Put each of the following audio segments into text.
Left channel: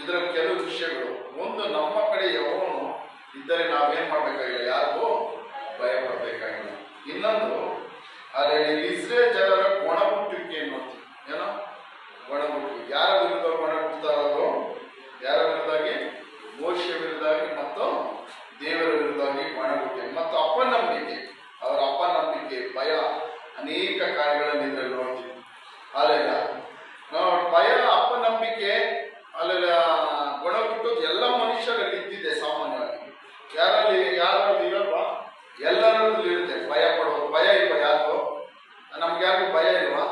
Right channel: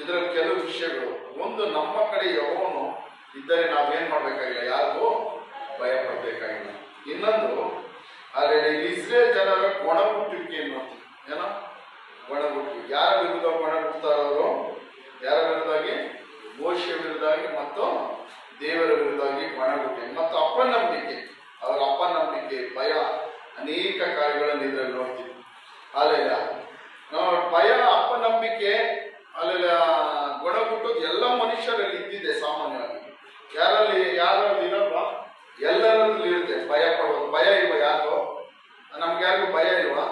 ಇದರ ಕೆಲವು ವಿಷಯಗಳು. ಒಂದು, ನಮ್ಮ ಕಡೆ ಯೆಹೋವನು ಇದ್ದರೆ ನಾವೇನ್ ಮಾಡ್ಬೇಕಾಗಿಲ್ಲ, ಯಾರಿಗೂ ಭಯ ಪಡಬೇಕಾಗಿಲ್ಲ. ಇನ್ನೊಂದು, ಅಲ್ಲಿ ಇಸ್ರೇಲ್ ಜನರ ಒಣಗುಟ್ಟುವಿಕೆ ನೋಡ್ತೀವಿ. ಏನೋ ಒಣಗುಟ್ಟು, ಯಾರ ವಿರುದ್ಧ ಒಣಗುಟ್ತಾರೋ? ಯಾರ ವಿರುದ್ಧಾಗಿ? ಮೋಶೆ ವಿರುದ್ಧಾಗಿ ಮತ್ತು ದೇವರ ವಿರುದ್ಧಾಗಿ ಒಣಗುಟ್ಟೆ ಮತ್ತು ಅಪನಂಬಿಕೆ. ಅವರ ಅಪನಂಬಿಕೆ, ಭಯ, ಅನೇಕ ಕಾರ್ಯಗಳನ್ನು ಇದರಲ್ಲಿ ನೋಡ್ತೀವಿ. ಅಲ್ಲೆಲ್ಲ ಭಯ, ಅಪನಂಬಿಕೆ, ಅಲ್ಲೆಲ್ಲ ಒಣಗುಟ್ಟೋದು ಎಲ್ಲ ಮನುಷ್ಯರಲ್ಲಿ ಇದ್ದಿದೆ ಸಾಮಾನ್ಯವಾಗಿ. ಯಾರಲ್ಲಿ ಇರಲ್ವಾ? ಎಲ್ಲರಲ್ಲಿ ಇರುತ್ತೆ ಭಯ ಪಡೋದು. ಭಯ ಇಲ್ವಾ ಯಾರಿಗೂ? ನಮ್ಗೆ ಯಾರಿಗೂ ಭಯ ಇಲ್ವಾ?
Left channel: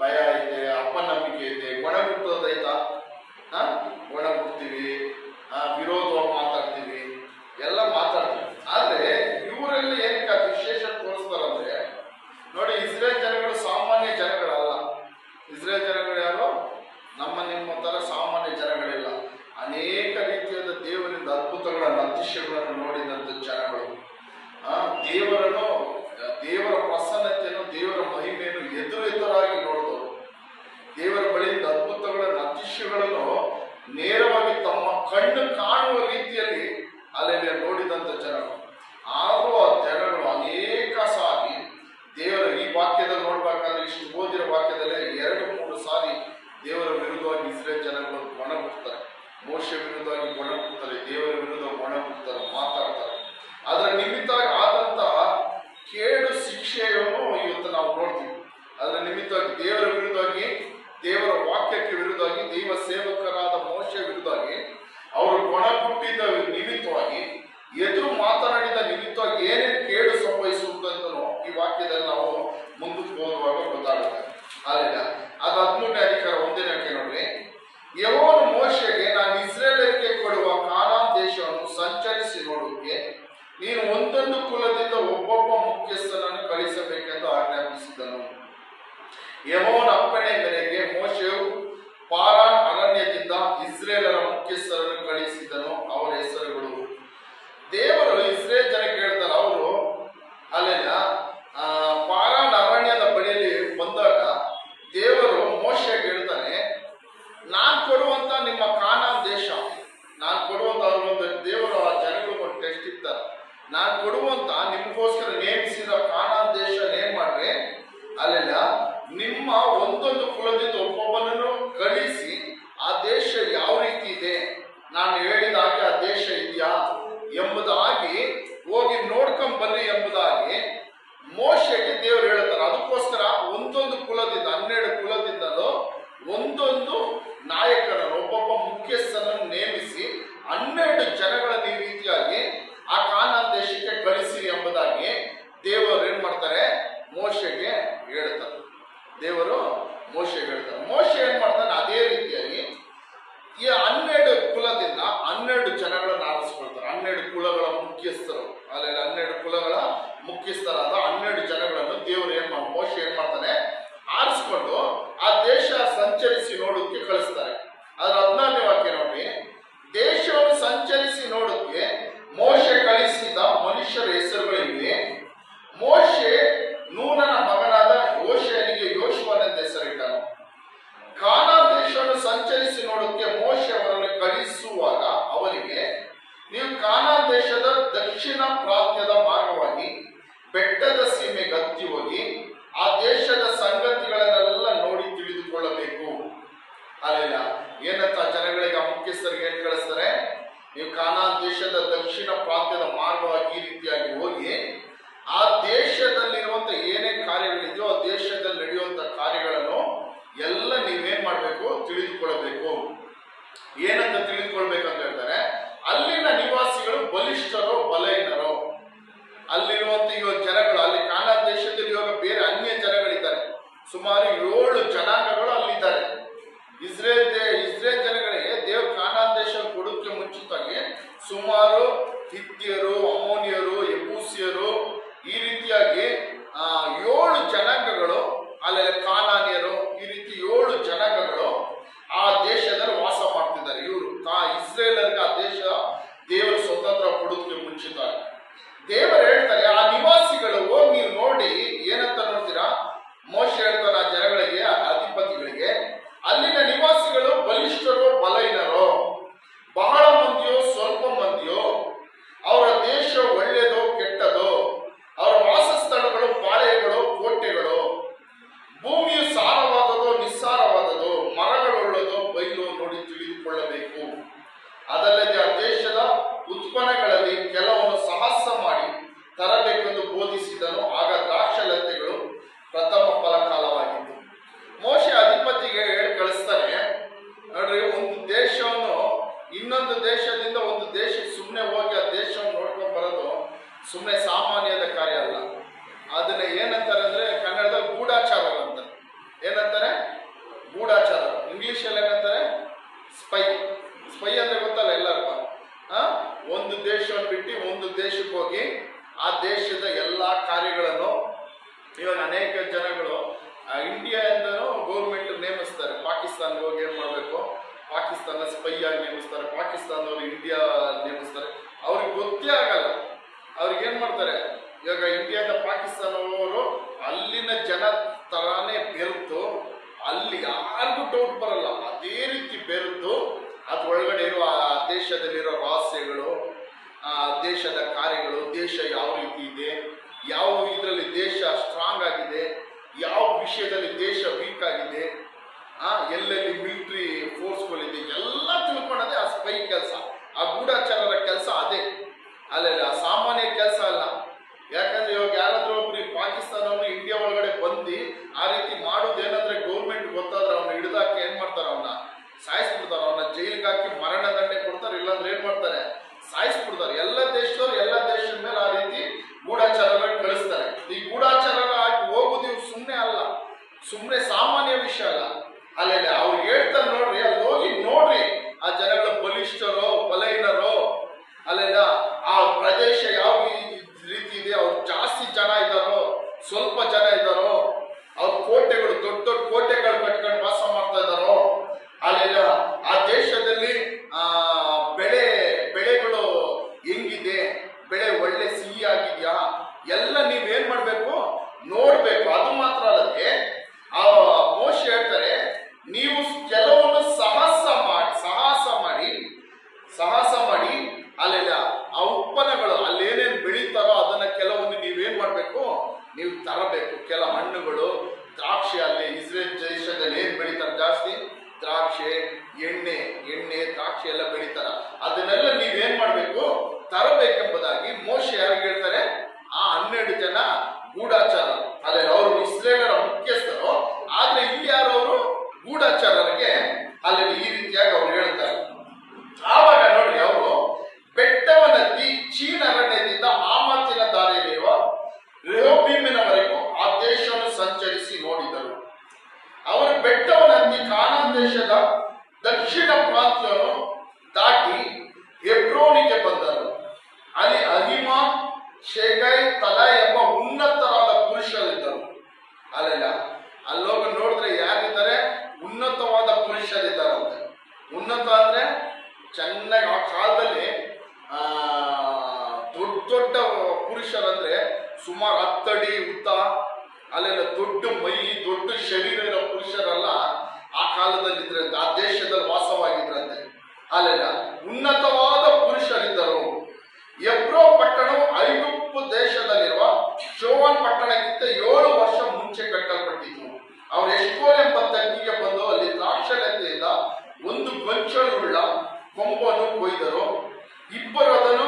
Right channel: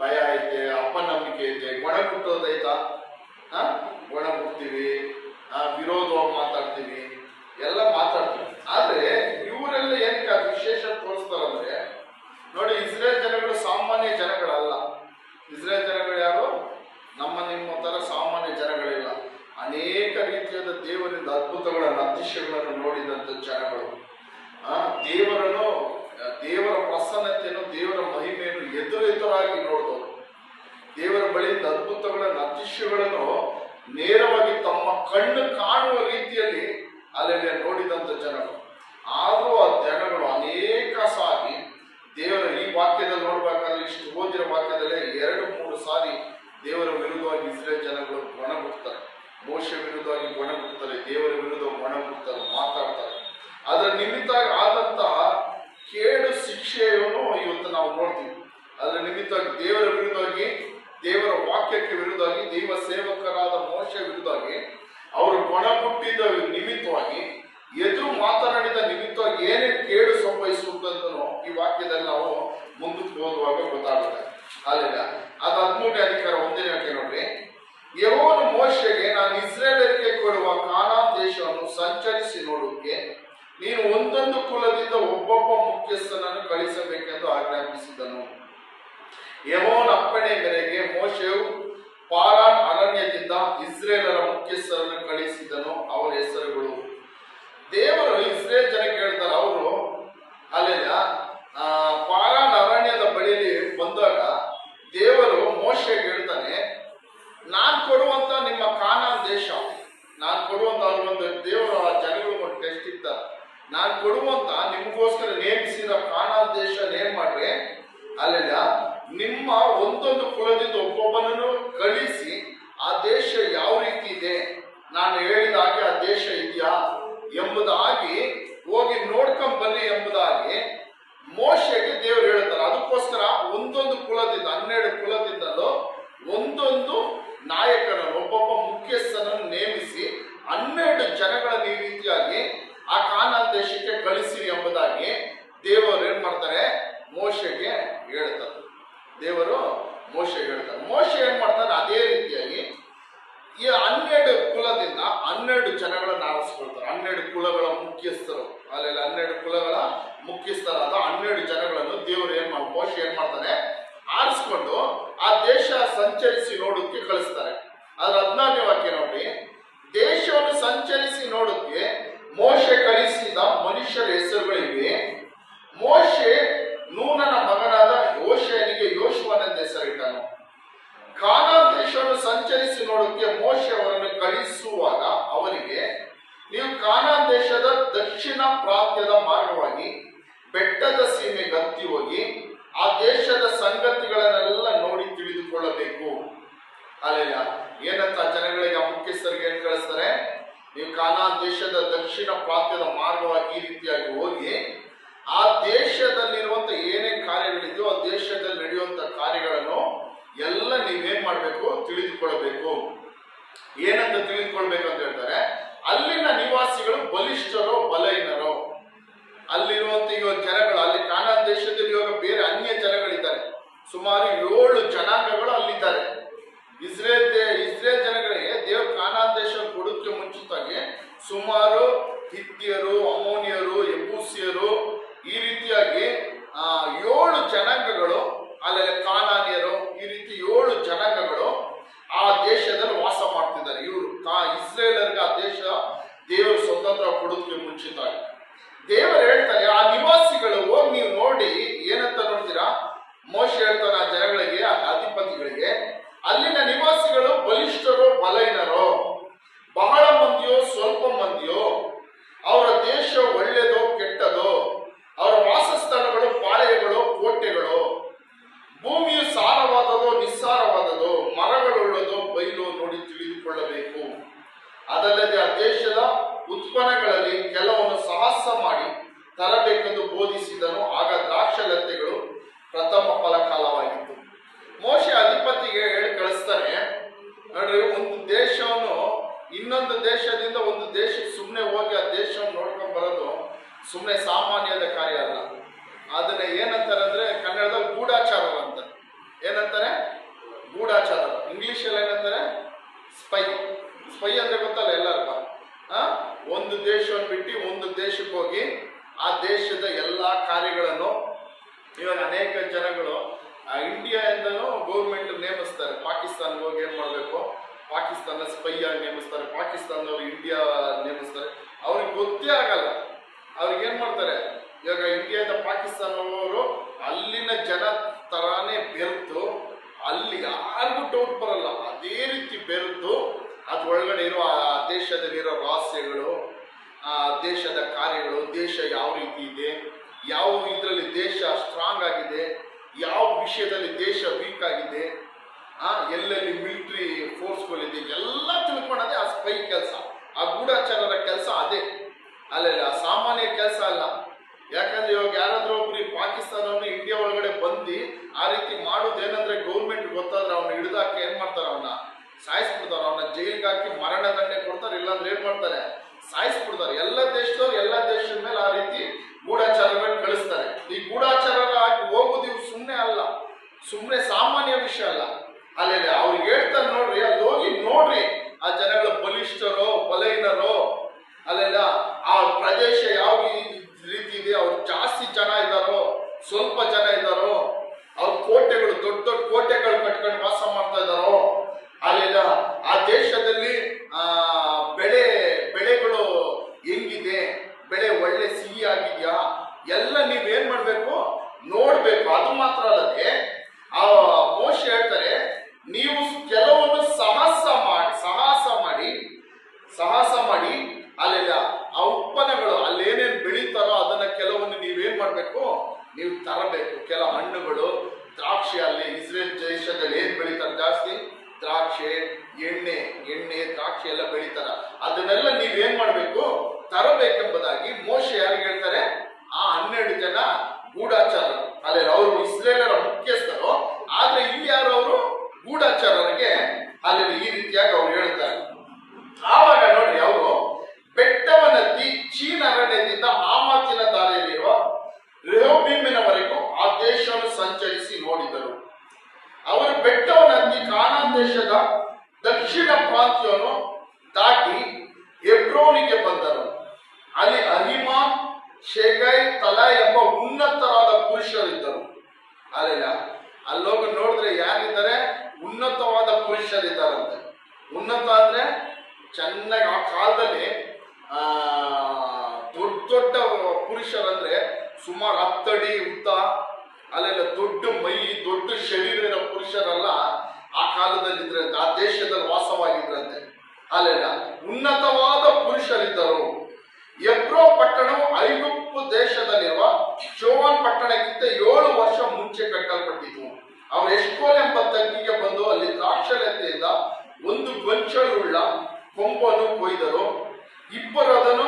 ಭಯ ಐತೆ, ಅಪನಂಬಿಕೆ ಐತೆ, ಒಣಗುಟ್ಟೋದೈತಾ? ಒಣಗುಡ್ತೀವಿ, ವಿರೋಧ ಮಾತಾಡ್ತೀವಿ, ಎಲ್ಲ ಮಾತಾಡ್ತೀವಿ. ಆದ್ರೆ ಇವರೆಲ್ಲ ಏನಕ್ಕೆ ವಿಶೇಷ ತೋರಿಸ್ತಾರಂದ್ರೆ, ನೋಡಿ, ಇಸ್ರೇಲ್ ಜನಗಳು ಸಾಮಾನ್ಯ ಜನಗಳಲ್ಲ. ಇಸ್ರೇಲ್ ಜನಗಳು ಯಾರು? ನಿಮ್ಮ ತರ ಸಾಮಾನ್ಯ ಜನಗಳಿಲ್ಲ. ಅನೇಕ ರೀತಿಯಾದ ದೇವರಿಂದ ಅದ್ಭುತಗಳನ್ನು, ಅತಿಶಯಗಳನ್ನು ನೋಡಿದಂತ ಜನಗಳು. ದೇವರ ಪ್ರಸನ್ನತೆಯನ್ನು, ದೇವರ ಮಹಿಮೆಯನ್ನು ಎದುರಾಗಿ ನೋಡಿದವರು. ದೇವರ ಬಳಿಯಿಂದ ಅದ್ಭುತಗಳನ್ನು, ಅತಿಶಯಗಳನ್ನು ನೇರವಾಗಿ ತಮ್ಮ ಕಣ್ಣು ಕಾಣುವ ರೀತಿಯಲ್ಲಿ ಅಲ್ಲೆಲ್ಲ ನೋಡಿದಂತ ಜನಗಳು. ಆದರೂ ಆ ಜನಗಳು ಅನೇಕ ಸಾರಿ ದೇವರ ಈ ವಾಕ್ಯದಲ್ಲಿ ನೋಡ್ಬೇಕಾದ್ರೆ, ಇಷ್ಟು ಓದಿರೋ ವಾಕ್ಯದಲ್ಲೇ 2-3 ಸಾರಿ ದೇವರ ವಿರುದ್ಧವಾಗಿ ಇಸ್ರೇಲ್ ಜನಗಳು ಒಣಗುತ್ತಾರೆ. ಮೋಶೆ ವಿರುದ್ಧವಾಗಿ ಒಣಗುತ್ತಾರೆ, ದೇವರ ವಿರುದ್ಧ ಒಣಗುತ್ತಾರೆ, ಮಾತಾಡ್ತಾರೆ. ಅದರ ನಿಮಿತ್ತ ಆದಂತಹ ಕೇಡು ಶಿಕ್ಷೆಯನ್ನು ಇವತ್ತು ನಾವು ನೋಡ್ತೀವಿ. ಅದರ ನಿಮಿತ್ತವಾಗಿ ದೇವರ ವಿರುದ್ಧವಾಗಿ, ದೇವರ ವಾಕ್ಯಕ್ಕೆ ವಿರುದ್ಧವಾಗಿ, ದೈವ ಸೇವಕರಾದ ಮೋಶೆ ವಿರುದ್ಧವಾಗಿ ಅವರು ಒಣಗುಟ್ಟಿದ ನಿಮಿತ್ತವಾಗಿ, ಎದುರು ಮಾತನಾಡಿದ ನಿಮಿತ್ತವಾಗಿ ಏನೇನು ಕೇಡು ಸಂಭವಿಸುತ್ತಂತನೂ ಈ ವಾಕ್ಯದಲ್ಲಿ ನಾವು ಮುಂದಕ್ಕೆ ಹೋಗುವಾಗ ಗೊತ್ತಾಗುತ್ತೆ. ಅಲ್ಲಿಲ್ಲ ಅದು 13ನೇ ಅಧಿಕಾರ 1ನೇ ವಾಕ್ಯ ನೋಡ್ರಿ. ಯೆಹೋವನು ಮೋಶೆಗೆ, ನಾನು ಇಸ್ರೇಲರಿಗೆ ಕೊಡುವ ಕಾನಾನ್ ದೇಶವನ್ನು ಸಂಚರಿಸಿ ನೋಡುವುದಕ್ಕೆ ನೀನು ಒಂದೊಂದು ಕುಲದಿಂದ ಒಬ್ಬೊಬ್ಬ ಮುಖ್ಯಸ್ಥನನ್ನು ಕಳಿಸಬೇಕೆಂದು ಆಜ್ಞಾಪಿಸಿದನು. ಯೆಹೋವನ ಅಪ್ಪಣೆ ಮೇರೆಗೆ ಮೋಶೆಯು ಪಾರಾನ್ ಅರಣ್ಯದಿಂದ ಇಸ್ರೇಲರ ಮುಖ್ಯಸ್ಥರನ್ನು ಕಳಿಸಿದನು. ಅವರ ಹೆಸರುಗಳು. ದೇವರು ಇಸ್ರೇಲ್ ಜನಕ್ಕೆ ಹೇಳ್ತಾರೆ, ಅವರು ಅಲ್ಲೆಲ್ಲ ಪಾರಾನ್ ಅರಣ್ಯದ ಬಳಿಯಲ್ಲಿ ಬಂದಾಗ ದೇವರು ಮೋಶೆಗೆ ಹೇಳ್ತಾನೆ, ನಾನು ಕೊಡುವಂತ ನಿಮ್ಮ ಕಾನಾನ್ ದೇಶ, ನಾನು ಕೊಡುವಂತ ಒಂದು ದೇವರು ಆ ಜನಗಳು ಒಂದು ಟೆಸ್ಟ್ ಇರ್ತಾರೆ. ನಾನು ಕೊಡುವಂತ ನಿಮ್ಗೋಸ್ಕರ ನೇಮಿಸಿದ ಕಾನಾನ್ ದೇಶ ನೇಮ್ ಮಾಡ್ರೆ, ಅಲ್ಲೆಲ್ಲ ನಿಮ್ಮ ಒಂದೊಂದು ಕುಲದಿಂದ ಒಬ್ಬೊಬ್ಬನನ್ನು ಕಳಿಸಿ ಆ ದೇಶ ಯಾವ ರೀತಿ ಇದೆ, ನಾನು ಹೇಳಿದ ಹಾಗೆ ಆ ದೇಶ ಇದೆಯಾ ಎಂಬುದಾಗಿ ಹೋಗಿ ನೋಡ್ಕೊಂಡ್ ಬನ್ನಿ ಎಂಬುದಾಗಿ ಮೋಶೆಗೆ ದೇವರು ಹೇಳ್ತಾರೆ. ಅದಕ್ಕೋಸ್ಕರ ಒಂದೊಂದು ಕುಲದಿಂದ, 12 ಕುಲದಿಂದಲೂ ಒಂದೊಂದು ನಾಯಕನನ್ನು, ಒಬ್ಬೊಬ್ಬ ಮುಖ್ಯಸ್ಥನನ್ನು ನೇಮಿಸಿ 12 ಜನಗಳನ್ನು ಈ ರೀತಿಯಾಗಿ ಆ ಕಾನಾನ್ ದೇಶಕ್ಕೆ ಕಳಿಸಿರಿ ಎಂಬುದಾಗಿ ದೇವರು ಏನ್ ಮಾಡ್ತಾರೆ? ಮೋಶೆಗೆ ಹೇಳ್ತಾರೆ. ದೇವರು ಮೋಶೆಗೆ ಹೇಳ್ತಾರೆ. ಮೋಶೆ ಏನ್ ಮಾಡ್ತಾನೆ? ಅದೇ ರೀತಿಯಾಗಿ ಈ 12 ಕುಲದಿಂದ 12 ಜನಗಳನ್ನು ಆರಿಸ್ಕೊಳ್ತಾರೆ. 12 ಕುಲಗಳ ಮುಖ್ಯಸ್ಥರು, ಅಲ್ಲೆಲ್ಲ 12 ಕುಲಗಳ ಮುಖ್ಯಸ್ಥರಾದ 12 ಜನಗಳನ್ನು ದೇವರು ಮೋಶೆ ಏನ್ ಮಾಡ್ತಾನೆ? ಆರಿಸ್ಕೊಂಡು ಆ ದೇಶ ಸಂಚರಿಸಿ ನೋಡೋಕೆ ಕಳಿಸ್ತಾರೆ. ಅದ್ರ 14ನೇ ವಾಕ್ಯ ನೋಡ್ರಿ. ದೇಶವನ್ನು ಸಂಚರಿಸಿ ನೋಡೋಕೆ ಮೋಶೆ ಕಳಿಸಿದ ಮನುಷ್ಯರ ಹೆಸರುಗಳಿವೆ. ಮೋಶೆ ನೂನನ ಮಗನಾದ ಯೋಷನಿಗೆ ಯೋಶುವನೆಂದು ಹೆಸರಿಟ್ಟನು. ಕಾನಾನ್ ದೇಶವನ್ನು ಸಂಚರಿಸಿ ನೋಡೋಕೆ ಮೋಶೆ ಅವರನ್ನು ಕಳಿಸುವಾಗ ಅವರಿಗೆ, ನೀವು ಕಾನಾನ್ ದೇಶದ ದಕ್ಷಿಣ ಪ್ರಾಂತ್ಯದ ಮಾರ್ಗವಾಗಿ ಬೆಟ್ಟದ ಸೀಮೆಗೆ ಹತ್ತಿ ಹೋಗಿ ಆ ದೇಶದ ಸಂಗತಿಗಳನ್ನೆಲ್ಲ ನೋಡಿ ತಿಳಿದುಕೊಳ್ಳಬೇಕು. ಅಲ್ಲ ಏನಂತ ಜನಗಳಿಗೆ, ಆ ಮುಖ್ಯಸ್ಥರಿಗೆ ಏನ್ ಕಳಿಸ್ತಾರೆ? ನೀವು ಕಾನಾನ್ ದೇಶದ ದಕ್ಷಿಣ ಪ್ರಾಂತ್ಯದ ಮಾರ್ಗವಾಗಿ ಈ ರೀತಿಯಾಗಿ ಹೋಗಿ ಆ ದೇಶದಲ್ಲಿರುವಂತ ಏನೇನ್ ಕಾರ್ಯಗಳಿದೆಯೋ ಆ ದೇಶದಲ್ಲಿ ನಡೆಯುವಂತ ಕಾರ್ಯಗಳನ್ನು ಎಲ್ಲ ನೀವೇನ್ ಮಾಡ್ಬೇಕು? ತಿಳಿದುಕೊಳ್ಳಬೇಕು. ಏನಂತ ತಿಳಿದುಕೊಳ್ಬೇಕಂತ ಹೇಳ್ತಾರೆ? ಅಲ್ಲಿನ ನಿವಾಸಿಗಳು ಬಲಿಷ್ಠರೋ ಬಲಹೀನರೋ, ಅಲ್ಲಿರುವಂತ ಇವಾಗ ಜನಗಳು, ಅಲ್ಲಿ ಕಾನಾನ್ ದೇಶದಲ್ಲಿ ಇವಾಗ ಬೇರೆ ಅನ್ಯ ಜನಗಳಿದ್ದಾರೆ. ಸುಮಾರು 7 ಜನಾಂಗಗಳು ಅಲ್ಲಿದ್ದಾರೆ. ಇಸ್ರೇಲ್ ಜನಗಳಿಗೆ ದೇವ್ರ ಕಾನಾನ್ ದೇಶ ಕೊಡೋಕ್ಕೆ ಮುಂಚಿತವಾಗಿ ಸುಮಾರು ಹಿತ್ತಿಯರು, ಅಮ್ಮೋನಿಯರು, ಯಬೂಸಿಯರು, ಈ ರೀತಿಯಾಗಿ 7 ಜನಾಂಗಗಳು, ಅಲ್ಲೆಲ್ಲ ಕಾನಾನಿಯರು, ಈ ರೀತಿ 7 ಜನಾಂಗಗಳು ಆ ದೇಶದಲ್ಲಿ ವಾಸ ಮಾಡ್ತಿದ್ದಾರೆ. ಇವರು ಇಸ್ರೇಲರಿಗೆ ಆ ದೇಶ ದೇವರು ಸ್ವತಂತ್ರ ಕೊಡೋದಕ್ಕೆ ಮುಂಚಿತವಾಗಿ ದೇವರು ಹೇಳ್ತಾರೆ, ಆ ನಿವಾಸಿಗಳು ಹೋಗಿ ನೀವು ನೋಡಿ ಏನಂತ ನೋಡ್ತೀರಾ? ಮೋಶೆ ಹೇಳ್ತಾನೆ ಆ ಜನಗಳಿಗೆ, ಅಧಿಪತಿಗಳಿಗೆ, ಅಲ್ಲಿನ ನಿವಾಸಿಗಳು ಬಲಿಷ್ಠರೋ ಬಲಹೀನರೋ, ಅದಲ್ಲದೆ ಆ ದೇಶದ ಉತ್ಪನ್ನಗಳಲ್ಲಿ ಕೆಲವನ್ನು ಸಾಹಸ ಮಾಡಿ ತರಬೇಕೆಂದು ಬೋಧಿಸಿದನು. ಆಗ ದ್ರಾಕ್ಷಲತೆಗಳು ಪ್ರಥಮ ಫಲಕಾಲವಾಗಿತ್ತು. ಮೋಶೆ ಅಧಿಪತಿಗೆ ಹೇಳಿ ಕಳಿಸ್ತಾನೆ, ನೋಡ್ರಿ, ಒಂದು ದೇಶವನ್ನು ಇನ್ನೊಂದು ದೇಶದಿಂದ ಒಂದು ದೇಶಕ್ಕೆ ಸುಮ್ಮನೆ ಹೋಗಿ ಆ ದೇಶವನ್ನು ನೋಡ್ಕೊಂಡ್ ಬರೋದು ಸುಮ್ಮನೆ ಸಾಮಾನ್ಯದ ಕಾರ್ಯ ಅಲ್ಲ. ಅದನ್ನ ಏನಂತಾರೆ ಅಂದ್ರೆ ಕನ್ನಡದಲ್ಲಿ ಗೂಢಾಚಾರರು ಅಂತ. ಏನಂತಾರೆ? ಗೂಢಾಚಾರರು. ಇಂಗ್ಲಿಷಲ್ಲಿ ಏನಂತಾರೆ? ಸ್ಪೈ. ಸ್ಪೈ ಅಂದ್ರೆ ಗೊತ್ತಲ್ಲ ಎಲ್ಲರಿಗೂ. ಒಂದು ದೇಶವನ್ನು ಬಿಟ್ಟು ಒಂದು ದೇಶಕ್ಕೆ ಹೋಗಿ ಆ ದೇಶದ ಎಲ್ಲಾ ಕಾರ್ಯಗಳನ್ನು, ಇವಾಗ ಅನೇಕ ಜನಗಳು ಇಂಡಿಯಾದಿಂದನೂ ಗೌರ್ಮೆಂಟ್ ನೇಮಿಸ್ತಾರೆ. ಪಾಕಿಸ್ತಾನ್ಗೆ ಹೋಗಿ ಏನ್ ಮಾಡ್ಬೇಕು, ಪಾಕಿಸ್ತಾನ ಸ್ಪೈ ಆಗಿ ನೇಮಿಸ್ತಾರೆ, ಪಾಕಿಸ್ತಾನದವರು ಇಂಡಿಯಾ ನೇಮಿಸ್ತಾರೆ. ಅವ್ರಿಗೆ ಗೊತ್ತೇ ಆಗಲ್ಲ. ಅವ್ರಿಗೆ ಏನ್ ಮಾಡ್ತಾರೆ, ಇವಾಗ ಇಂಡಿಯಾದ ಪಾಕಿಸ್ತಾನದವರು ಅಲ್ಲಿನ ಜನ ತರಾನೇ ಬೆರೆತು, ಅಲ್ಲಿ ಯಾರಿಗೂ ಡೌಟ್ ಬರಲ್ಲ, ಅದೇ ರೀತಿ ಬೆರೆತು ಅದ್ರೊಳಗಡೆ ಇರುವ ಆ ದೇಶದಲ್ಲಿರೋ ರಹಸ್ಯಗಳು, ಆ ದೇಶದ ಕಾರ್ಯಗಳು, ದೇಶ ಯಾವ ರೀತಿ ಇದೆ, ಯಾವ ಇದರಲ್ಲಿ ದೇಶ ಸ್ಟ್ರಾಂಗ್ ಆಗಿದೆ, ಯಾವ ವಿಷಯದಲ್ಲಿ ದೇಶ ವೀಕ್ ಆಗಿದೆ, ಎಲ್ಲೆಲ್ಲಿ ಮಿಲಿಟರಿ ಫೋರ್ಸ್ಗಳಿದೆ, ಎಲ್ಲ ತಿಳ್ಕೊಳ್ಳೋದೇ ಆ ಸ್ಪೈ ಕೆಲಸ, ಆ ಗೂಢಾಚಾರರ ಕೆಲಸ ಅದೇ. ಅಲ್ಲ ಸಾಮಾನ್ಯ ಕೆಲಸ ಅಲ್ಲ. ಯಾಕಂದ್ರೆ ಇವಾಗ ಯಾರಾದ್ರೂ ಒಬ್ರು ಪಾಕಿಸ್ತಾನವನ್ನು ಇಂಡಿಯಾ ಒಳಗಡೆ ಬಂದು ಆ ರೀತಿ ಮಾಡೋದೇನಂದ್ರೆ ಗೌರ್ಮೆಂಟ್ ಗೊತ್ತಾದ್ರೆ ಅವನ್ನ ಹಿಡಿದಾಕಿ ಏನ್ ಮಾಡ್ತಾರೆ, ಅವನ್ನ ಸಾಯಿಸ್ಬಿಡ್ತಾರೆ, ಅವನ್ನ ಜೈಲ್ಗೆ ಹಾಕಿ ಮರಣ ದಂಡನೆ ಕೊಡ್ತಾರೆ, ಇಲ್ಲಾಂದ್ರೆ ಏನ್ ಮಾಡ್ತಾರೆ, ಸಾಯಿಸ್ಬಿಡ್ತಾರೆ. ಎಲ್ಲ ದೇಶದವ್ರು ಎಲ್ಲ ದೇಶದ ಮೇಲೆ ಆ ರೀತಿ ಗೂಢಾಚಾರಗಳನ್ನ ಕಳಿಸ್ತಾರೆ. ಈ ಗೂಢಾಚಾರರ ಹಾಕಿ ಹೋಗುದು ಇವ್ರು ಸುಮ್ಮನೆ ಅಲ್ಲ, ಸುಮ್ಮನೆ ಸಾಮಾನ್ಯ ವಿಷಯ ಅಲ್ಲ. ಅಲ್ಲೆಲ್ಲ ಅವ್ರಿಗೆ ಹೇಳ್ತಾರೆ, ನೋಡ್ರಿ, ಅಲ್ಲಿ ಹೋಗಿ ನೋಡ್ರಿ ಆ ಜನಗಳ ಬಲಿಷ್ಠರೋ ಬಲಹೀನರೋ, ಅಲ್ಲೆಲ್ಲ ಆ ಪ್ರದೇಶ ಯಾವ ರೀತಿ ಇದೆ, ಅವ್ರು ಜಾಸ್ತಿ ಜನ ಇದ್ದಾರೋ ಸ್ವಲ್ಪ ಜನ ಇದ್ದಾರೋ, ಅವ್ರ ಕೋಟೆಗಳು ದೊಡ್ಡ ದೊಡ್ಡ ಕೋಟೆಗಳು ಕಟ್ಕೊಂಡು ವಾಸ ಮಾಡ್ತಾ ಇದ್ದಾರೋ, ಅಲ್ಲೆಲ್ಲ ಆ ದೇಶದಲ್ಲಿ ಬೆಳೆಗಳು ಹೆಂಗಿದೆ, ಬೆಳೆ ಒಳ್ಳೆ ಸಿಹಿ ಆಗಿದ್ಯಾ, ಎಲ್ಲ ನೀವೇನ್ ಮಾಡ್ಬೇಕು, ನೋಡ್ಬೇಕು. ಅದು ಮಾತ್ರ ಅಲ್ಲದೆ ಆ ಮೋಶೆ ಹೇಳ್ತಾರೆ, ನೀವು ಕೆಲವೊಂದು ಸಾಹಸ ಮಾಡಿ ಅಲ್ಲೆಲ್ಲ ಆ ಉತ್ಪನ್ನಗಳು ಅಲ್ಲೇನೇನು ಬೆಳೀತಾರೋ ಅದನ್ನ ಕೆಲವೊಂದು ನೀವೇನ್ ಮಾಡ್ಬೇಕು, ನೀವು ತರಬೇಕು. ಕೆಲ ಹಣ್ಣುಗಳು, ದ್ರಾಕ್ಷಿ, ಅಲ್ಲಿ ಇಸ್ರೇಲ್ ದೇಶದಲ್ಲಿ ಏನ್ ಬೆಳೀತಾರೆ ಜಾಸ್ತಿ, ದ್ರಾಕ್ಷಿ, ಎಣ್ಣೆ ದ್ರಾಕ್ಷಿ ಎಲ್ಲ ಬೆಳೀತಾರ, ಅದನ್ನೆಲ್ಲ ನೀವೇನ್ ಮಾಡ್ಬೇಕು, ತರಬೇಕೆಂಬುದಾಗಿ ಮೋಶೆ ಯಾರಿಗೆ ಹೇಳ್ತಾರೆ, ಆ 12 ಜನ ಗೂಢಾಚಾರರು. ಅಲ್ಲೆಲ್ಲ ಅವರು ಇಸ್ರೇಲರ ಮುಖ್ಯಸ್ಥರು, ಆದ್ರೆ ಇಲ್ಲಿ ಯಾರು ಅವರು ಗೂಢಾಚಾರರಿಗೆ ಅಲ್ಲಿ ಈ ರೀತಿಯಾಗಿ ಅವ್ರು ಹೇಳ್ತಾರೆ. ಆವಾಗ ನೋಡ್ರಿ, ಅವರು ಬೆಟ್ಟವನ್ನೆತ್ತಿ ಚೀನ್ ಅರಣ್ಯದಿಂದ ಆಮತ್ತಿನ ದಾರಿಯಲ್ಲಿರುವ ರೆಹೋಬೀಮಿನವರೆಗೂ ಆ ದೇಶವನ್ನು ಸಂಚರಿಸಿ ನೋಡಿದರು. ಅವರು ಬೆಟ್ಟವನ್ನೆತ್ತಿ ಕಾನಾನ್ ದೇಶದ ದಕ್ಷಿಣ ಪ್ರಾಂತ್ಯವನ್ನು ದಾಟಿ ಹೆಬ್ರೋನಿಗೆ ಬಂದರು. ಅಲ್ಲಿ ಅಹಿಮಾನ್, ಶೇಗೈ, ತಲೈ ಎಂಬ ಉನ್ನತರಾದ ಪುರುಷರಿದ್ದರು. ಅಲ್ಲೆಲ್ಲ ಅಲ್ಲೋಗ ನೋಡಿದ್ರೆ ಯಾರಿದ್ದಾರೆ, ಉನ್ನತವಾದ ಪುರುಷರಿದ್ದಾರಂತೆ. ಉನ್ನತ ಅಂದ್ರೆ ಚೆನ್ನಾಗಿ ಆ ಕಾಲದಲ್ಲಿ ದೊಡ್ಡ ಪುರುಷರಂದ್ರೆ ಸುಮಾರು 10 ಅಡಿ ಉದ್ದ, ಅಲ್ಲೆಲ್ಲ ದೊಡ್ಡ ಮೈ, ದೊಡ್ಡ ಶರೀರ ಇರೋ ಪುರುಷರೆಲ್ಲ ಆ ಕಾಲದಲ್ಲಿ ಇದ್ರಂತೆ, ಆ ದೇಶದಲ್ಲಿ ವಾಸವಾಗಿದ್ರಂತೆ. ಅಲ್ಲೆಲ್ಲ ಉನ್ನತವಾದ ಪುರುಷರಿದ್ದರು. ಎಬ್ರೋ ಪಟ್ಟಣವು ಐಗುಪ್ತ ದೇಶದಲ್ಲಿರುವ ಶೋವನ್ ಪಟ್ಟಣಕ್ಕಿಂತ 7 ವರ್ಷ ಮುಂಚೆ ಕಟ್ಟಲ್ಪಟ್ಟಿತು. ಅವರು ಎಷ್ಕೋಲ್ ಎಂಬ ತಗ್ಗಿಗೆ ಬಂದು ಅಲ್ಲಿ ದ್ರಾಕ್ಷಲತೆಯಿಂದ ಒಂದು ಗೊಂಚಲುಳ್ಳ ಕೊಂಬನ್ನು ಕೊಯ್ದರು. ಇಬ್ಬರು ಅದನ್ನು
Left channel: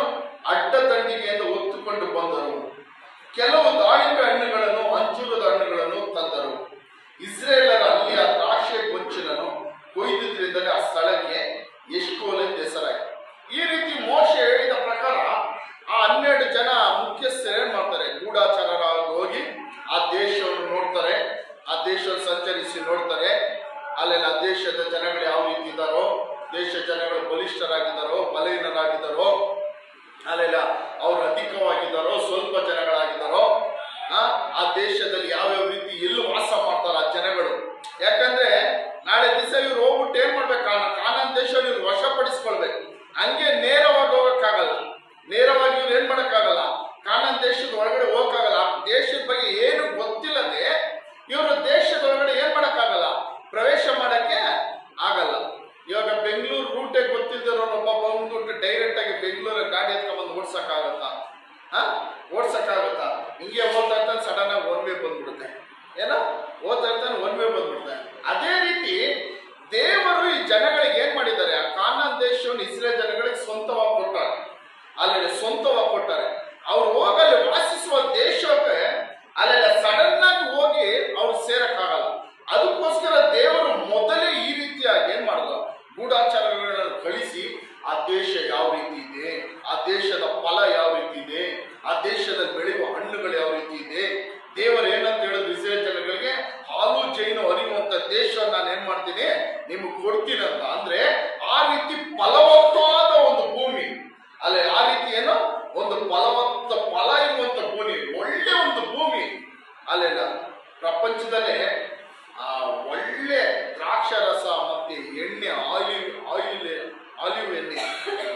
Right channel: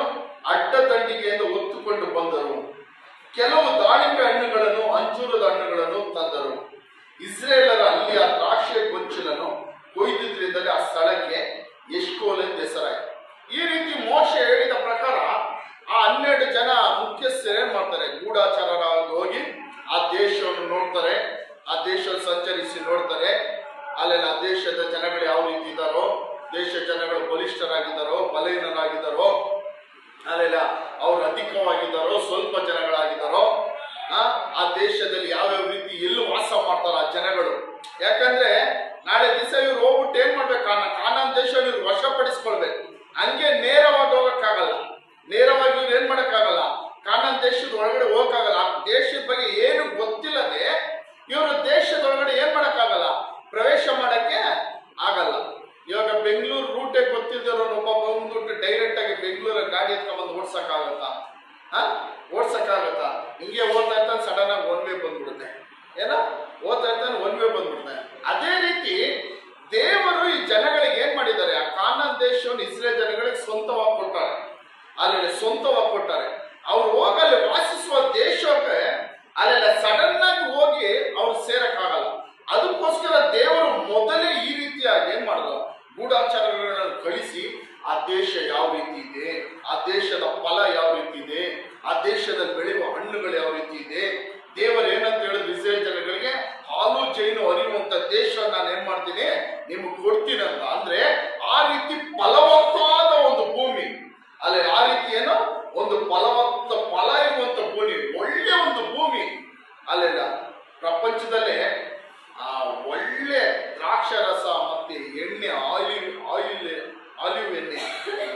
ಅಡ್ಡದಂಡಿಗೆಯಿಂದ ಹೊತ್ತುಕೊಂಡು ಬಂದರು. ಕೆಲವು ದಾಳಿಂಬೆ ಹಣ್ಣುಗಳನ್ನು, ಅಂಜೂರದ ಹಣ್ಣುಗಳನ್ನು ತಂದರು. ಇಸ್ರೇಲರ ಅಲ್ಲಿ ಆ ದ್ರಾಕ್ಷಿ ಗೊಂಚಲನ್ನು ಕೊಯ್ದಿದ್ರಿಂದಲೇ ಆ ಸ್ಥಳಕ್ಕೆ ಎಷ್ಕೋಲ್ ಎಂದು ಹೆಸರಾಯಿತು. ಈ ರೀತಿ ಮೋಶೆ ಹೇಳಿದ ಪ್ರಕಾರ ಆ 12 ಜನ ಮುಖ್ಯಸ್ಥರು ಏನ್ ಮಾಡ್ತಾರೆ, ಗೂಢಾಚಾರರಾಗಿ ಹೋಗಿ ಆ ದೇಶವನ್ನು ನೋಡ್ತಾರೆ, ಆ ದೇಶವನ್ನು ಸಂಚರಿಸಿ ನೋಡ್ತಾರೆ. ಅಲ್ಲೆಲ್ಲ ದೇಶದ ಜನಗಳು ಯಾವ ರೀತಿ ಇದ್ದಾರೋ, ದೇಶ ಜನಗಳು ಬಲಿಷ್ಠರಾಗಿದ್ದಾರೋ ಬಲಹೀನರಾಗಿದ್ದಾರೋ, ಅಲ್ಲೆಲ್ಲ ಅವ್ರು ಅಧಿಕವಾಗಿದ್ದಾರೋ ಸ್ವಲ್ಪ ಜನಗಳಾಗಿದ್ದಾರೋ, ಆ ದೇಶದಲ್ಲಿ ಯಾವ್ಯಾವ ರೀತಿ ಎಲ್ಲಿ ವಾಸ ಮಾಡ್ತಾರೋ ಆ ಜನಗಳು. ಯಾಕಂದ್ರೆ ನಾಳೆ ದಿವಸ ಇವ್ರು ಹೋಗ್ಬಿಟ್ಟು ಏನ್ ಮಾಡ್ಬೇಕು, ಕಾನಾನ್ ದೇಶ ಇವ್ರು ವಶಪಡಿಸ್ಕೊಳ್ಬೇಕು. ಹಂಗೆ ನೇರವಾಗಿ ಹೋಗಕ್ಕಾಗಲ್ಲ, ನೇರವಾಗಿ ಇವ್ರು ಏನ್ ಮಾಡಕ್ಕಾಗಲ್ಲ, ಕಾನಾನ್ ದೇಶದ ಒಳಗಡೆ ಹೋಗಕ್ಕಾಗಲ್ಲ. ಆ ದೇಶದ ಬಗ್ಗೆ ಏನು ಗೊತ್ತಿಲ್ಲದೆ ಇವರು ದೇಶದ ಒಳಗಡೆ ಏನ್ ಮಾಡಕ್ಕಾಗಲ್ಲ, ಪ್ರವೇಶ ಮಾಡಕ್ಕೆ ಆಗಲ್ಲ. ಇವಾಗ ಬೆಂಗಳೂರು ರೂಟೇ ಗೊತ್ತಿದ್ದರೋ ಒಬ್ಬ ಬಂದ್ಬಿಟ್ಟು ಡೈರೆಕ್ಟ್ ಆಗಿ ಬೆಂಗಳೂರ ಗಾಡಿ ಎತ್ಕೊಂಡ್ಬಂದು ಓಡ್ಸಕ್ಕಾಗತ್ತಾ? ಓಡ್ಸಕ್ಕಾಗತ್ತಾ? ಹಿಂಗೆ ಹೋಗ್ತಾ ಇರ್ತಾನೆ, ಸಡನ್ ಆಗಿ 1 ವೇ ಬಂದ್ಬಿಡುತ್ತೆ. ಓದ್ತಾ ಇರ್ತಾನೆ 1 ವೇ ಬಂದ್ಬಿಡ್ತಾನೆ. ಅದೇ ರೀತಿ ದೇವರು ಈ ಜನಗಳಿಗೆ ಏನ್ ಮಾಡಿದ್ದಾರೆ, ಆ ಕಾನಾನ್ ದೇಶವನ್ನು ಇಸ್ರೇಲ್ ಜನಗಳಿಗೆ ಸ್ವಂತವಾಗಿ ಕೊಟ್ಟಾರೆ. ಅಲ್ಲಿ ಸ್ವಂತವಾಗಿ ಕೊಟ್ಟಾರೆ. ಅವ್ರು ಹೋಗಲ್ಲಿ ವಾಸಿಸುವ ದೇಶಕ್ಕೆ ಅಲ್ಲೆಲ್ಲ ಸಡನ್ ಆಗಿ ಹೋಗಿ ಅವ್ರು ಸೇರಕ್ಕಾಗಲ್ಲ. ಅದಕ್ಕೋಸ್ಕರ ದೇವರು ಮೊದಲೇ ಈ ರೀತಿಯಾಗಿ ಏನ್ ಮಾಡಿದ್ರು, ಗೂಢಾಚಾರಗಳನ್ನು ಕಳಿಸಿ ಆ ದೇಶ ಯಾವ ರೀತಿ ಇದೆ, ಆ ದೇಶದ ಫಲ ಯಾವ ರೀತಿ ಇದೆ, ಆ ದೇಶದಲ್ಲಿ ಬೆಳೆಯುವ ಹಣ್ಣುಗಳು ಯಾವ ರೀತಿ ಇದೆ, ದೇವರು ಏನಂತ ಹೇಳಿದ್ರು ಇಸ್ರೇಲ್ ಜನಗಳಿಗೆ, ಹಾಲು ಜೇನು ಹರಿಯುವಂತ ದೇಶ ನಾನು ಏನ್ ಮಾಡ್ತೀನಿ ನಿಮ್ಗೆ ಕೊಡ್ತೀನಿ ಅಂತ. ಅಂದ್ರೆ ಆ ರೀತಿ ಫಲವತ್ತಾದ ಒಂದು ಭೂಮಿ, ಅಲ್ಲೇ ಆ ರೀತಿ ಏನೋ ಒಂದು ಫಲವತ್ತ ಫಲ ಇರುವಂತ ಭೂಮಿ, ಒಳ್ಳೆ ಒಂದು ಭೂಮಿ. ಅಲ್ಲೆಲ್ಲ ಪ್ರಪಂಚದಲ್ಲೇ ಒಳ್ಳೆ ದ್ರಾಕ್ಷರಸ ಮತ್ತೆ ಎಣ್ಣೆ, ಆಲಿವ್ ಎಣ್ಣೆ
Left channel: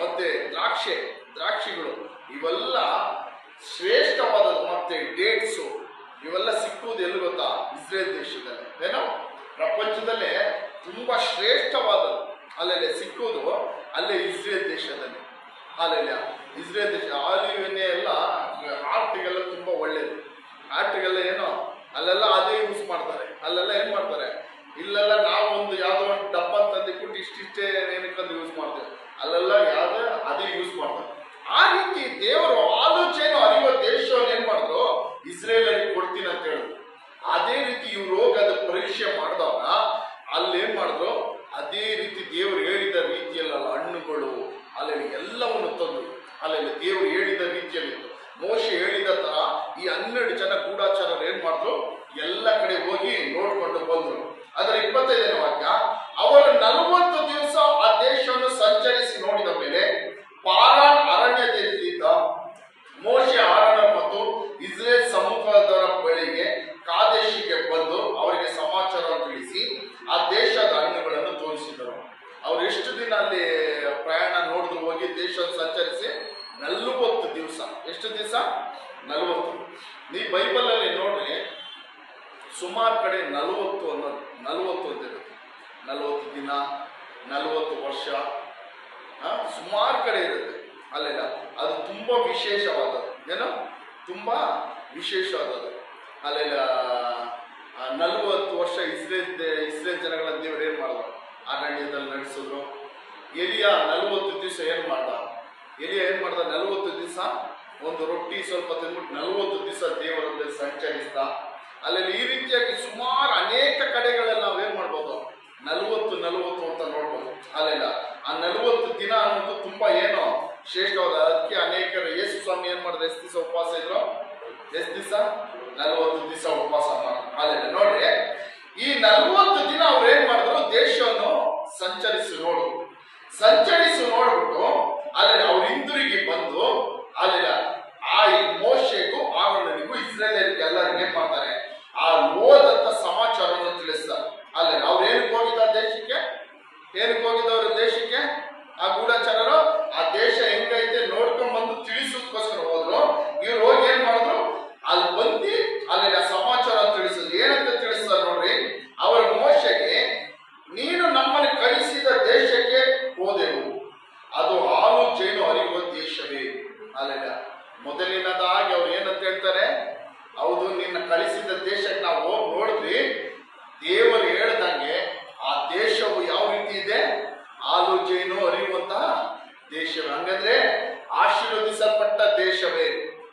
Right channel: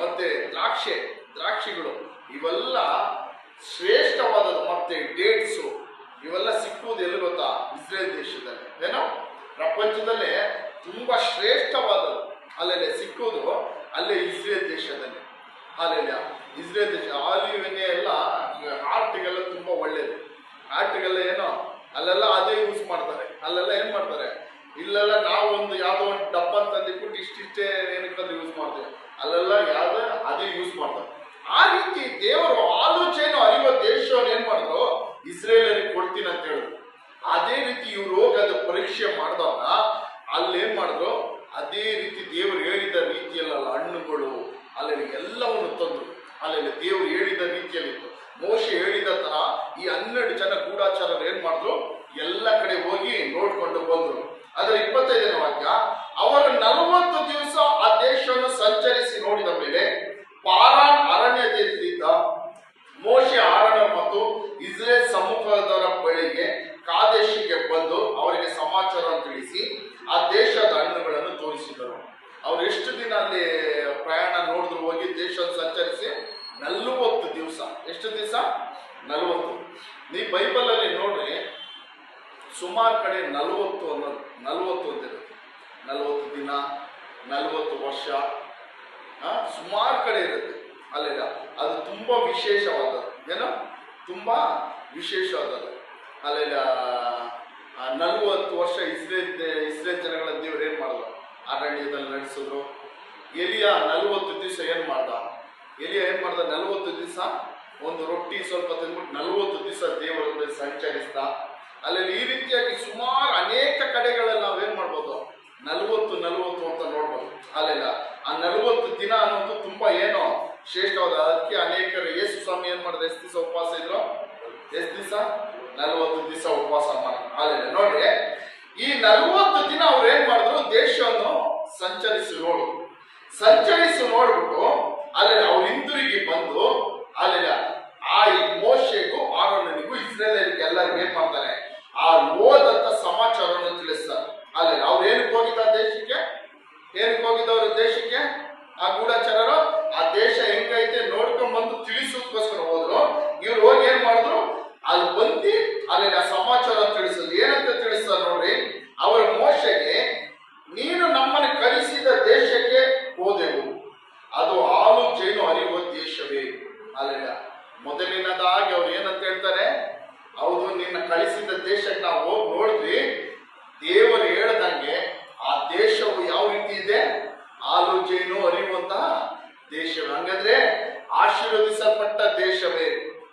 ಮತ್ತೆ ದ್ರಾಕ್ಷಿಗಳು ಇವೆಲ್ಲ ಶ್ರೇಷ್ಠವಾದದ್ದು. ಮತ್ತೆ ಡೇಟ್ಸು ಇವೆಲ್ಲ ಸಿಕ್ಕುವುದು ಎಲ್ಲಿ ಗೊತ್ತಾ, ಇಸ್ರೇಲ್ ದೇಶದಲ್ಲಿ. ಏನೋ ಪ್ರಪಂಚದಲ್ಲೇ ತುಂಬಾ ಶ್ರೇಷ್ಠವಾದದ್ದು ಅಲ್ಲೆಲ್ಲ ಸಿಕ್ಕುವುದು ಅಲ್ಲೇ ಇಸ್ರೇಲ್ ದೇಶದಲ್ಲಿ. ಅಲ್ಲೆಲ್ಲ ಇಸ್ರೇಲ್ ದೇಶ ಆಲಿವ್ ಎಣ್ಣೆ ಎಲ್ಲ ಹಾರ್ಟಿಗೆಲ್ಲ ತುಂಬಾ ಒಳ್ಳೇದು. ಹಾರ್ಟಿಗೆಲ್ಲ ಏನೋ ಅಲ್ಲೆಲ್ಲ ಅದೇ ಯೂಸ್ ಮಾಡ್ತಾರೆ. ಅಲ್ಲೆಲ್ಲ ಏನ್ ಮಾಡ್ತಾರೆ, ಇಲ್ಲೆಲ್ಲ ನಾವು ಒಂದು ಯಾವ್ದೋ ಒಂದು ಡಬ್ಬ ತಂದಿಟ್ಬಿಟ್ಟು ಇಷ್ಟಿಷ್ಟೇ ಏನಕ್ಕಂದ್ರೆ ಯೂಸ್ ಮಾಡ್ತೇವೆ, ಅಲ್ಲೆಲ್ಲ ಯಾವ್ದು ಅದೇ ಯೂಸ್ ಮಾಡ್ತಾರೆ. ಆ ರೀತಿ ದೇವರು ಆಲೋಚನೆ ಅರಿಯುವ ದೇಶವನ್ನು ಏನ್ ಮಾಡಿದ್ರು, ಇಸ್ರೇಲಲ್ಲಿ ಕೊಡ್ತೀನಿ ಅಂತ ಹೇಳಿದ್ರು. ಅದೇ ರೀತಿ ಇವ್ರು ಹೋಗಿ ಅದು ಪರೀಕ್ಷೆ ಮಾಡಿದಾಗ ಅಲ್ಲೇನ್ ಮಾಡಿದ್ರು, ಅದೇ ರೀತಿ ದೇವರು ಹೇಳಿದ ರೀತಿಯಲ್ಲ ಹಣ್ಣುಗಳು ಅಲ್ಲೆಲ್ಲ ಎಲ್ಲವನ್ನು ತಂದ್ರು. ಅಲ್ಲೆಲ್ಲ ದೇವರು ಹೇಳಿದ ರೀತಿಯಲ್ಲಿತ್ತು. ಮೋಶೆ ಹೇಳಿದ ತರ ಈ 12 ಜನ ಗೂಢಾಚಾರರು ಏನ್ ಮಾಡಿದ್ರು, ಎಲ್ಲ ಕಡೆ ಹೋಗಿ ನೋಡ್ಕೊಂಡು ಬಂದ್ರು. ಅದರ 25ನೇ ವಾಕ್ಯ, ಅವರು 40 ದಿವಸ ಆ ದೇಶವನ್ನು ಸಂಚರಿಸಿ ನೋಡಿದ ಮೇಲೆ ಪಾರಾನ್ ಅರಣ್ಯದಲ್ಲಿದ್ದ ಮೋಶೆ ಆರೋನ ಮತ್ತು ಇಸ್ರೇಲ್ ಸಮೂಹದವರ ಬಳಿಗೆ ಕಾದೇಶಿಗೆ ಬಂದು ಅವರಿಗೆ ಸಮಾಚಾರವನ್ನು ತಿಳಿಸಿ ಆ ದೇಶದ ಹಣ್ಣುಗಳನ್ನು ತೋರಿಸಿದರು. ಅವ್ರು ಎಷ್ಟು ದಿನ ಅಲ್ಲಿ ಪ್ರಯಾಣ ನೋಡಿದ್ರು, ಹೋಗಿ ದೇಶವನ್ನು ಸಂಚರಿಸಿ 40 ದಿವಸ. ಎಷ್ಟು ದಿವಸ? 40. ನೀ ಬೈಬಲ್ ಅಲ್ಲಿ ನೋಡ್ರಿ, ಸುಮಾರು ಕಡೆ 40 ಅನ್ನೋದು 40 ಅಂತಿರುತ್ತೆ. 40 ದಿನ, 40 ವರ್ಷ, ಸುಮಾರು ಕಡೆ ಇರುತ್ತೆ. ಅಲ್ಲೆಲ್ಲ ಅದು ತುಂಬಾ ವಿಶೇಷವಾದದ್ದು. ಏನೋ ತುಂಬಾ ವಿಶೇಷವಾದದ್ದು. ಅಲ್ಲೆಲ್ಲ 40 ವರ್ಷ ಇಸ್ರೇಲ್ ಜನಗಳ ದೇವರು ಏನ್ ಮಾಡಿದ್ರು, ಅರಣ್ಯದಲ್ಲಿ ನಡೆಸಿದ್ರು. ಎಲಿಯ 40 ದಿವಸ ಏನ್ ಮಾಡ್ದ, 40 ದಿವಸ ಒಂದು ರೊಟ್ಟಿ ಸ್ವಲ್ಪ ತಿಂದ್ಬಿಟ್ಟು 40 ದಿವಸ ದೇವರಲ್ಲಿ ಸಂಚರಿಸ್ತಾ. ಅಲ್ಲೆಲ್ಲ ಈ ರೀತಿಯಾಗಿ ಸುಮಾರು ಅನೇಕ ಕಡೆಗಳಲ್ಲಿ ನಾವೇನ್ ಮಾಡ್ಬೋದು, 40 ಅಂತ ನೋಡ್ಬೋದು. ಅಲ್ಲೆಲ್ಲ ಆ 40 ದಿನ ಅನ್ನೋದು ತುಂಬಾ ಏನೋ ಶ್ರೇಷ್ಠವಾದ. ಅದಕ್ಕೆ ಅನೇಕರು ಯೇಸು ಸ್ವಾಮಿ ಏನ್ ಮಾಡಿದ್ರು, ಎಷ್ಟು ದಿವಸ ಉಪವಾಸ ಇದ್ರು, ಎಷ್ಟು ದಿವಸ? 40 ದಿವಸ ಉಪವಾಸ ಮಾಡಿದ್ರು. ಅಲ್ಲೆಲ್ಲ ನೋಡ್ರಿ, ಈ 40 ದಿನ ಅವ್ರು ಏನ್ ಮಾಡಿದ್ರು, ದೇಶವನ್ನು ಸಂಚರಿಸಿ ನೋಡ್ಬಿಟ್ಟು ಅಲ್ಲೆಲ್ಲ ಅವ್ರು ಹಿಂದಿರುಗಿ ಬಂದು ಅಲ್ಲೆಲ್ಲ ಆ ಮೋಶೆಗೂ ಆರೋನನಿಗೂ ಇಸ್ರೇಲರಿಗೆ ಎಲ್ಲರಿಗೂ ಏನ್ ಮಾಡ್ತಾರೆ, ಆ ಓದಂತ ಸಮಾಚಾರವನ್ನು ತಿಳಿಸ್ತಾರೆ. ಅಲ್ಲೆಲ್ಲ ಅವ್ರು ಏನಕ್ಕೆ ಹೋಗಿದ್ದಾರೆ ದೇಶಕ್ಕೆ, ಆ ಗೂಢಾಚಾರರು ಆ ದೇಶ ಹೆಂಗೈತೆ ನೋಡ್ಕೊಂಡ್ ಬಂದು ತಿಳಿಸೋದಕ್ಕೋಸ್ಕರ ಹೋದ್ರು. ಇವ್ರು ಹೋಗಿ ಏನ್ ಮಾಡಿದ್ರು, ಅಲ್ಲಿ ಬಂದು ಅಲ್ಲೆಲ್ಲ ಸಮಾಚಾರ ತಿಳಿಸೋದು. ಏನಂತ ತಿಳಿಸ್ತಾರೆ ನೋಡ್ರಿ, ಅವರ ಮೋಶೆಗೆ, ನೀನು ನಮ್ಮನ್ನು ಕಳಿಸಿದ ದೇಶಕ್ಕೆ ಹೋದೆವು, ಅದು ಹಾಲು ಜೇನು ಹರಿಯುವ ದೇಶವೇ. ಅಲ್ಲೆಲ್ಲ ಮೊದಲಿನದಾಗಿ ಅವ್ರು ಏನಂತ ಹೇಳ್ತಾರೆ, ಹೌದು ನಿನ್ನ ಕಳಿಸಿದ ದೇಶಕ್ಕೆ ನಾವು ಹೋಗಿ ನೋಡಿದ್ವಿ, ದೇವರು ಹೇಳ್ದಂಗೆ ಆ ದೇಶವು ಯಾವ ರೀತಿ ಇದೆ, ಹಾಲು ಜೇನು ಹರಿಯುವಂತಹ ದೇಶವೇ. ಹಂಗಂದ್ರೆ ಆಶೀರ್ವದಿಸಲ್ಪಟ್ಟ ದೇಶವೇ.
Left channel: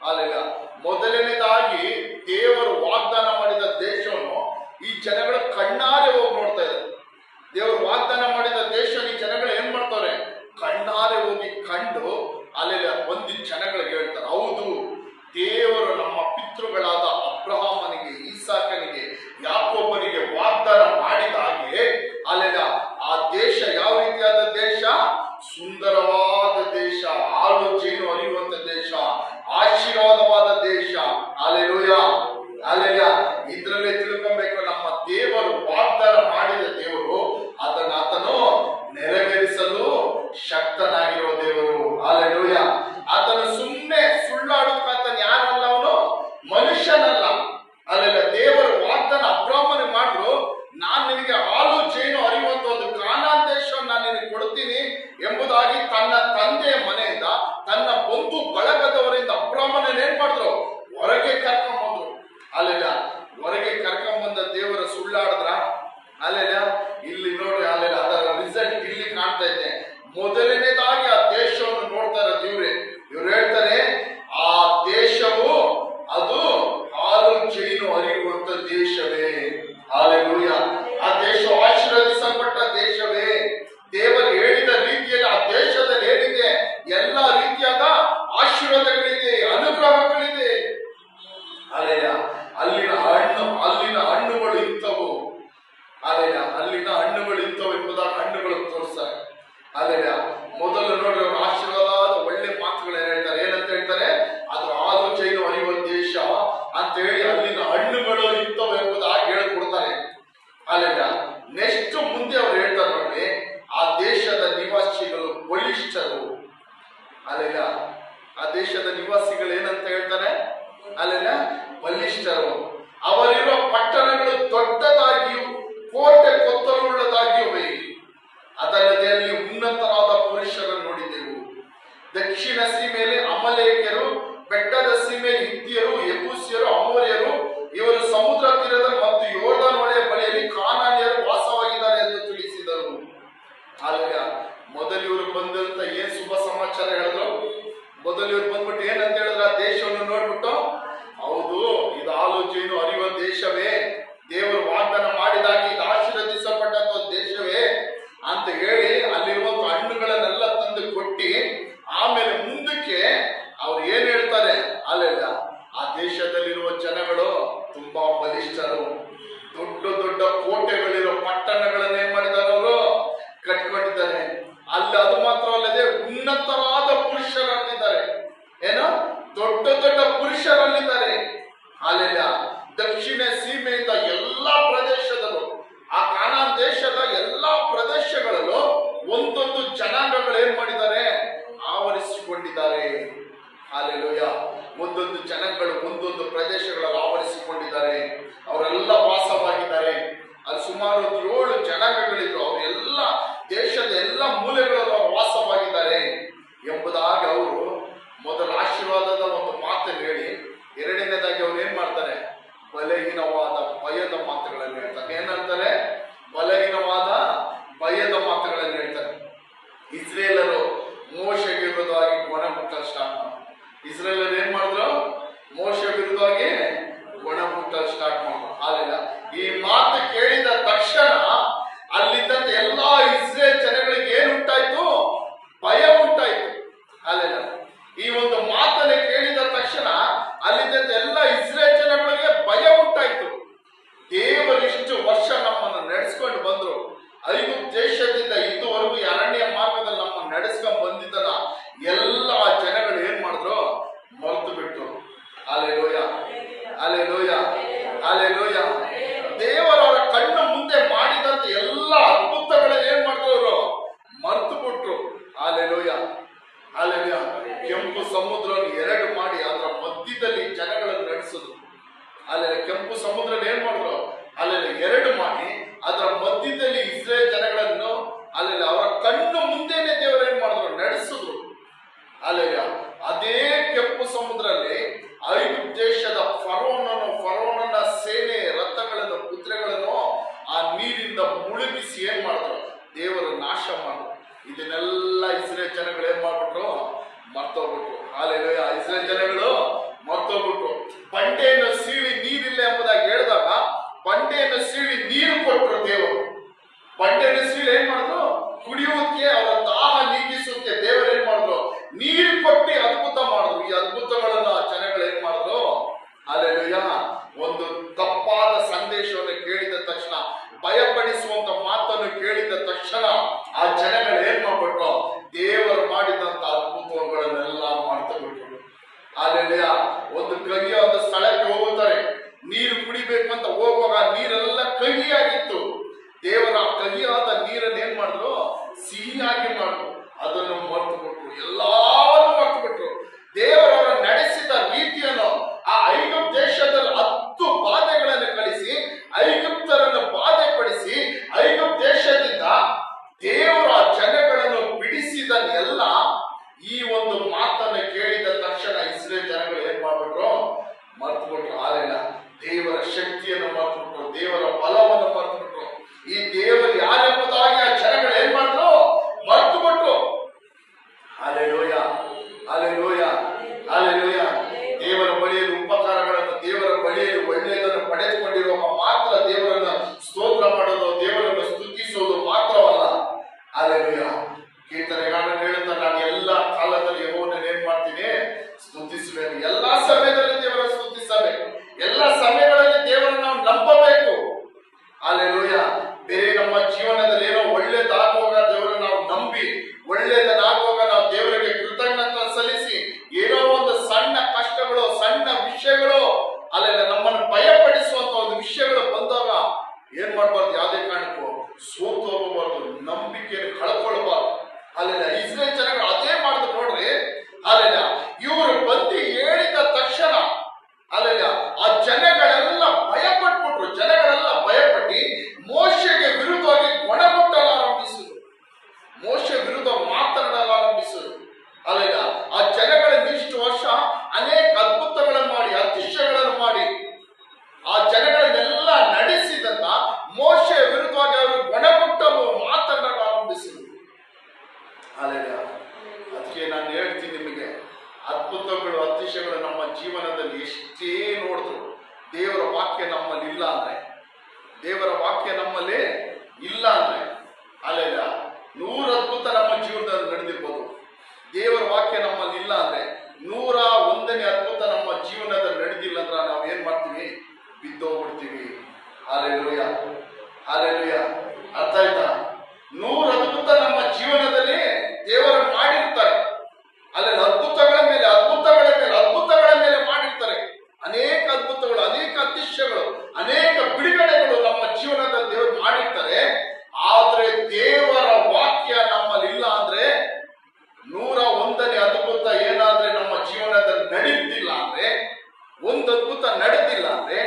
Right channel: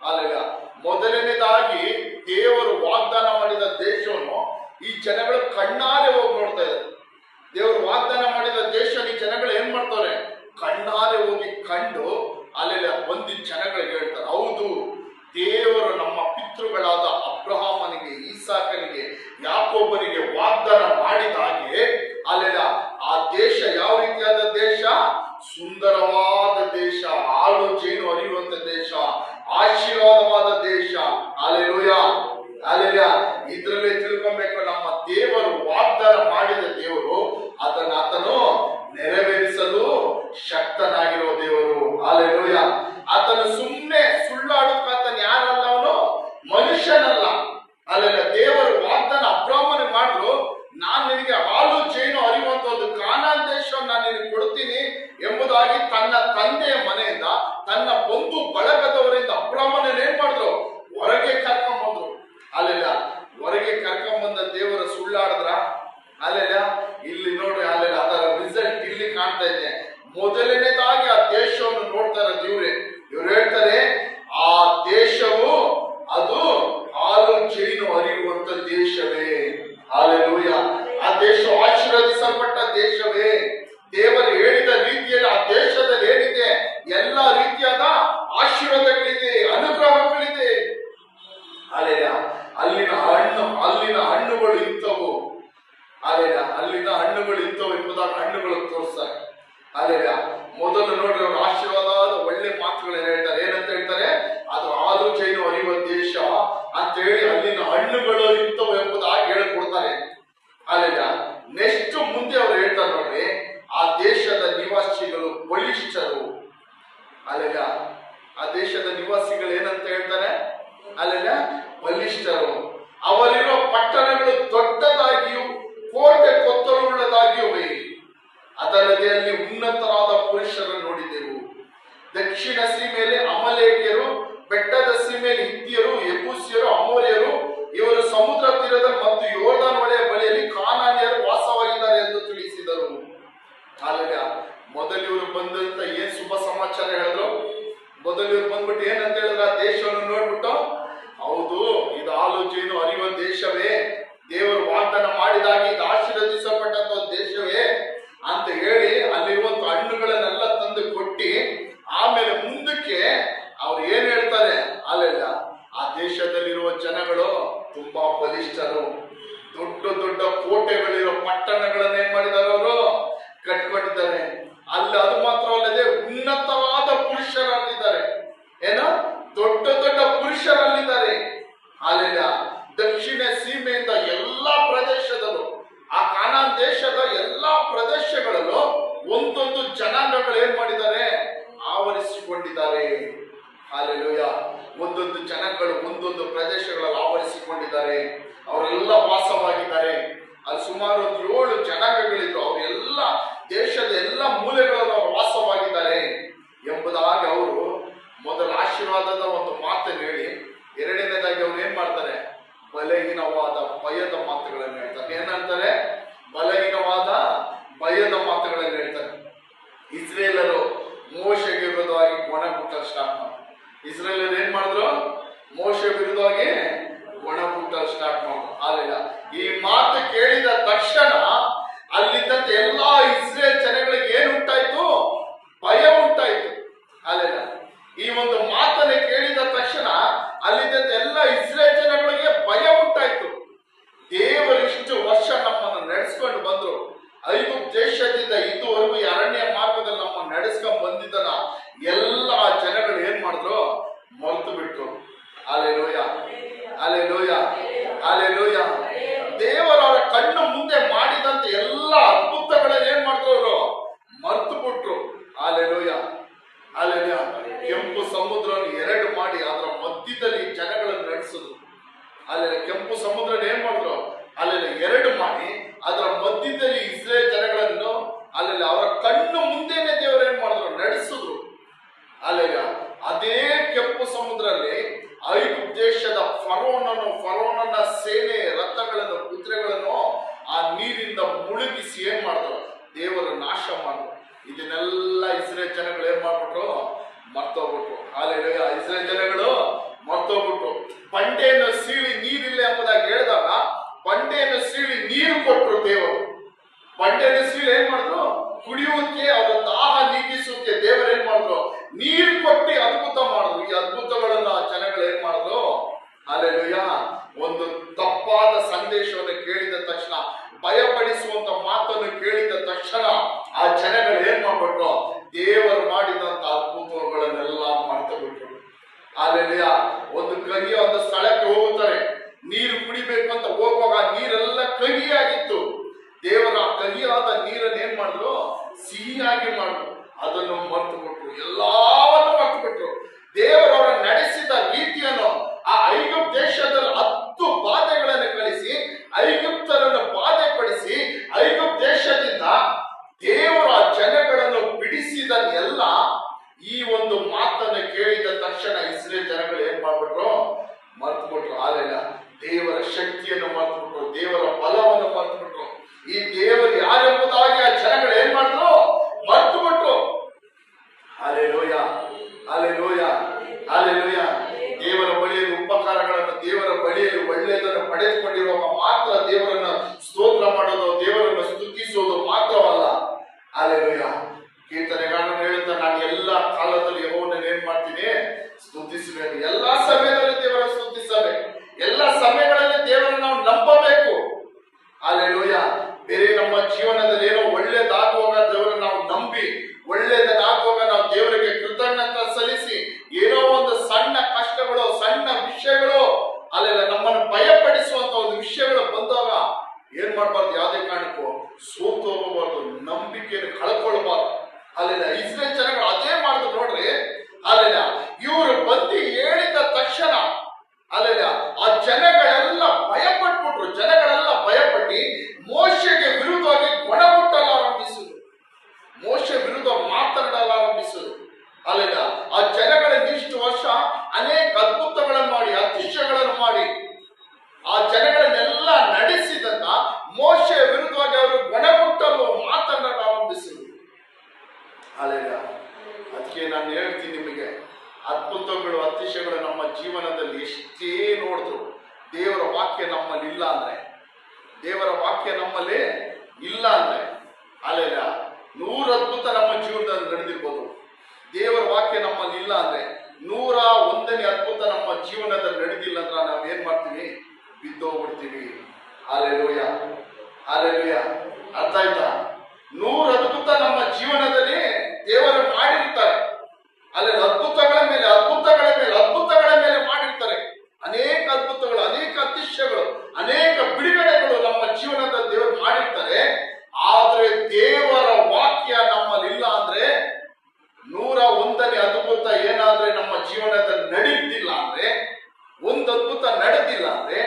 ಅಲ್ಲೆಲ್ಲ ಮೊದಲನೇದಾಗಿ ದೇವರು ವಾಗ್ದಾನ ಮಾಡಿದ ದೇಶವನ್ನು ಈ ಜನಗಳು ಕಣ್ಣಾರೆ ಹೋಗಿ ನೋಡ್ತಾ ಇದ್ದಾರೆ. ದೇವರು ವಾಗ್ದಾನ ಮಾಡಿದ ದೇಶ ಈ ಜನಗಳು ಏನ್ ಮಾಡ್ತಾರೆ, ಕಣ್ಣಾರೆ ಹೋಗಿ ಕಂಡು ಅಲ್ಲೆಲ್ಲ ಬಂದು ಜನಗಳಿಗೆ ಹೇಳ್ತಾರೆ, ಹೌದು ದೇವರು ನಮ್ಮ ಪಿತೃಗಳಾದ ಅಬ್ರಹಾಮನಿಗೆ, ಈಸಾಕನಿಗೆ, ಯಾಕೋಬನಿಗೆ ವಾಗ್ದಾನ ಮಾಡಿದ ಹಾಗೆ ಅಲ್ಲೆಲ್ಲ ಆ ದೇಶ ಯಾವ ರೀತಿಯಾದ ದೇಶ, ಸುಂದರವಾದ ದೇಶ, ಹಾಲು ಜೇನು ಹರಿಯುವಂತ ದೇಶ, ಆಶೀರ್ವಾದವಾದ ದೇಶ. ಅಲ್ಲೆಲೂಯಾ, ಅಲ್ಲೆಲ್ಲ ಇದ್ರಲ್ಲೇ ತಿಳ್ಕೊಬೇಕು, ನಮ್ಮ ದೇವರು ವಾಗ್ದಾನ ಮಾಡಿದ ದೇವರು ಆತನು ನೆರವೇರಿಸಲು ಶಕ್ತನಾಗಿರುವ ದೇವರು. ಅಲ್ಲೆಲೂಯಾ. ಆತನು ಸುಮ್ಮನೆ ಸುಳ್ಳಾಡುತ್ತಾತನ ಯಾರಲ್ಲ, ಅವನು ಮನುಷ್ಯನಲ್ಲ. ಅಲ್ಲೆಲ್ಲ ದೇವರು ವಾಗ್ದಾನ ಅಬ್ರಾಹ್ಮನಿಗೆ ಮಾಡಿದ್ರು, ನಾನ್ ನಿನಗೆ ಹಾಲು ಜೇನು ಹರಿಯುವಂತದ್ದು ಕಾನಾನ್ ದೇಶವನ್ನು ನಾನು ನಿನಗೆ ಕೊಡ್ತೀನಿ ಎಂಬುದಾಗಿ ತನ್ನ ತಂದೆಯ ಮನೆಯಿಂದ, ತನ್ನ ಬಂಧು ಬಳಗದವರಿಂದ ಅಬ್ರಾಹ್ಮನ ಏನ್ ಮಾಡಿದ್ರು, ಹೊರಗೆ ಕರ್ಕೊಂಡ್ಬಂದ್ರು. ಅಲ್ಲೆಲ್ಲ ಹೊರಗೆ ಕರ್ಕೊಂಡ್ಬಂದ ದೇವರ ಸುಳ್ಳಾಡಿದ್ರ. ಅಲ್ಲೆಲ್ಲ ಇಲ್ಲಿ ನೋಡ್ರಿ, ಅಲ್ಲೆಲ್ಲ ಅದರ ರಿಸಲ್ಟ್ ಮೊದಲನೇದಾಗಿ ಆ ದೇಶವನ್ನು ನೋಡ್ತಾರೆ ಇವ್ರೆ. ಇವ್ರು ಹೇಳ್ತಾರೆ ಆ ದೇಶವು ಅದು ಹಾಲು ಜೇನು ಹರಿಯುವಂತ ದೇಶವೇ. ಹಾಲೆಲೂಯ. ಆ ದೇಶವು ಆಶೀರ್ವದಿಸಲ್ಪಟ್ಟ ದೇಶವೇ. ದೇವರು ಹೇಳಿದ ರೀತಿಯಲ್ಲಿ ಆ ದೇಶದಲ್ಲಿ ಏನಿದೆ ಎಲ್ಲ ರೀತಿಯಾದ ಆಶೀರ್ವಾದಗಳಿದೆ, ಅನುಗ್ರಹಗಳಿದೆ. ಅಲ್ಲಿನ ಹಣ್ಣುಗಳು ಇಂಥವು. ಅಲ್ಲಿನ ಹಣ್ಣುಗಳು ಇಂಥವು ಎಂಬುದಾಗಿ ಹಣ್ಣುಗಳು ತೋರಿಸ್ತಾರೆ. ಮೊದಲು ನೋಡ್ರಿ ಅವರು ಆಶೀರ್ವಾದ ಒಳ್ಳೆ ಮಾತುಗಳನ್ನ ಹೇಳ್ತಾರೆ. ಏನಂತ ಹೇಳ್ತಾರೆ? ಅದು ಹಾಲು ಜೇನು ಹರಿಯುವ ದೇಶ ಅಂತ ಹೇಳಿ ಅಲ್ಲಿನ ಹಣ್ಣುಗಳು ಇಂಥವು ಎಂಬುದಾಗಿ ಹೇಳಿಕೊಡ್ತಾರೆ. ನೆಕ್ಸ್ಟ್ ಮುಂದೆ ಅವ್ರು ಹೇಳ್ತಾರೆ ನೋಡ್ರಿ, ಆ ದೇಶದ ನಿವಾಸಿಗಳು ಬಲಿಷ್ಠರು. ಆ ದೇಶದ ನಿವಾಸಿಗಳು ಏನಂತ ಹೇಳ್ತಾರೆ? ಬಲಿಷ್ಠರು. ಅವರಿರುವ ಪಟ್ಟಣಗಳು ದೊಡ್ಡದಾಗಿಯೂ ಕೋಟೆ ಕೊತ್ತಲುಳ್ಳದಾಗಿಯೂ ಅದಲ್ಲದೆ ಅಲ್ಲಿ ಉನ್ನತರಾದ ಪುರುಷರನ್ನು ನೋಡಿದೆವು. ದಕ್ಷಿಣ ಸೀಮೆಯಲ್ಲಿ ಅಮಲೇಕ್ಯರು, ಬೆಟ್ಟದ ಸೀಮೆಯಲ್ಲಿ ಹಿತ್ತಿಯರು, ಯೆಬೂಸ್ಯರು, ಅಮೋರಿಯರು, ಇವರು ಸಮುದ್ರ ತೀರದ ಮತ್ತು ಯೋರ್ದಾನ್ ಹೊಳೆಯ ಬಳಿಯಲ್ಲಿ ಕಾನಾನ್ಯರು ವಾಸವಾಗಿದ್ದಾರೆ ಎಂದು ತಿಳಿಸಿದರು. ಮೊದಲು ಇವರು ಬಂದಂತ ಏನ್ ಶುಭ ಸಮಾಚಾರ ಹೇಳಿದ್ರು? ಮೊದಲು ಇವ್ರು ಬಂದ್ಬಿಟ್ಟು ಏನಂತ ಹೇಳಿದ್ರ? ಆ ದೇಶವನ್ನು ನೋಡ್ಬಿಟ್ಟು, ಹೌದು ಇದು ಹಾಲು ಜೇನು ಹರಿಯುವ ದೇಶವೇ, ದೇವರು ವಾಗ್ದಾನ ಮಾಡಿದಾಗಿ ಇದು ಆಶೀರ್ವದಿಸಲ್ಪಟ್ಟಂತ ದೇಶವೇ ಅಂತ ಹೇಳಿ ಅಲ್ಲಿರುವಂತ ಹಣ್ಣುಗಳನ್ನೆಲ್ಲ ತಂದು ಕೊಟ್ಟಿ, ಆಮೇಲೆ ಮುಂದಕ್ಕೆ ಅವ್ರು ಏನ್ ಹೇಳ್ತಾರೆ? ಆ ದೇಶದಲ್ಲಿರುವ ಜನಗಳು ತುಂಬಾ ಬಲಿಷ್ಠರು. ದೊಡ್ಡ ದೊಡ್ಡ ಕೋಟೆಗಳಿರೋ ಪಟ್ಟಣಗಳನ್ನ ಏನ್ ಮಾಡಿದ್ದಾರೆ? ಅವರು ಕಟ್ಕೊಂಡಿದ್ದಾರೆ. ಅದು ಮಾತ್ರವಲ್ಲದೆ ಉನ್ನತವಾದ ಪುರುಷರಲ್ಲಿದ್ದಾರೆ. ಏನೋ ದೊಡ್ಡ ದೊಡ್ಡ ಪುರುಷರಲ್ಲಿದ್ದಾರೆ. ದಕ್ಷಿಣ ಸೀಮೆಯಿಂದ ಎಲ್ಲಾ ಪ್ರದೇಶದಲ್ಲೂ, ಆ ಕಾನಾನ್ ದೇಶದ ಎಲ್ಲಾ ಪ್ರದೇಶಗಳಲ್ಲೂ ಒಂದೊಂದು ಜನಾಂಗಗಳು ಏನ್ ಮಾಡಿದ್ದಾರೆ? ಆವರಿಸಿಕೊಂಡಿದ್ದಾರೆ. ಒಂದೊಂದು ಜನಗಳು ಒಂದೊಂದು ಪ್ರದೇಶಗಳಲ್ಲಿ ಆವರಿಸಿಕೊಂಡಿದ್ದಾರೆ. ಅವರೆಲ್ಲ ವಾಸವಾಗಿದ್ದಾರೆ. ಅಲ್ಲಿ ಸುಮಾರು 7 ಜನಾಂಗಗಳಿದ್ರು. ಅವರೆಲ್ಲ ದೇಶದ ಎಲ್ಲ ಮೂಲೆಗಳಲ್ಲಿ ಅವರು ವಾಸವಾಗಿದ್ದಾರೆ ಎಂಬುದಾಗಿ ಅವರು ಮೊದಲ ಆಶೀರ್ವಾದದ ಒಂದು ಮಾತನ್ನು ಹೇಳಿ, ಎರಡನೇದಾಗಿ ಅವ್ರು ಏನ್ ಮಾಡ್ತಾರೆ? ಬಲಹೀನವಾದ ಭಯದ ಮಾತುಗಳನ್ನು ಹೇಳ್ತಾರೆ. ಏನಂತಾರೆ? ಬಲಹೀನವಾದ ಭಯದ ಮಾತುಗಳನ್ನು ಹೇಳ್ತಾರೆ. ಇಸ್ರೇಲರು ಮೋಶೆಗೆ ವಿರುದ್ಧವಾಗಿ ಒಣ ಮುಟ್ಟಲು ಸ್ಟಾರ್ಟ್ ಮಾಡಿದ್ರು. ಇಸ್ರೇಲರು ಏನ್ ಮಾಡಿದ್ರು? ಮೋಶೆ ವಿರುದ್ಧವಾಗಿ ಒಣ ಮುಟ್ಟಲು ಸ್ಟಾರ್ಟ್ ಮಾಡಿದ್ರು. ಈ ಮಾತು ಕೇಳಿದ ತಕ್ಷಣ ಅಲ್ಲಿದ್ದಂತೆ ಎಲ್ಲಾ ಇಸ್ರೇಲ್ ಜನಗಳಿಗೆ ಏನ್ ಉಂಟಾಯ್ತು? ಭಯ ಉಂಟಾಯ್ತು. ಈ ಒಂದು ಮಾತನ್ನು ಕೇಳಿದ ತಕ್ಷಣ ಅಲ್ಲಿದ್ದಂತೆ ಎಲ್ಲ ಇಸ್ರೇಲ್ ಜನಗಳಿಗೆ ಭಯ ಉಂಟಾಯ್ತು. ದೇವರು ಇಷ್ಟು ವರ್ಷ ನಮ್ಮನ್ನು ನಡೆಸ್ಕೊಂಡು ಬಂದ್ರು. ಐಗುಪ್ತ ದೇಶದಿಂದ ಇದುವರೆಗೂ ಅರಣ್ಯ ಮಾರ್ಗದಲ್ಲಿ ನಮ್ಮನ್ನು ನಡೆಸ್ಕೊಂಡು ಬಂದಿದ್ದನ ಎಲ್ಲ ಜನಗಳು ಏನ್ ಮಾಡಿದ್ರು? ಮರೆತು ಬಿಟ್ರು. Alleluia, alleluia, alleluia. ದೇವರವರ ಕಣ್ಣು ಮುಂದೆ ಮಾಡಿದಂತೆ ಎಲ್ಲ ಅದ್ಭುತಗಳನ್ನ ಏನ್ ಮಾಡಿದ್ರು? ಅವರು ಮರೆತು ಬಿಟ್ರು. Alleluia, alleluia. ಕೆಂಪು ಸಮುದ್ರವನ್ನು 2 ಮಾಡಿ ಅದರ ಮಧ್ಯದಲ್ಲಿ ಜನಗಳನ್ನು ನಡೆಸಿದ್ರು. ಕೆಂಪು ಸಮುದ್ರ ಏನ್ ಮಾಡಿದ್ರು? 2 ಮಾಡಿ ಅದರ ಮಧ್ಯದಲ್ಲಿ ಇಸ್ರೇಲ್ ಜನಗಳನ್ನು ಅವರ ಕಣ್ಣು ಮುಂದೆನೆ ದೇವರು ಏನ್ ಮಾಡಿದ್ರು? ನಡೆಸಿದ್ರು. ಅದೇ ಕೆಂಪು ಸಮುದ್ರದಲ್ಲಿ ಐಗುಪ್ತ ದೇಶದ ಫರೋನನ ಸೇನೆ ರಥಗಳನ್ನು, ಕುದುರೆಗಳನ್ನು ಆ ನೀರಿಂದ ಮುಳುಗಿಸಿ ಏನ್ ಮಾಡಿದ್ರು? ದೇವರು ನಾಶ ಮಾಡಿದ್ರು. ಇದನ್ನೆಲ್ಲ ಇಸ್ರೇಲ್ ಜನಗಳು ಏನ್ ಮಾಡ್ಬಿಟ್ರು? ಮರ್ತೋಗ್ಬಿಟ್ರು. ಇಸ್ರೇಲ್ ಜನಗಳು ಮರ್ತೋಗ್ಬಿಟ್ರು. ಬಂಡೆಯನ್ನು ಸೀಳಿ ನೀರಿಲ್ಲ ಎಂಬುದಾಗಿ ಹೇಳಿದಾಗ ಬಂಡೆಯನ್ನು ಸೀಳಿ ನೀರು ಕೊಟ್ಟರು ದೇವರು. ಬಂಡೆಯನ್ನು ಸೀಳಿ ಏನ್ ಮಾಡಿದ್ರು? ಕುಡಿಯುವುದಕ್ಕೆ, ಅವರ ದಾಹ ನೀಗಿಸುತ್ತೆ ದೇವರು ಏನ್ ಮಾಡಿದ್ರು? ನೀರು ಕೊಟ್ಟು ಅದ್ಭುತ ಮಾಡಿದ್ರು. ಈ ಅದ್ಭುತಗಳನ್ನ ಜನಗಳು ಏನ್ ಮಾಡಿದ್ರು? ಒಂದು ತಪ್ಪಾದ ಸಂದೇಶವನ್ನು ಕೇಳಿದ ತಕ್ಷಣ, ಭಯಪಡಿಸುವಂತ ಮಾತನ್ನು ಕೇಳಿದ ತಕ್ಷಣ ಆ ಜನಗಳು ಏನ್ ಮಾಡ್ಬಿಟ್ರು? ದೇವರು ಮಾಡಿದಂತ ಅದ್ಭುತಗಳನ್ನೆಲ್ಲ ಮಾಡ್ತಾ ಬಿಟ್ರು. ಒಂದು ಕಹಿಯಾದ ಸ್ಥಳಕ್ಕೆ ಹೋಗುತ್ತಾರೆ, ನೀರು ಕುಡಿಬೇಕು ಅಂತ ಹೋಗುವಾಗ ನೀರೆಲ್ಲ ಕಹಿಯಾಗಿತ್ತು. ದೇವರ ಕಹಿಯಾದ ನೀರನ್ನು ಏನ್ ಮಾಡಿದ್ರು? ಸಿಹಿಯಾಗಿ ಮಾಡಿದ್ರು. ಅದನ್ನು ಮರೆತು ಬಿಟ್ರು. ಎಲ್ಲವನ್ನು ಮರೆತು ಬಿಟ್ರು. ದೇವರವರ ನಡೆಸಿದ ರೀತಿಯನ್ನು, ಆ ಐಗುಪ್ತ ದೇಶದಲ್ಲಿ 10 ಬಾಧೆಗಳನ್ನು ಕಳಿಸಿ ಐಗುಪ್ತರನ್ನು ಬಾಧೆ ಪಡಿಸಿ ಐಗುಪ್ತ ದೇಶದಿಂದ ದೇವರ ಜನಗಳನ್ನು ಬಿಡಿಸಿದ ಎಲ್ಲ ಈ ಒಂದು ಮಾತನ್ನು ಕೇಳಿದ ತಕ್ಷಣ ಇಸ್ರೇಲ್ ಜನಗಳು ಏನ್ ಮಾಡ್ಬಿಟ್ರು? ಮರೆತು ಬಿಟ್ರು. ದೇವರ ಶಕ್ತಿಯನ್ನು ಮರೆತು ಬಿಟ್ರು. ದೇವರ ಬಲವನ್ನು ಮರೆತು ಬಿಟ್ರು. ಈ ದೇವರು ಯಾರೆಂಬುದಾಗಿ ಆ ಜನಗಳು ಏನ್ ಮಾಡಿದ್ರು? ಮರೆತು ಹಾಲೆಲೂಯ. ಕೀರ್ತನೆಗಾರನು ಹೇಳುತ್ತಾ, ನಾನು ಎಲ್ಲ ಕಾಲದಲ್ಲಿ ಯೆಹೋವನನ್ನು ಏನ್ ಮಾಡ್ತೀನಿ, ಸ್ತುತಿಸಬೇಕು. ಎಲ್ಲಾ ಸಮಯದಲ್ಲಿ ದೇವರ ಸ್ತುತಿಸಬೇಕು. ಎಲ್ಲ ಸಮಯಗಳಲ್ಲಿ ದೇವರನ್ನು ನಾವು ನಂಬಬೇಕು. ಹಾಲೆಲೂಯ. ಬೇರೆ ನಮ್ಮ ಜೀವನದಲ್ಲಿ ಏನೋ ಒಳ್ಳೇದಾಗುವಾಗ ದೇವರನ್ನು ನಾವು ನಂಬಿ, ಒಳ್ಳೇದಾಗುವಾಗ ನಾವು ದೇವರಿಗೆ ಕೃತಜ್ಞತೆ ಸಲ್ಲಿಸಿ, ಏನೋ ಒಂದು ಸಣ್ಣ ಕಷ್ಟಗಳು, ಸಣ್ಣ ವಿಷಯಗಳು, ಅಲ್ಲೆಲ್ಲ ನಮ್ಮನ್ನು ಭಯಪಡಿಸುವಂತ ಒಂದು ವಿಷಯಗಳು ಬಂದಾಗ ಏನ್ ಮಾಡಬಾರ್ದು, ಯಾವುದೇ ಕಾರಣಕ್ಕೂ ಸೋತು ಹೋಗಬಾರ್ದು, ನಂಬಿಕೆಯನ್ನು ಕಳ್ಕೊಳ್ಬಾರ್ದು. ಅಲ್ಲೆಲ್ಲ ಇಸ್ರೇಲ್ ಜನಗಳು ಅದೇ ಮಾಡಿದ್ರು ನೋಡ್ರಿ. ಅಲ್ಲೆಲ್ಲ ಇವರು ಬಂದು ಹೇಳಿದ ತಕ್ಷಣ ಅಲ್ಲೆಲ್ಲ ಆ ಜನಗಳೆಲ್ಲ ಭಯಪಟ್ಬಿಟ್ರು. ಜನಗಳೆಲ್ಲ ಭಯಪಟ್ಟು ಮೋಶೆಗೆ ವಿರುದ್ಧವಾಗಿ ಗೊಣಗುಟ್ಟಲು ಆರಂಭಿಸಿದ್ರು. ಮೋಶೆ ವಿರುದ್ಧ ಮಾತನಾಡಲು ಆರಂಭಿಸಿದ್ರು. ಅಲ್ಲೆಲ್ಲ ಆ ಜನಗಳಿಂದ ಇಷ್ಟು ವರ್ಷ ಅನೇಕ ಅದ್ಭುತಗಳನ್ನು ಮಾಡಿ, ಅತಿಶಯಗಳನ್ನು ಮಾಡಿ ಆ ಜನಗಳನ್ನೆಲ್ಲ ನಡೆಸಿದಂತ ಮೋಶೆ ವಿರುದ್ಧವಾಗಿ ಅವರು ಗೊಣಗುಟ್ಟಲು ಮಾತನಾಡಲು ಆರಂಭಿಸಿದ್ರು. ಅಲ್ಲೆಲ್ಲ ಅದಕ್ಕೆ ನಾನು ಹೇಳ್ತೀನಿ ನಿಮಗೆ, ಅದ್ಭುತಗಳು, ಅತಿಶಯಗಳು ನಮ್ಮ ಜೀವನದಲ್ಲಿ ಎಷ್ಟೇ ನೋಡಿದ್ರು, ದೇವರ ವಾಕ್ಯ ನಮ್ಮಲ್ಲಿ ಇಲ್ಲ ಅಂದ್ರೆ, ದೇವರ ವಾಕ್ಯ ನಮ್ಮಲ್ಲಿ ಇಲ್ಲ ಅಂದ್ರೆ, ಅಲ್ಲೆಲ್ಲ 100 ಅದ್ಭುತ ನಮ್ಮ ಜೀವನದಲ್ಲಿ ನಡೆದಿರ್ಬೋದು. ದೇವರ ವಾಕ್ಯ ನಮ್ಮಲ್ಲಿ ಇಲ್ಲ ಅಂದ್ರೆ, 101ನೇ ಅದ್ಭುತ ನಮ್ಮ ಜೀವನದಲ್ಲಿ ನಡೆದಿಲ್ಲ ಅಂದ್ರೆ ನಾವು ಏನ್ ಮಾಡ್ತೀವಿ, ಬಿದ್ದೋಗ್ಬಿಡ್ತೀವಿ. Hallelujah, hallelujah. ಅರ್ಥ ಆಯ್ತಾ? 100 ಅದ್ಭುತ ನಮ್ಮ ಜೀವನದಲ್ಲಿ ದೇವರು ಮಾಡಿರ್ತಾರೆ. ಅಲ್ಲೆಲ್ಲ ಅದ್ಭುತಗಳ ಮೇಲೆ ಅದ್ಭುತಗಳ ಮೇಲೆ ಅದ್ಭುತಗಳ ಮೇಲೆ ಮಾಡಿರ್ತಾರೆ. ಅನೇಕ ಅದ್ಭುತಗಳು, ಅನೇಕ ಅತಿಶಯಗಳು, ಅನೇಕ ಬಿಡುಗಡೆಗಳು ನಮ್ಮ ಜೀವನದಲ್ಲಿ ದೇವರು ಮಾಡಿರ್ತಾರೆ. ಆದ್ರೆ ದೇವರ ವಾಕ್ಯ ನಮ್ಮಲ್ಲಿ ಇಲ್ಲ ಅಂದ್ರೆ, 101ನೇ ಅದ್ಭುತ ಏನಾದ್ರೆ ನಮ್ಮ ಜೀವನದಲ್ಲಿ ನಡೆಯುತ್ತಿಲ್ಲ ಅಂದ್ರೆ, ಒಂದು ಅದ್ಭುತ ನಡೆದಿಲ್ಲ ಅಂದ್ರೆ,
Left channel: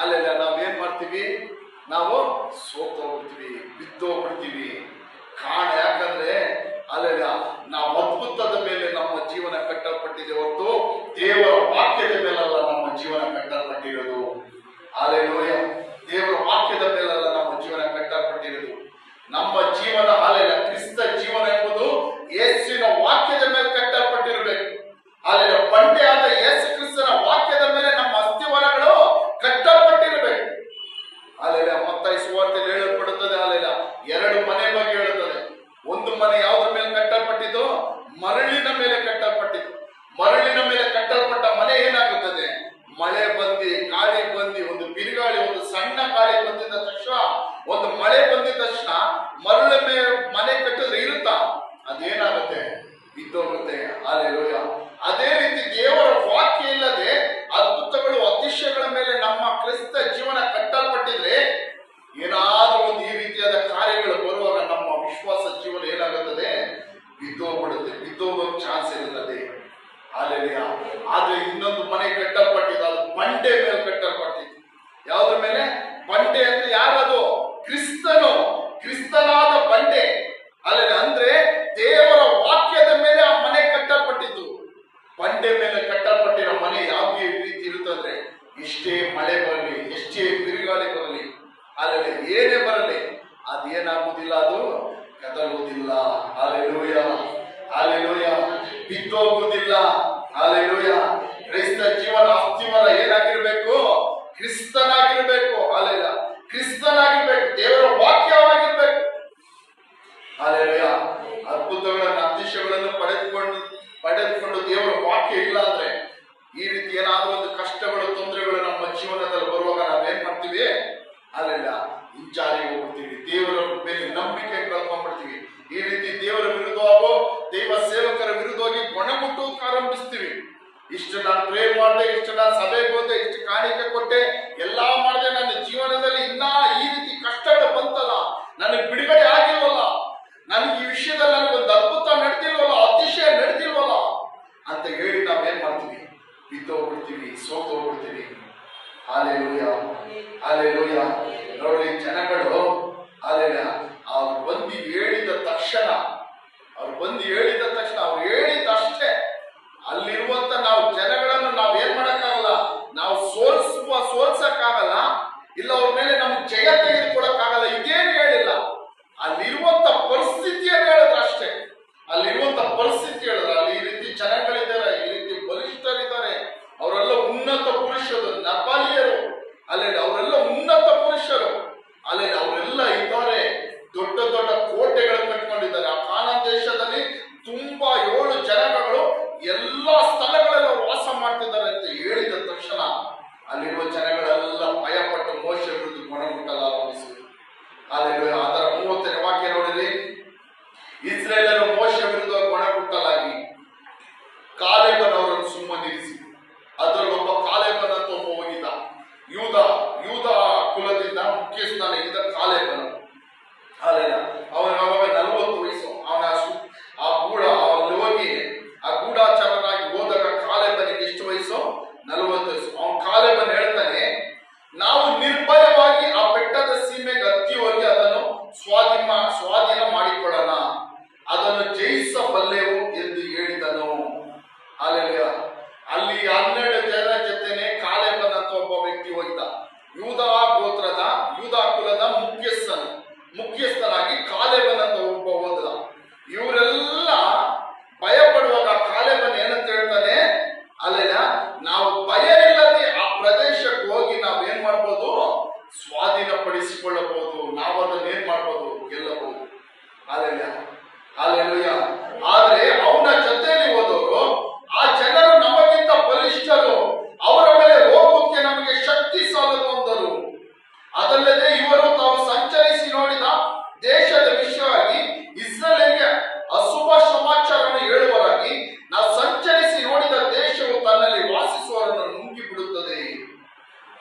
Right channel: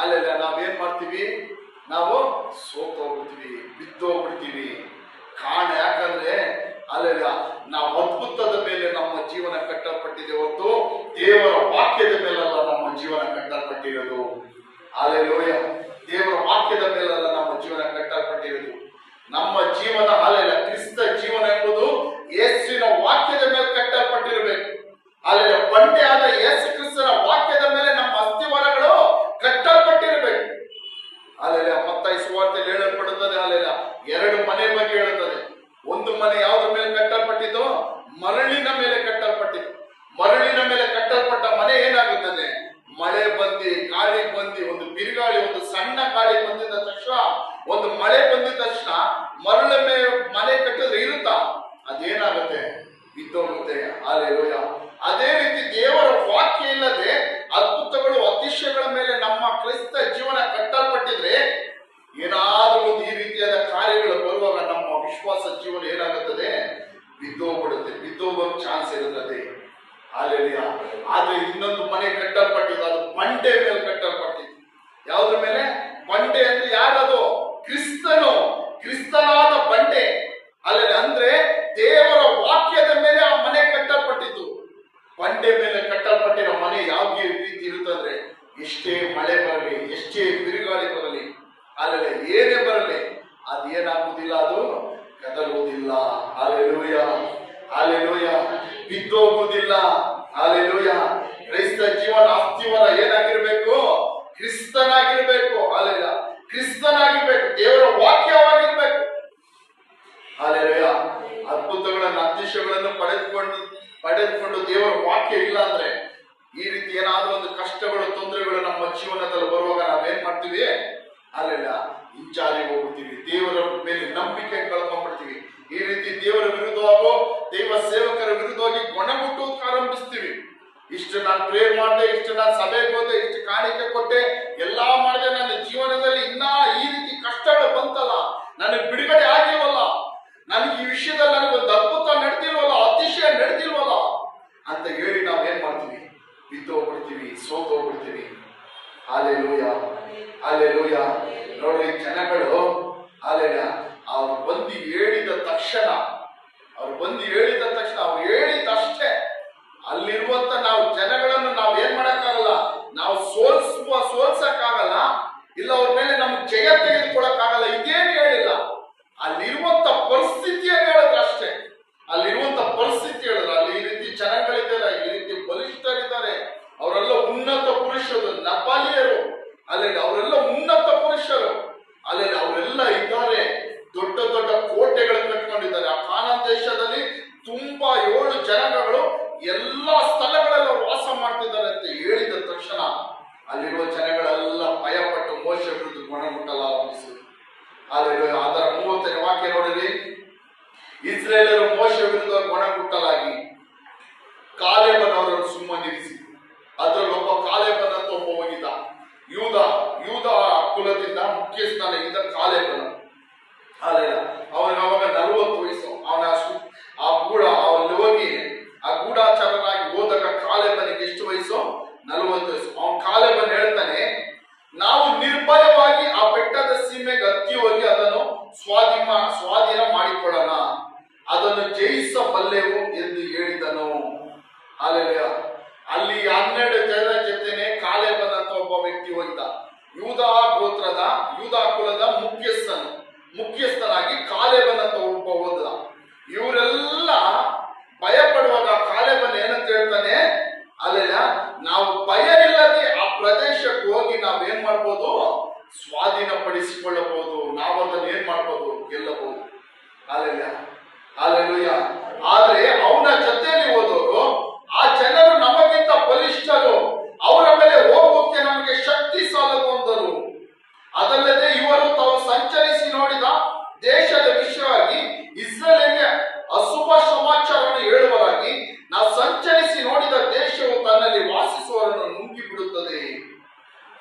ಅಲ್ಲೆಲ್ಲ ನಾವೇನ್ ಮಾಡ್ತೀವಿ, ನಾವು ಸೋತೋಗ್ಬಿಡ್ತೀವಿ, ಬಿದ್ದೋಗ್ಬಿಡ್ತೀವಿ. ಕಾರಣ ಯಾಕಂದ್ರೆ ಅಲ್ಲೆಲ್ಲ ನಾವು ಅದ್ಭುತದ ಮೇಲೆ ನಮ್ಮ ಜೀವನ ಕಟ್ಟಲ್ಪಟ್ಟಿದೆ ಹೊರತು ದೇವರ ವಾಕ್ಯದ ಮೇಲಲ್ಲ ನಮ್ಮ ಜೀವನ ಕಟ್ಟಲ್ಪಟ್ಟಿರೋದು. ಹಾಲೆಲೂಯ. ದೇವರ ವಾಕ್ಯದ ಮೇಲಲ್ಲ ನಮ್ಮ ಜೀವನ ಕಟ್ಟಲ್ಪಟ್ಟಿರೋದು. ನಮ್ಮ ಜೀವನ ಅಲ್ಲೆಲ್ಲ ಕ್ರಿಸ್ತ ಜೀವನ ಎಂಬುದು ಯೇಸುವಿನ ವಾಕ್ಯದ ಮೇಲೆ ಕಟ್ಟಲ್ಪಟ್ಟಿರಬೇಕು. ಅಲ್ಲೆಲ್ಲ ಬಂಡೆ ಆದ ಯೇಸು ಕ್ರಿಸ್ತನ ವಾಕ್ಯದ ಮೇಲೆ ನಮ್ಮ ಅಸ್ಥಿವಾರಗಳು ಕಟ್ಟಲ್ಪಟ್ಟಿರಬೇಕು. ಅಲ್ಲೆಲ್ಲ ಮತ್ತಾಯಿ ಸುವಾರ್ತೆಯಲ್ಲಿ ಹೇಳಲ್ಪಡುತ್ತದೆ, ಅಲ್ಲೆಲ್ಲ 2 ಮನೆ ಬಗ್ಗೆ ಹೇಳುತ್ತದೆ. ಒಂದು ಮನೆ ಯಾವುದ್ರ ಮೇಲೆ ಕಟ್ಟಲ್ಪಟ್ಟಿದ್ದು, ಮರಳಿನ ಮೇಲೆ ಕಟ್ಟಲ್ಪಟ್ಟಿದ್ದು. ಮರಳಿನ ಮೇಲೆ ಕಟ್ಟಲ್ಪಟ್ಟ ಮನೆ ಏನಾಗುತ್ತದೆ, ಮಳೆ ಬಂದಿ, ಗಾಳಿ ಬಂದಿ, ಒಂದು ಬಿರುಗಾಳಿ, ಒಂದು ಸಣ್ಣ ಗಾಳಿ ಬಂದಿದ್ದ ತಕ್ಷಣ, ಒಂದು ಮಳೆ ಬಂದಿದ ತಕ್ಷಣ ಮರಳ ಮೇಲೆ ಮನೆ ಕಟ್ಟಿದ್ರೆ ಇರುತ್ತಾ, ಅದೇನಾಗುತ್ತೆ, ಬಿದ್ದೋಗುತ್ತೆ. ಹಾಲೆಲೂಯ. ಅದೇ ರೀತಿ ದೇವರ ವಾಕ್ಯ ಇಲ್ಲದೆ ಅದ್ಭುತಗಳು, ಅತಿಶಯಗಳ ಮೇಲೆ ನಮ್ಮ ಕ್ರಿಸ್ತ ಜೀವನ ಕಟ್ಟಲ್ಪಟ್ಟಿದ್ರೆ, ಏನಾದ್ರೂ ಒಂದು ಈ ರೀತಿಯಾದ ಕಾರ್ಯಗಳು ಬರುವಾಗ ನಮ್ಮ ವಿಶ್ವಾಸ ಜೀವನ ಏನಾಗುತ್ತದೆ, ಬಿದ್ದೋಗ್ಬಿಡುತ್ತೆ, ಬಿದ್ದೋಗೋಕ್ ಚಾನ್ಸ್ ಇರುತ್ತದೆ. ಹಾಲೆಲೂಯ. ಆದ್ರೆ ಇನ್ನೊಂದು ಮನೆ ಕಟ್ಟಲ್ಪಟ್ಟಿದ್ದು, ಅದು ಬಂಡೆ ಮೇಲೆ ಕಟ್ಟಲ್ಪಟ್ಟಿದ್ದು. ಯಾವ್ದ್ರ ಮೇಲೆ? ಬಂಡೆ ಅಂದ್ರೆ ಯಾರದು? ಕ್ರಿಸ್ತನು, ಕ್ರಿಸ್ತನಾದ ಬಂಡೆ. ಅಲ್ಲೆಲ್ಲ ಅಂದ್ರೆ ದೇವರ ವಾಕ್ಯದ ಮೇಲೆ ಆ ಮನೆ ಕಟ್ಟಲ್ಪಟ್ಟಿದ್ದು. ಬಂಡೆ ಮೇಲೆ ಕಟ್ಟಲ್ಪಟ್ಟಿರೋ ಮನೆ ಯಾವ ರೀತಿ ಇರುತ್ತಂದ್ರೆ, ಎಷ್ಟೇ ಮಳೆ ಬರಲಿ, ಎಷ್ಟೇ ಬಿರುಗಾಳಿ ಬರಲಿ, ಅಲ್ಲೆಲ್ಲ ಏನೇ ಬರಲಿ, ಅದೇನಾಗುವುದಿಲ್ಲ, ಅದು ಕದಲುವುದಿಲ್ಲ. Hallelujah, hallelujah. ಬಿದ್ದೋಗುವುದಿಲ್ಲ. ಹಾಲೆಲೂಯ. ಕ್ರೈಸ್ತ ಜೀವನ ಅಸ್ಥಿವಾರ ಏನಾಗಿರ್ಬೇಕು? ಕ್ರಿಸ್ತನಾಗಿರ್ಬೇಕು. ಹಾಲೆಲೂಯ. ಕ್ರಿಸ್ತನಾಗಿರ್ಬೇಕು, ದೇವರ ವಾಕ್ಯವಾಗಿರ್ಬೇಕು. ಹಾಲೆಲೂಯ. ಅದ್ಭುತಗಳನ್ನು, ಅತಿಶಯಗಳನ್ನು ಪಡೆದುಕೊಂಡು ದೇವರ ವಾಕ್ಯ ಇಲ್ಲ ಅಂದ್ರೆ, ಈ ರೀತಿ ಏನಾದ್ರೂ ಒಂದು ಕಷ್ಟಗಳು, ತೊಂದರೆಗಳು ನಮ್ಮ ಜೀವನದಲ್ಲಿ ಬರುವಾಗ ನಾವೇನ್ ಮಾಡ್ತೀವಿ, ಅಲ್ಲೆಲ್ಲ ಹಿಂಚಾರಿ ಹೋಗ್ಬಿಡ್ತೀವಿ, ದೇವರ ಮೇಲೆ ನಂಬಿಕೆ ಕಳ್ಕೊಂಡ್ಬಿಡ್ತೀವಿ. ಈ ರೀತಿ ದೇವರ ವಿರುದ್ಧವಾಗೋ, ದೈವ ಸೇವಕರ ವಿರುದ್ಧವಾಗಿ ಗೊಣಗುಟ್ಟೋದಕ್ಕೆ ಆರಂಭಿಸ್ತೀವಿ. ಇಷ್ಟು ನಾನು ಪ್ರೇ ಮಾಡಿದೆ, ಇಷ್ಟು ನಾನು ಸಭೆಗೆ ಹೋದೆ, ಇಷ್ಟು ಕಾಣಿಕೆ ಕೊಟ್ಟೆ, ಎಲ್ಲಾ ಮಾಡಿದೆ, ನನ್ನ ಜೀವನದಲ್ಲಿ ಇನ್ನ ಈ ರೀತಿ ಕಷ್ಟಗಳು ಬಂತಲ್ಲ, ನನಗೆ ಬಿಡುಗಡೆ ಆಗಿಲ್ವಲ್ಲ, ನನಗೆ ಈ ವಿಷಯದಲ್ಲಿ ನನಗೊಂದು ಅದ್ಭುತ ನಡೆದಿಲ್ವಲ್ಲ, ಅತಿಶಯ ನಡೆದಿಲ್ವಲ್ಲ ಅಂತ ಹೇಳಿ ನಾವೇನ್ ಮಾಡ್ತೀವಿ, ಬಿದ್ದೋಗ್ಬಿಡ್ತೀವಿ, ಸೋತೋಗ್ಬಿಡ್ತೀವಿ. Hallelujah, hallelujah. ನೋಡಿ, ಜನಗಳು ಹಾಲೆಲೂಯ ಅವ್ರು ಬಂದು ಹೇಳಿದ ತಕ್ಷಣ, ಅವ್ರು ಹೇಳಿದಷ್ಟೇ ಅಲ್ಲಿರುವಂತ ನಾವು ಜನಗಳನ್ನು ನಾವ್ ಏನ್ ಮಾಡಕ್ಕಾಗಲ್ಲ, ನಾವು ಸೋಲ್ಸಕ್ಕಾಗಲ್ಲ, ಇಲ್ಲ ಅವ್ರ ಮೇಲೆ ನಮ್ಗೆ ಜಯ ತೆಗೆದುಕೊಡಕ್ಕಾಗಲ್ಲ, ಇದೇನು ಹೇಳಿಲ್ಲ. ಅಲ್ಲಿರುವಂತ ಪರಿಸ್ಥಿತಿಯನ್ನು ಹೇಳಿದ್ರು ಅಷ್ಟೇ. ಅಲ್ಲಿರುವಂತ ಪರಿಸ್ಥಿತಿ ಹೇಳಿದ್ರು, ಅಲ್ಲಿ ಈ ರೀತಿ ಜನಗಳಿದ್ದಾರೆ, ಈ ರೀತಿ ಬಲಿಷ್ಠರಿದ್ದಾರೆ, ಅವರೆಲ್ಲ ಉನ್ನತ ಪುರುಷರು, ನಪಾಲಿಯರು, ಅಲ್ಲೆಲ್ಲ ಅವರೆಲ್ಲ ಉನ್ನತ ಪುರುಷರು, ಅಲ್ಲೆಲ್ಲ ಅವರೆಲ್ಲ ಇದ್ದಾರೆ, ದೊಡ್ಡ ದೊಡ್ಡ ಕೋಟೆಗಳನ್ನು ಕಟ್ಕೊಂಡಿದ್ದಾರೆ, ಇಸ್ರೇಲರು ಮೋಶೆ ವಿರುದ್ಧ ಗೊಣಗುಟ್ಟಲಾಗಿ ಕಾಲೇಬನವರನ್ನು ಸುಮ್ಮನಿರಿಸಿ ಅದರಲ್ಲೊಬ್ಬ ಕಾಲೇಬನಂತ ಒಬ್ಬ ಹೋಗಿದ್ದ. ಯೂದ ಯೂದ ಕುಲದಿಂದ ಮುಖ್ಯಸ್ಥನಾಗಿದ್ದ ಕಾಲೇಬನ. ಅವನಿಗೆ ಅವಾಗ 40 ವಯಸ್ಸು. ಅಲ್ಲಿ ಹೋಗಿ ಆ ಗೂಢಾಚಾರನಾಗಿ ಹೋದಾಗ ಕಾಲೇಬನಿಗೆ ಎಷ್ಟು ವಯಸ್ಸು? 40 ವಯಸ್ಸು. ಅವನ್ ಕಾಲೇಬನ್ ಹೇಳ್ತಾನೆ, ನಾವು ನಿರ್ಭಯವಾಗಿ ಆ ಬೆಟ್ಟದ ಸೀಮೆಗೆ ಹತ್ತಿ ಹೋಗಿ ಅದನ್ನು ಸ್ವಾಧೀನ ಮಾಡಿಕೊಳ್ಳೋಣ, ಅದನ್ನು ಜಯಿಸಬಲ್ಲೆವು ಎಂದು ಹೇಳಿದನು. ಅಲ್ಲೆಲ್ಲ ಅಲ್ಲಿ 12 ಜನರ ಜೊತೆನೆ ಕಾಲೇಬನ್ ಅಂತ ಒಬ್ಬ ವ್ಯಕ್ತಿ ಹೋಗಿದ್ದ. ಯೂದ ಕುಲದ ಮುಖ್ಯಸ್ಥನಾಗಿ ಕಾಲೇಬನ್ ಅಂತ ಒಬ್ಬ ಹೋದ. ಇವರೆಲ್ಲ ಭಯಪಡುವಾಗ ಕಾಲೇಬನ್ ಏನಂತ ಹೇಳ್ತಾನೆ, ಅಲ್ಲೆಲ್ಲ ನಾವು ಭಯ ಇಲ್ಲದೆ ಆ ಪ್ರದೇಶಕ್ಕೆ ಹೋಗಿ ನಾವೇನ್ ಮಾಡ್ಬೋದು? ಸ್ವಾಧೀನಪಡಿಸಿಕೊಳ್ಳಬಹುದು. ನಾವು ಅದನ್ನ ಏನ್ ಮಾಡ್ಬೋದು? ಗೆಲ್ಲಬಹುದು. ಅಲ್ಲೆಲ್ಲ ಆದ್ರೆ ಅವನ ಜೊತೆಯಲ್ಲಿ ಹೋದವರು, ಆ ಜನರು ನಮಗಿಂತ ಬಲಿಷ್ಠರು, ಅವರ ಮೇಲೆ ಹೋಗೋಕೆ ನಮಗೆ ಶಕ್ತಿ ಸಾಲದು ಅಂದರು. ಅದಲ್ಲದೆ ಇವರು ತಾವು ಸಂಚರಿಸಿ ನೋಡಿದ ದೇಶದ ವಿಷಯವಾಗಿ ಇಸ್ರೇಲಿಗೆ ಅಶುಭ ಸಮಾಚಾರವನ್ನು ಹೇಳುವರಾಗಿ, ನಾವು ಸಂಚರಿಸಿ ನೋಡಿದ ದೇಶವು ತನ್ನಲ್ಲಿ ವಾಸಿಸುವವರನ್ನು ನುಂಗಿ ಬಿಡುತ್ತದೆ.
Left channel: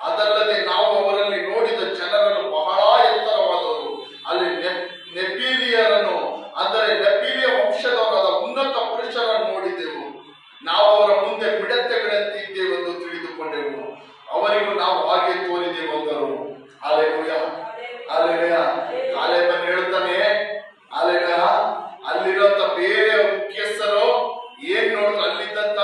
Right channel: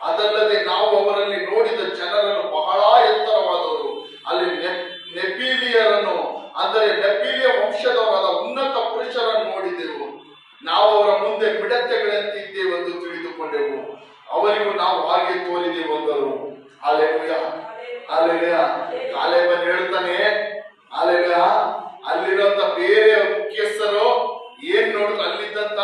ಅದಲ್ಲದೆ ನಾವು ಅವರಲ್ಲಿ ನೋಡಿದ ಜನರನ್ನು ಬಹಳ ಎತ್ತರವಾದರು. ಅಲ್ಲಿ ನೆಪೀಲಿಯರನ್ನು, ಅಂದರೆ ನೆಪೀಲಿಯ ವಂಶದವರಾದ ಉನ್ನತ ಪುರುಷರನ್ನು ನೋಡಿದೆವು. ನಾವು ಅವರ ಮುಂದೆ ಮಿಡತೆಗಳಂತೆ ಇದ್ದೇವೆಂದು ತಿಳಿದುಕೊಂಡೆವು. ಅವರಿಗೂ ನಾವು ಹಾಗೆ ತೋರಿದೆವು ಅಂದರು. ಕಾಲೇಬನ್ ಹೇಳ್ತಾನೆ, ಅಲ್ಲಿರುವಂತ ಬೇರೆ ಮುಖ್ಯಸ್ಥರು ಏನ್ ನೋಡಿದ್ರು? ಅಲ್ಲಿದ್ದಂತ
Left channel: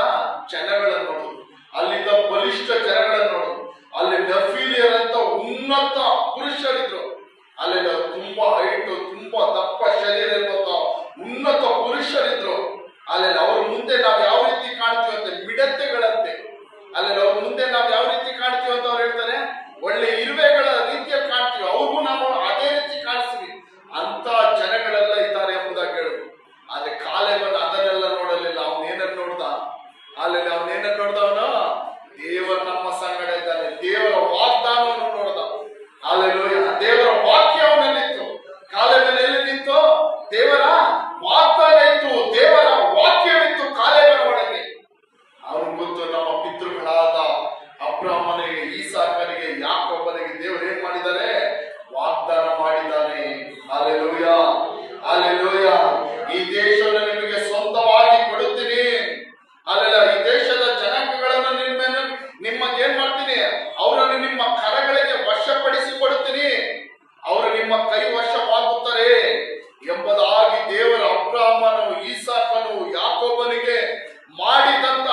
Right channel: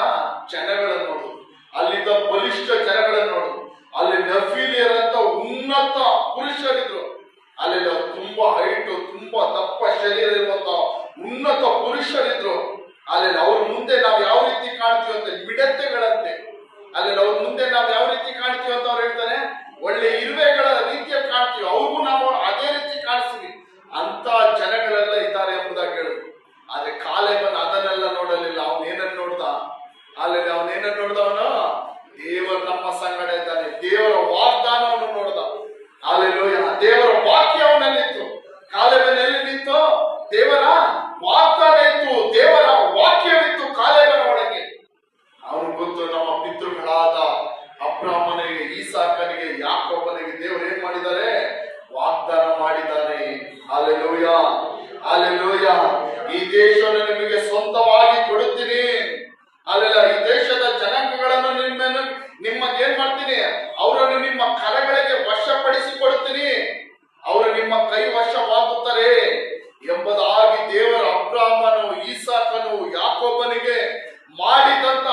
ಜನಗಳನ್ನು ನೋಡು, ಅಲ್ಲಿದ್ದ ಬಲಿಷ್ಠ ಜನಗಳನ್ನು ನೋಡು. ಅಲ್ಲಿ ನೆಫೀಲಿಯರಂತ ಉನ್ನತ ಪುರುಷರಿದ್ರು. ಅಲ್ಲೆಲ್ಲ ತುಂಬಾ ಹೈಟ್, ತುಂಬಾ ದಪ್ಪ ಶರೀರ ಇರುವಂತ ಉನ್ನತ ಪುರುಷರಿದ್ರು. ಅಲ್ಲೆಲ್ಲ ಅವ್ರ ಮುಂದೆ ನಾವು ಯಾವ ರೀತಿ ಕಾಣ್ತೀವಿ ಅಂತ, ಮಿಡತೆಗಳಂತೆ. ಅಲ್ಲೆಲ್ಲ ಅವ್ರ ಮುಂದೆ ನಾವು ಯಾವ ರೀತಿ ಕಾಣ್ತೀವಿ ಅಂತ ಅವ್ರು ಹೇಳ್ತಾರೆ, ಒಳ್ಳೆ ಇರುವೆಗಳ ರೀತಿಯಲ್ಲಿ ಕಾಣ್ತೀವಿ, ಅವ್ರಿಗೂ ನಾವು ಅದೇ ರೀತಿ ಕಾಣಿಸ್ತೀವಿ. ಅಂತ ಜನಗಳೆಲ್ಲ ಇದ್ದಾರೆ ಎಂಬುದಾಗಿ ಹೇಳುದು. ಆದ್ರೆ ಕಾಲೇಬನ್ ಅದನ್ನೆಲ್ಲ ನೋಡಲಿಲ್ಲ. ಅವನೇನನ್ನು ನೋಡ್ದ? ಅವನೇನನ್ನು ನೋಡ್ದವನು? ದೇವರು ನಮ್ಮ ಸಂಗಡ ಇದ್ದಾನೆ, ದೇವರ ವಾಗ್ದಾನವನ್ನು ನೋಡ್ದ. ದೇವರ ವಾಕ್ಯ ಅವನಲ್ಲಿತ್ತು. ಕಾಲೇಬನ್ ಎಲ್ಲಿ ನಿಂತು? ದೇವರ ವಾಗ್ದಾನ ಇತ್ತು, ದೇವರ ವಾಕ್ಯವಿತ್ತು ಕಾಲೇಬನ ಒಳಗೆ. ಅವನು ಗೊತ್ತು, ನಮ್ಮ ಪಿತೃಗಳಾದ ಅಬ್ರಹಾಮನಿಗೆ, ಈಸಾಕನಿಗೆ, ಯಾಕೋಬನಿಗೆ ದೇವರು ಏನ್ ಮಾಡಿದ್ದಾರೆ? ವಾಗ್ದಾನ ಮಾಡಿದ್ದಾನೆ. ಹಲ್ಲೆಲೂಯಾ. ಈ ದೇಶವನ್ನು ನಿಮಗೆ ಸ್ವಂತವಾಗಿ ಕೊಡುತ್ತೀನಿ. ಈ ದೇಶದ ಜನಾಂಗಗಳನ್ನು ನಿಮಗೆ ಏನ್ ಮಾಡ್ತೀನಿ? ಅವರನ್ನು ನಿಮ್ಮ ಕರಗಳಿಗೆ ವಶಪಡಿಸಿಕೊಡುತ್ತೀನಿ. ಅವರು ನಿಮ್ಮ ಕೈ ವಶವಾಗುತ್ತಾರೆ ಎಂಬುದಾಗಿ ದೇವರ ಅಬ್ರಹಾಮನು, ಈಸಾಕನು, ಯಾಕೋಬನಿಗೆ ಮಾಡಿದಂತ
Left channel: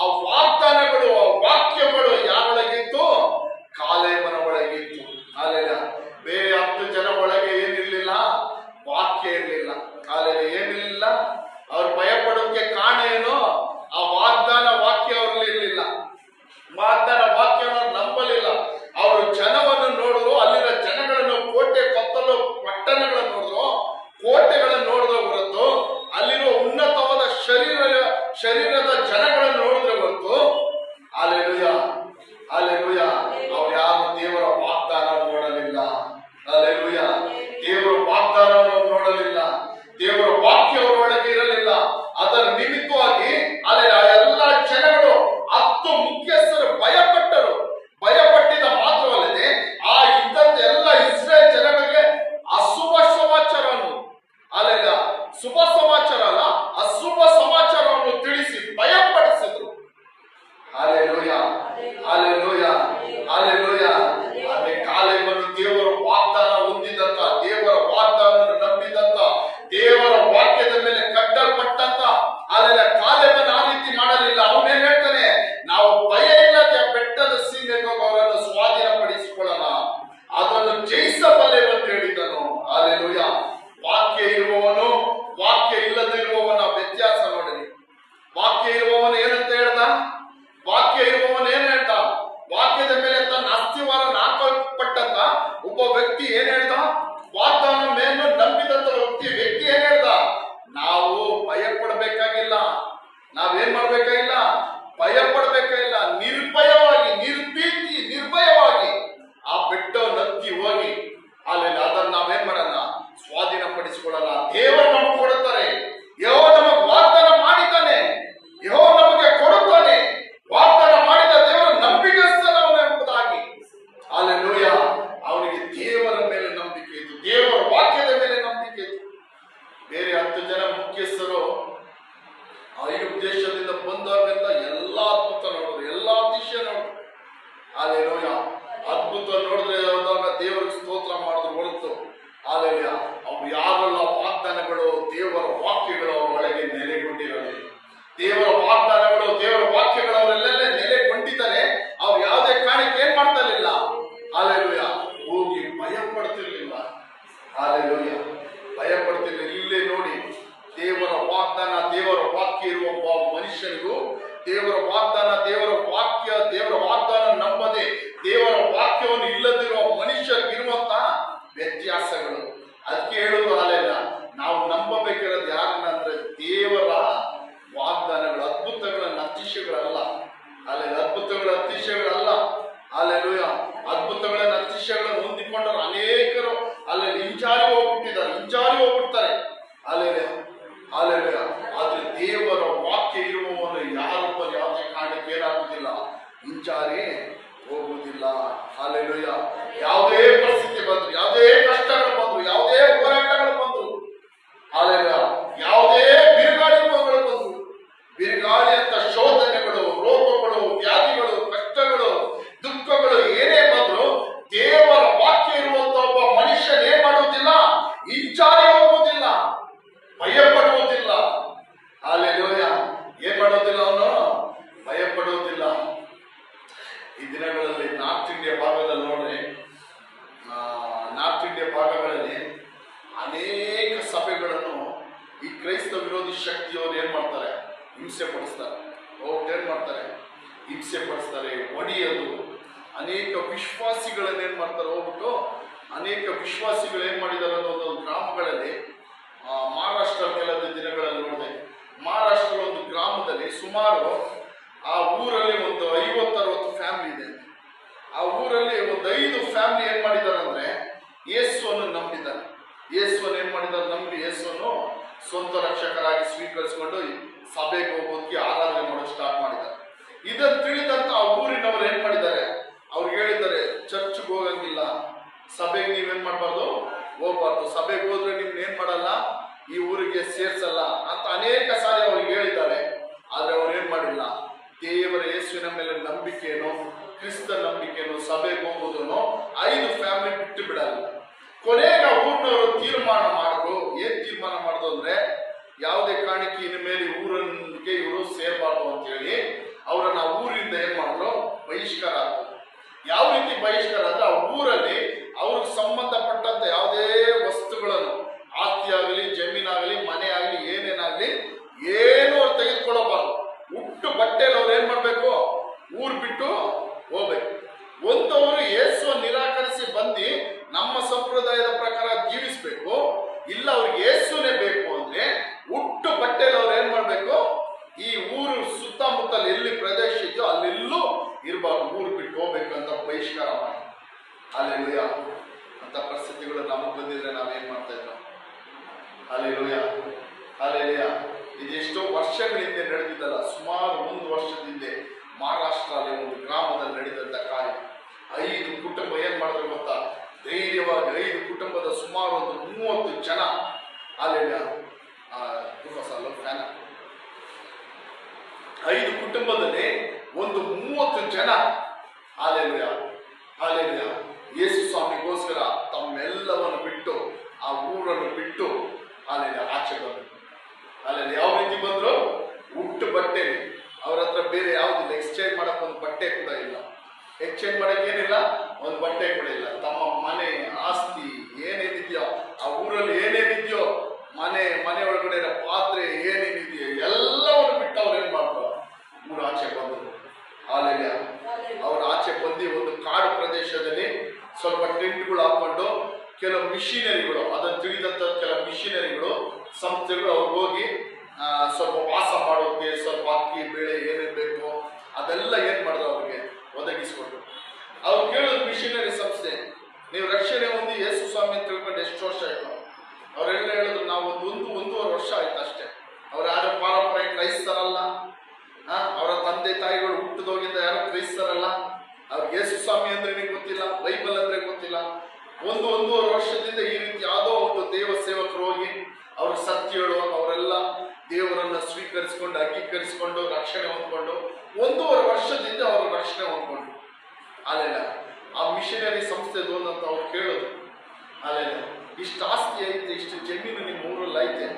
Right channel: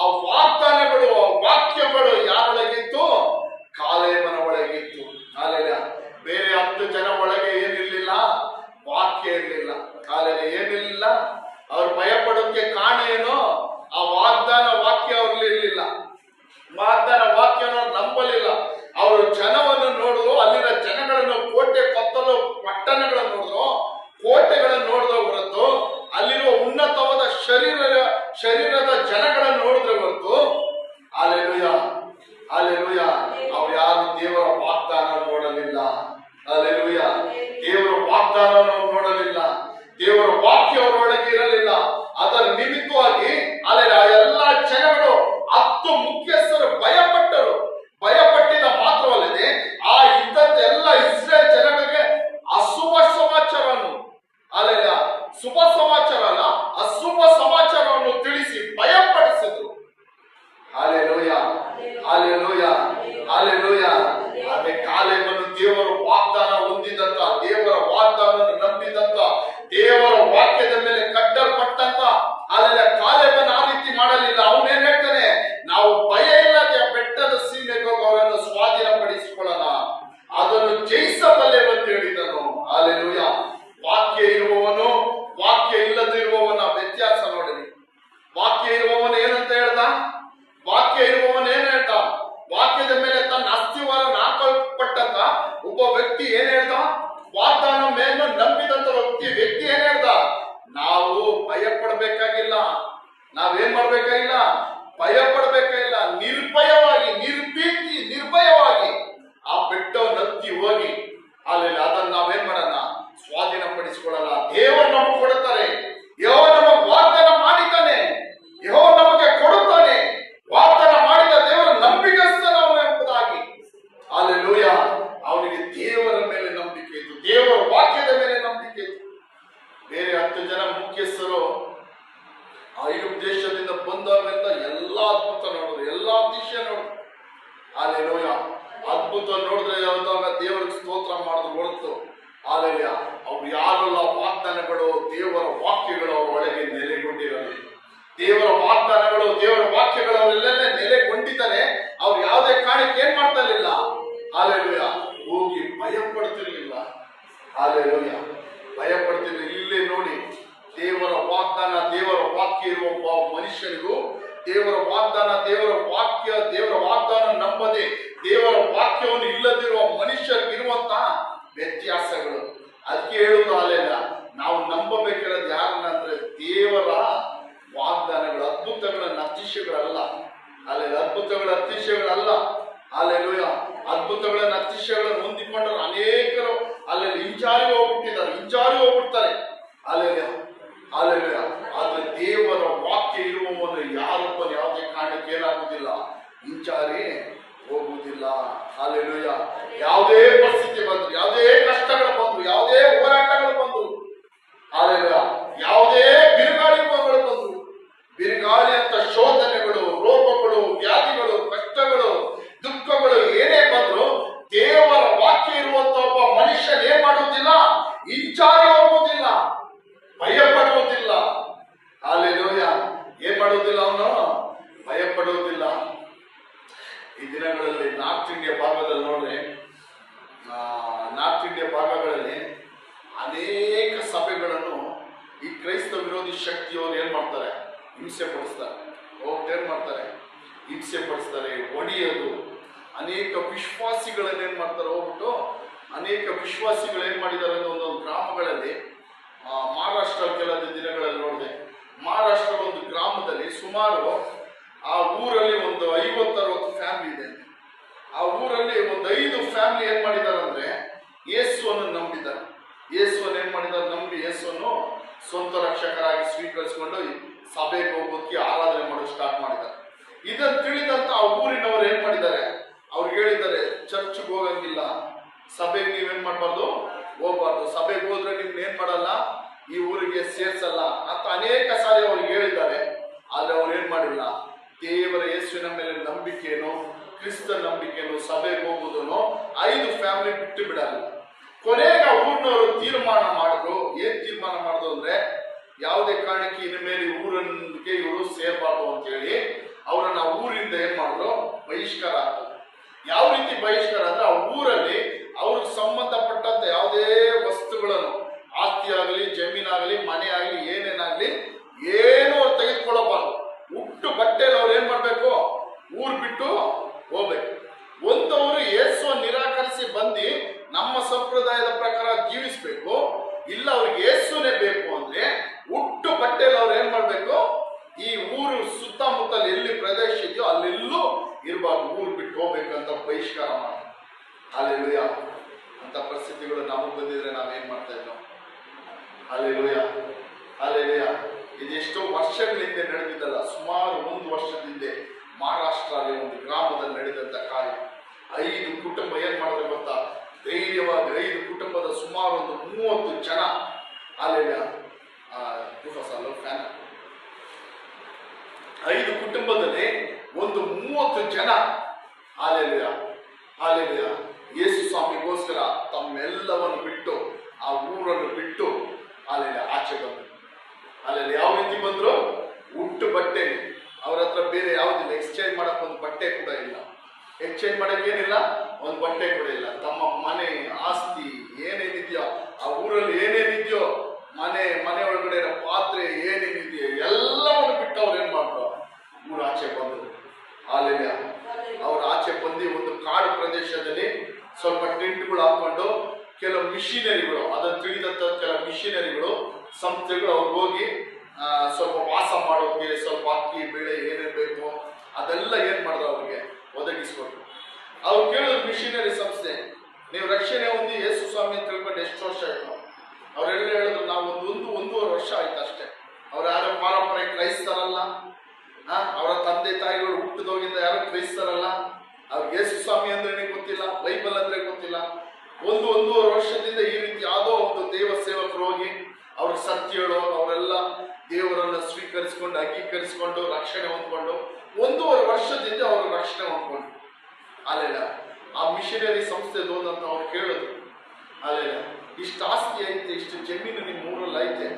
ಆ ವಾಗ್ದಾನಗಳು, ಆ ವಾಕ್ಯಗಳು ಯಾರೊಳಗಿತ್ತು? ಕಾಲೇಬನ ಒಳಗಿತ್ತು. ಬೇರೆ 10 ಜನ ಒಳಗೆ ಏನಿರ್ಲಿಲ್ಲ? ವಾಕ್ಯ ಇರ್ಲಿಲ್ಲ. ಏನಿರ್ಲಿಲ್ಲ? ಅವ್ರು ಭಯ ಪಡೋಕೆ ಕಾರಣ ಏನು? ಆ ವಾಗ್ದಾನ ವಾಕ್ಯ ಅವ್ರಲ್ಲಿ ಇರ್ಲಿಲ್ಲ. ವಾಗ್ದಾನ ವಾಕ್ಯನ ನಂಬಲಿಲ್ಲ. ಅವರು ಜನವನ್ನು ನೋಡಿದ್ರು, ಅಲ್ಲಿನ ಜನಗಳನ್ನು, ಕೋಟೆ ಕೊತ್ತಲು ಪಟ್ಟಣಗಳನ್ನು ನೋಡಿದ್ರು, ಕೋಟೆಗಳನ್ನು ನೋಡಿದ್ರು ಹೊರತು ಅಲ್ಲಿರುವ ಉನ್ನತವಾದ ಶರೀರದ ಜನಗಳನ್ನು ನೋಡಿದ್ರೆ ಹೊರತು ಅವ್ರು ಯಾರು ದೇವರ ವಾಗ್ದಾನ ನೋಡಲಿಲ್ಲ. ದೇವರ ವಾಗ್ದಾನ ನೋಡಲಿಲ್ಲ. ದೇವರ ವಾಕ್ಯ ಅವರೊಳಗೆ ಇರಲಿಲ್ಲ. ಅದರ ನಿಮಿತ್ತವಾಗಿ ಎಲ್ಲ ಜನಗಳು 10 ಮುಖ್ಯಸ್ಥರು ಭಯಪಟ್ಟರು. ಭಯಪಟ್ಟಿದ ಮಾತ್ರವಲ್ಲದೆ ಆ ಇದ್ದಂತೆ ಎಲ್ಲ ಇಸ್ರೇಲ್ ಜನಗಳಿಗೆ ಅಶುಭ ಸಮಾಚಾರವನ್ನು, ಶುಭ ಸಮಾಚಾರ ಅಲ್ಲ, ಅಶುಭ ಸಮಾಚಾರವನ್ನು ತಿಳಿಸಿ ಭಯಪಡಿಸಿ ಮುಖ್ಯಸ್ಥರು ಐಗುಪ್ತ ದೇಶದಿಂದ ಬಂದಾಗೆಲ್ಲ ಎಲ್ಲಾ ಅದ್ಭುತ ನೋಡಿದ್ರು, ಎಲ್ಲಾ ಅತಿಶಯ ನೋಡಿದ್ರು. ಅಲ್ಲೇಲೂಯ. ಅದ್ಭುತ ನೋಡಿದ್ರೆ ಹೋದಾಗ ದೇವರಿಗೆ ಸ್ತೋತ್ರ ಮಾಡಿದ್ರು ಹೊರತು ಅಲ್ಲೇಲೂಯ ಅವ್ರು ಯಾರೆಲ್ಲ ವಾಗ್ದಾನಗಳು, ದೇವರ ವಾಕ್ಯಗಳು ಅವ್ರ ಒಳಗೆ ನೆಲೆಗೊಂಡಿರಲಿ. ದೇವರ ವಾಗ್ದಾನಗಳು, ದೇವರ ವಾಕ್ಯಗಳು ಅವರೆಲ್ಲ ನೆಲೆಗೊಂಡಿದ್ದಾರೆ. ಅವ್ರು ಯಾವುದೇ ಕಾರಣಕ್ಕೆ ಏನ್ ಮಾಡ್ತಾ ಇರಲಿಲ್ಲ, ಅಲ್ಲೇಲೂಯ, ಹೋಗಿ ಭಯ ಪಡ್ತಿರ್ಲಿಲ್ಲ. ಅಲ್ಲೇಲೂಯ, ಭಯ ಪಡ್ತಿರ್ಲಿಲ್ಲ. ಇಲ್ಲೇ ನೋಡಿ, ದೇವರ ವಾಗ್ದಾನ, ದೇವರ ವಾಕ್ಯ ಇರುವ ಒಬ್ಬ ಮನುಷ್ಯನಿಗೂ ದೇವರ ವಾಗ್ದಾನ, ದೇವರ ವಾಗ್ದಾನ ನಂಬದೆ ದೇವರ ವಾಕ್ಯವನ್ನು ಇಲ್ಲದಿರುವ ಮನುಷ್ಯರಿಗಿರುವಂತಹ ವ್ಯತ್ಯಾಸಗಳು. ಅದಕ್ಕೆ ಹೇಳುವುದು ಅಲ್ಲೇನ, ನಾವು ನಂಬಬೇಕಿರೋದು ಯಾರನ್ನ ಅಂದ್ರೆ ದೇವರ ವಾಗ್ದಾನಗಳು, ಅದ್ಭುತಗಳನ್ನ ಅತಿಶಯಗಳಲ್ಲ. ಅಲ್ಲೇ ಅದ್ಭುತಗಳ ಅತಿಶಯಗಳಲ್ಲ. ಅಲ್ಲೇಲೂಯ. ಅದ್ಭುತಗಳನ್ನ ಅತಿಶಯಗಳನ್ನು ಹೊಂದಿಕೊಂಡರು ಅನೇಕರು ಅಲ್ಲಿ ಹಿಂಜಾರಿ ಹೋಗ್ಬಿಡ್ತಾರೆ. Alleluia, alleluia. ಆದ್ರೆ ದೇವರ ವಾಕ್ಯ ಇರುವವನು ಯಾರೊಬ್ಬನು ಯಾವುದೇ ಕಾರಣಕ್ಕೆ ಏನಾಗುವುದಿಲ್ಲ, ಹಿಂಜಾರಿ ಹೋಗುವುದಿಲ್ಲ. ಅಲ್ಲೇಲೂಯ. ಯಾವುದೇ ಪರಿಸ್ಥಿತಿ ಬಂದ್ರು, ಯಾವುದೇ ಕಷ್ಟಗಳು ಬಂದ್ರು, ಯಾವುದೇ ಹೋರಾಟಗಳು ಬಂದ್ರು, ಅಲ್ಲೇಲೂಯ, ಯಾವುದೇ ಬಿರುಗಾಳಿಗಳು ಬಂದ್ರು, ಬಿರುಗಾಳಿ ಅಂತ ಶೋಧನೆಗಳು, ರೋಗಗಳು, ವ್ಯಾಧಿಗಳು, ಕಷ್ಟಗಳು, ದುಃಖಗಳು ಏನೇ ಬಂದ್ರು ದೇವರ ವಾಕ್ಯ ಇರುವಂತ ಒಬ್ಬ ಮನುಷ್ಯ ಏನ್ ಮಾಡುವುದಿಲ್ಲ, ಹಿಂಜಾರಿ ಹೋಗುವುದಿಲ್ಲ, ಭಯ ಪಡುವುದಿಲ್ಲ. ಅಲ್ಲೇಲೂಯ. ಏನ್ ಮಾಡುವುದಿಲ್ಲ, ಅವನು ಭಯ ಪಡುವುದಿಲ್ಲ. ಈ ದಿನಗಳಲ್ಲಿ ನಾರ್ತ್ ಇಂಡಿಯಾ ಭಾಗದಲ್ಲಿ ನೋಡ್ರಿ, ನಾರ್ತ್ ಇಂಡಿಯಾ ಭಾಗಗಳಲ್ಲಿ ಅನೇಕ ಸಭೆಗಳನ್ನು ಈ ಕ್ರೈಸ್ತ ವಿರೋಧಿ ಶಕ್ತಿಯವರು ಏನ್ ಮಾಡ್ತಾರೆ, ಹಿಂಸೆ ಪಡಿಸ್ತಾರೆ. ಏನ್ ಮಾಡ್ತಾರೆ, ಹಿಂಸೆ ಪಡಿಸ್ತಾರೆ, ಒಡೆಯೋದು. ಅನೇಕ ವಿಶ್ವಾಸಿಗಳನ್ನ ಏನ್ ಮಾಡ್ತಾರೆ, ಹೋಗ್ಬಿಟ್ಟು ಅನೇಕ ವಿಶ್ವಾಸಿಗಳು ಏನ್ ಮಾಡಿದ್ದಾರೆ ಅನ್ನೋ ಒಂದೊಂದು ಗ್ರಾಮಗಳಲ್ಲಿ, ಮಹಾರಾಷ್ಟ್ರ ಕೆಲವು ದಿನಗಳಲ್ಲಿ ನೋಡಿದೆ. ಮಹಾರಾಷ್ಟ್ರ ಒಂದು ಗ್ರಾಮದಲ್ಲಿ ಸುಮಾರು ಆ ಊರಲ್ಲಿ ಒಂದು 50-60 ಫ್ಯಾಮಿಲಿ ಇದೆ. ಆ ಊರಲ್ಲಿ ಒಂದು 5 ಫ್ಯಾಮಿಲಿ ಏನ್ ಮಾಡಿದ್ದಾರೆ ಅಂದ್ರೆ ಯೇಸುವನ್ನು ನಂಬಿದ್ದಾರೆ. ಯೇಸುವನ್ನು ಏನ್ ಮಾಡಿದ್ದಾರೆ, ನಂಬಿ ಯೇಸುವನ್ನು ಸ್ವಂತ ರಕ್ಷಕರಾಗಿ ಸ್ವೀಕರಿಸಿಕೊಂಡು ಸಭೆಗೆ ಹೋಗೋದಕ್ಕೆ ಆರಾಧನೆ ಮಾಡೋದು ಸ್ಟಾರ್ಟ್ ಮಾಡಿದ್ದಾರೆ. ಇದನ್ನು ತಿಳಿದಂತ ಆ ಊರಿನವರು ಏನ್ ಮಾಡಿದ್ದಾರೆ, ಅವ್ರಿಗೆ ಹೇಳಿದ್ದಾರೆ, ಚರ್ಚ್ಗೆ ಹೋಗಂಗಿಲ್ಲ, ಸಭೆಗೆ ನೀವೇನ್ ಮಾಡ್ಬಾರ್ದು, ಹೋಗ್ಬಾರ್ದು, ಸಭೆಗೆ ಹೋದ್ರೆ ನಿಮ್ನ ಏನ್ ಮಾಡಲ್ಲ, ಈ ಊರಿಗೆ ಸೇರ್ಸಲ್ಲ ಅಂತ ಅನೇಕ ಸಾರಿ ಅವ್ರಿಗೆ ಹೇಳಿದ್ದಾರೆ. ಆದ್ರೆ ಅವ್ರು ಏನ್ ಮಾಡಿಲ್ಲ, ದೇವರ ಯೇಸುವಿನ ಮೇಲೆ ನಂಬಿಕೆಯನ್ನು, ಕ್ರಿಸ್ತ ನಂಬಿಕೆಯನ್ನು, ಸಭೆಗೆ ಹೋಗುವುದನ್ನು 5 ಫ್ಯಾಮಿಲಿ ಬಿಟ್ಟು ಬಿಡಲ್ಲ. ಕೊನೆಗೆ ಊರಿನವರು ತೀರ್ಮಾನ ಮಾಡಿದ್ರು. ಏನ್ ತೀರ್ಮಾನ ಮಾಡಿದ್ರು ಅಂದ್ರೆ, ಯಾವುದೇ ಕಾರಣಕ್ಕೆ ಇನ್ನು ಮೇಲೆ ಊರಿಗೆ ಇವರು ಸೇರ್ಬಾರ್ದು ಅಂತ ಹೇಳಿ ಅವರನ್ನ ಊರಿಂದ ಏನ್ ಮಾಡಿದ್ರು, ಬಹಿಷ್ಕಾರ ಆಗ್ತದೆ. ಯಾವ ರೀತಿ ಬಹಿಷ್ಕಾರ ಅಂದ್ರೆ, ಆ ಊರಲ್ಲಿ ಅವ್ರಿಗೆ ಸಂಬಂಧಪಟ್ಟಂತ ಯಾವುದೇ ವಸ್ತುಗಳನ್ನು, ಆಸ್ತಿ ಆಗಲಿ, ಜಮೀನಾಗಲಿ, ಮನೆ ಆಗಲಿ, ಏನೇನಾಗ್ಲಿ ಏನು ಅವ್ರು ತೆಗೆದುಕೊಳ್ಳಬಾರ್ದು. ಹುಟ್ಟು ಬಟ್ಟೆಯಲ್ಲಿ ಅವ್ರು ಏನ್ ಮಾಡ್ಬೇಕು, ಊರ್ ಬಿಟ್ಟು ಹೋಗ್ಬೇಕು. ಒಂದವರು ಯೇಸು ನಿರಾಕರಿಸಿ ಬಂದು ನಮ್ಮ ಸಂಪ್ರದಾಯದ ಪ್ರಕಾರ ಜೀವಿಸ್ಬೇಕು. ಇಲ್ಲ ಅವ್ರಿಗೆ ಯೇಸುನೇ ಬೇಕು ಅಂದ್ರೆ ಹುಟ್ಟು ಬಟ್ಟೆಯಲ್ಲಿ ಅವ್ರು ಏನ್ ಮಾಡ್ಬೇಕು, ಈ ಊರು ಸುತ್ತಮುತ್ತಲು ಎಲ್ಲಿ ಪ್ರದೇಶ ಇದೆಯೋ ಅಲ್ಲೆಲ್ಲೂ ಇರಬಾರ್ದು, ಊರು ಬಿಟ್ಟು ಹೋಗ್ಬೇಕಂತ ಬಹಿಷ್ಕಾರ ಮಾಡಿ. ಅಲ್ಲೇಲೂಯ. ಅಂತ ಪರಿಸ್ಥಿತಿಗಳು ನಮಗೆ ಬಂದಿದ್ರೆ ನಾವೇನ್ ಮಾಡ್ತಾ ಇದ್ದೋ. Alleluia, alleluia. ಇದೆಷ್ಟೋ ವರ್ಷಗಳ ಹಿಂದೆ ನಡೆದಿದ್ದಲ್ಲ, ಸುಮಾರು 1 ವರ್ಷದ ಹಿಂದೆ ಮಹಾರಾಷ್ಟ್ರಲ್ಲಿ ಒಂದು ಗ್ರಾಮದಲ್ಲಿ ನಡೆದಂತ ಕಾರ್ಯ. 5 ಕುಟುಂಬ ಏನ್ ಮಾಡಿದ್ರು ಗೊತ್ತಾ, ಧೈರ್ಯವಾಗಿ 5 ಕುಟುಂಬದ ಸುಮಾರು ಒಂದು 30 ಜನ, ಅಲ್ಲೇಲೂಯ, 5 ಕುಟುಂಬದಲ್ಲಿ ಒಂದು 30 ಜನ, ಅಲ್ಲೇಲೂಯ, ಅಲ್ಲೇಲೂಯ, ಯೇಸು ಸ್ವಾಮಿಗೋಸ್ಕರ ತಮ್ಮೆಲ್ಲವನ್ನು ಬಿಟ್ಟು, ಆ ಊರನ್ನು ಬಿಟ್ಟು ಅಲ್ಲೇಲೂಯ ಆಚೆ ಬಂದ್ರು. ಅಲ್ಲೇಲೂಯ. ಯಾವ ರೀತಿ ಬಂದ್ರು, ಹುಟ್ಟು ಬಟ್ಟೆ, ಅವ್ರ ಹತ್ರ ಬೇರೆ ಯಾವುದಿಲ್ಲ, ಎಕ್ಸ್ಚೇಂಜ್ ಮಾಡಕ್ ಒಂದು ಬಟ್ಟೆ ಕೂಡ ಇಲ್ಲ, ಎಕ್ಸ್ಚೇಂಜ್ ಮಾಡಕ್ ಏನಿಲ್ಲ, ಒಂದು ಬಟ್ಟೆ ಕೂಡ ಇಲ್ಲ. ತಮ್ಮ ಮನೆ, ಆಸ್ತಿ ಏನೇನಿದೆಯೋ, ಆ ಊರಲ್ಲಿ ಏನೇನಿದೆಯೋ, ಮನೆ ಒಳಗಡೆ ಇರೋ ಪಾತ್ರೆ ಏನೇನಿದೆಯೋ ಎಲ್ಲವನ್ನು ಬಿಟ್ಟು ಅವ್ರು ಏನ್ ಮಾಡ್ರು, ಊರ ಆಚೆ ಬಂದ್ರು. ಅಲ್ಲೇಲೂಯ. ಅವ್ರ ಆಚೆ ಬಂದು ಒಂದು ಕಾಡು ಪ್ರದೇಶದಲ್ಲಿ ಸ್ವಲ್ಪ ಟೆಂಟ್ಗಳು ಹಾಕೊಂಡು ಕೆಲವು ಮಿಷಿನರಿಗಳು, ಅದನ್ನು ತಿಳಿದಂತ ಕೆಲವು ಮಿಷಿನರಿಗಳು, ಸಂಸ್ಥೆಗಳು ಅವ್ರಿಗೆ ಹೋಗಿ ಸ್ವಲ್ಪ ವಾಸ ಮಾಡೋಕೆ ಸ್ವಲ್ಪ ಅಕ್ಕಿ, ಬೇಳೆ ಏನೇನು ಬೇಕು ಅದೆಲ್ಲ ಏನ್ ಮಾಡಿದ್ರು, ಅವ್ರಿಗೆ ಒದಗಿಸ್ಕೊಟ್ರು. ಅವ್ರು ಕೇಳಿದ್ರು, ಮಿಷಿನರಿ ಸಂಸ್ಥೆ, ನೀವು ರಕ್ಷಣೆ ಹೊಂದಿ ಯೇಸು ಸ್ವಾಮಿ ಅಂತ ತಿಳ್ಕೊಂಡು ಎಷ್ಟು ವರ್ಷ ಆಯ್ತು? ಅವರೆಲ್ಲ ಹೇಳಿದ್ರು, ನಾವು 1.5 ವರ್ಷ ಆಯ್ತು ಅಷ್ಟೇ. ಅವ್ರು ಯಾರು ಪಾರಂಪರೆ ಕ್ರೈಸ್ತರಲ್ಲ, ಅವರ ತಂದೆ ತಾಯಿಗಳು ಹುಟ್ಟಿದೋಗಿಂದ ಯಾರು ಕ್ರೈಸ್ತರಲ್ಲ, ಅವ್ರಿಗೆ ಯೇಸು ಸ್ವಾಮಿ ಅಂದ್ರೆ ಗೊತ್ತಿಲ್ಲ, ಬೈಬಲ್ ಅಂದ್ರೆ ಗೊತ್ತಿಲ್ಲ. 1.5 ವರ್ಷದಿಂದ ಈ ರೀತಿ ಯಾವುದೋ ಒಂದು ದೇವ ಸೇವಕರು ಹೋಗಿ ಅವ್ರಿಗೆ ಸತ್ಯ ಹೇಳೋ, ಅವರೆಲ್ಲ ಸ್ವೀಕರಿಸಿಕೊಂಡು ಅಂಗೀಕರಿಸಿಕೊಂಡು ರಕ್ಷಣೆ ಹೊಂದ್ಕೊಂಡು 1.5 ವರ್ಷದಿಂದ ಅವರು ರಕ್ಷಣೆ ಹೊಂದ್ಕೊಂಡು ಅಲ್ಲೆಲ್ಲ ಆ ಮಿಷನರಿ ಸಂಸ್ಥೆದು ಅಂತ ಅವ್ರು ಕೇಳಿದ್ರು. ಅಲ್ಲೆಲ್ಲ ಇಷ್ಟು ಆಸ್ತಿ ಐತೆ, ಇಷ್ಟು ಜಮೀನು ನಿಮ್ಮ ಊರಲ್ಲಿ ಐತೆ,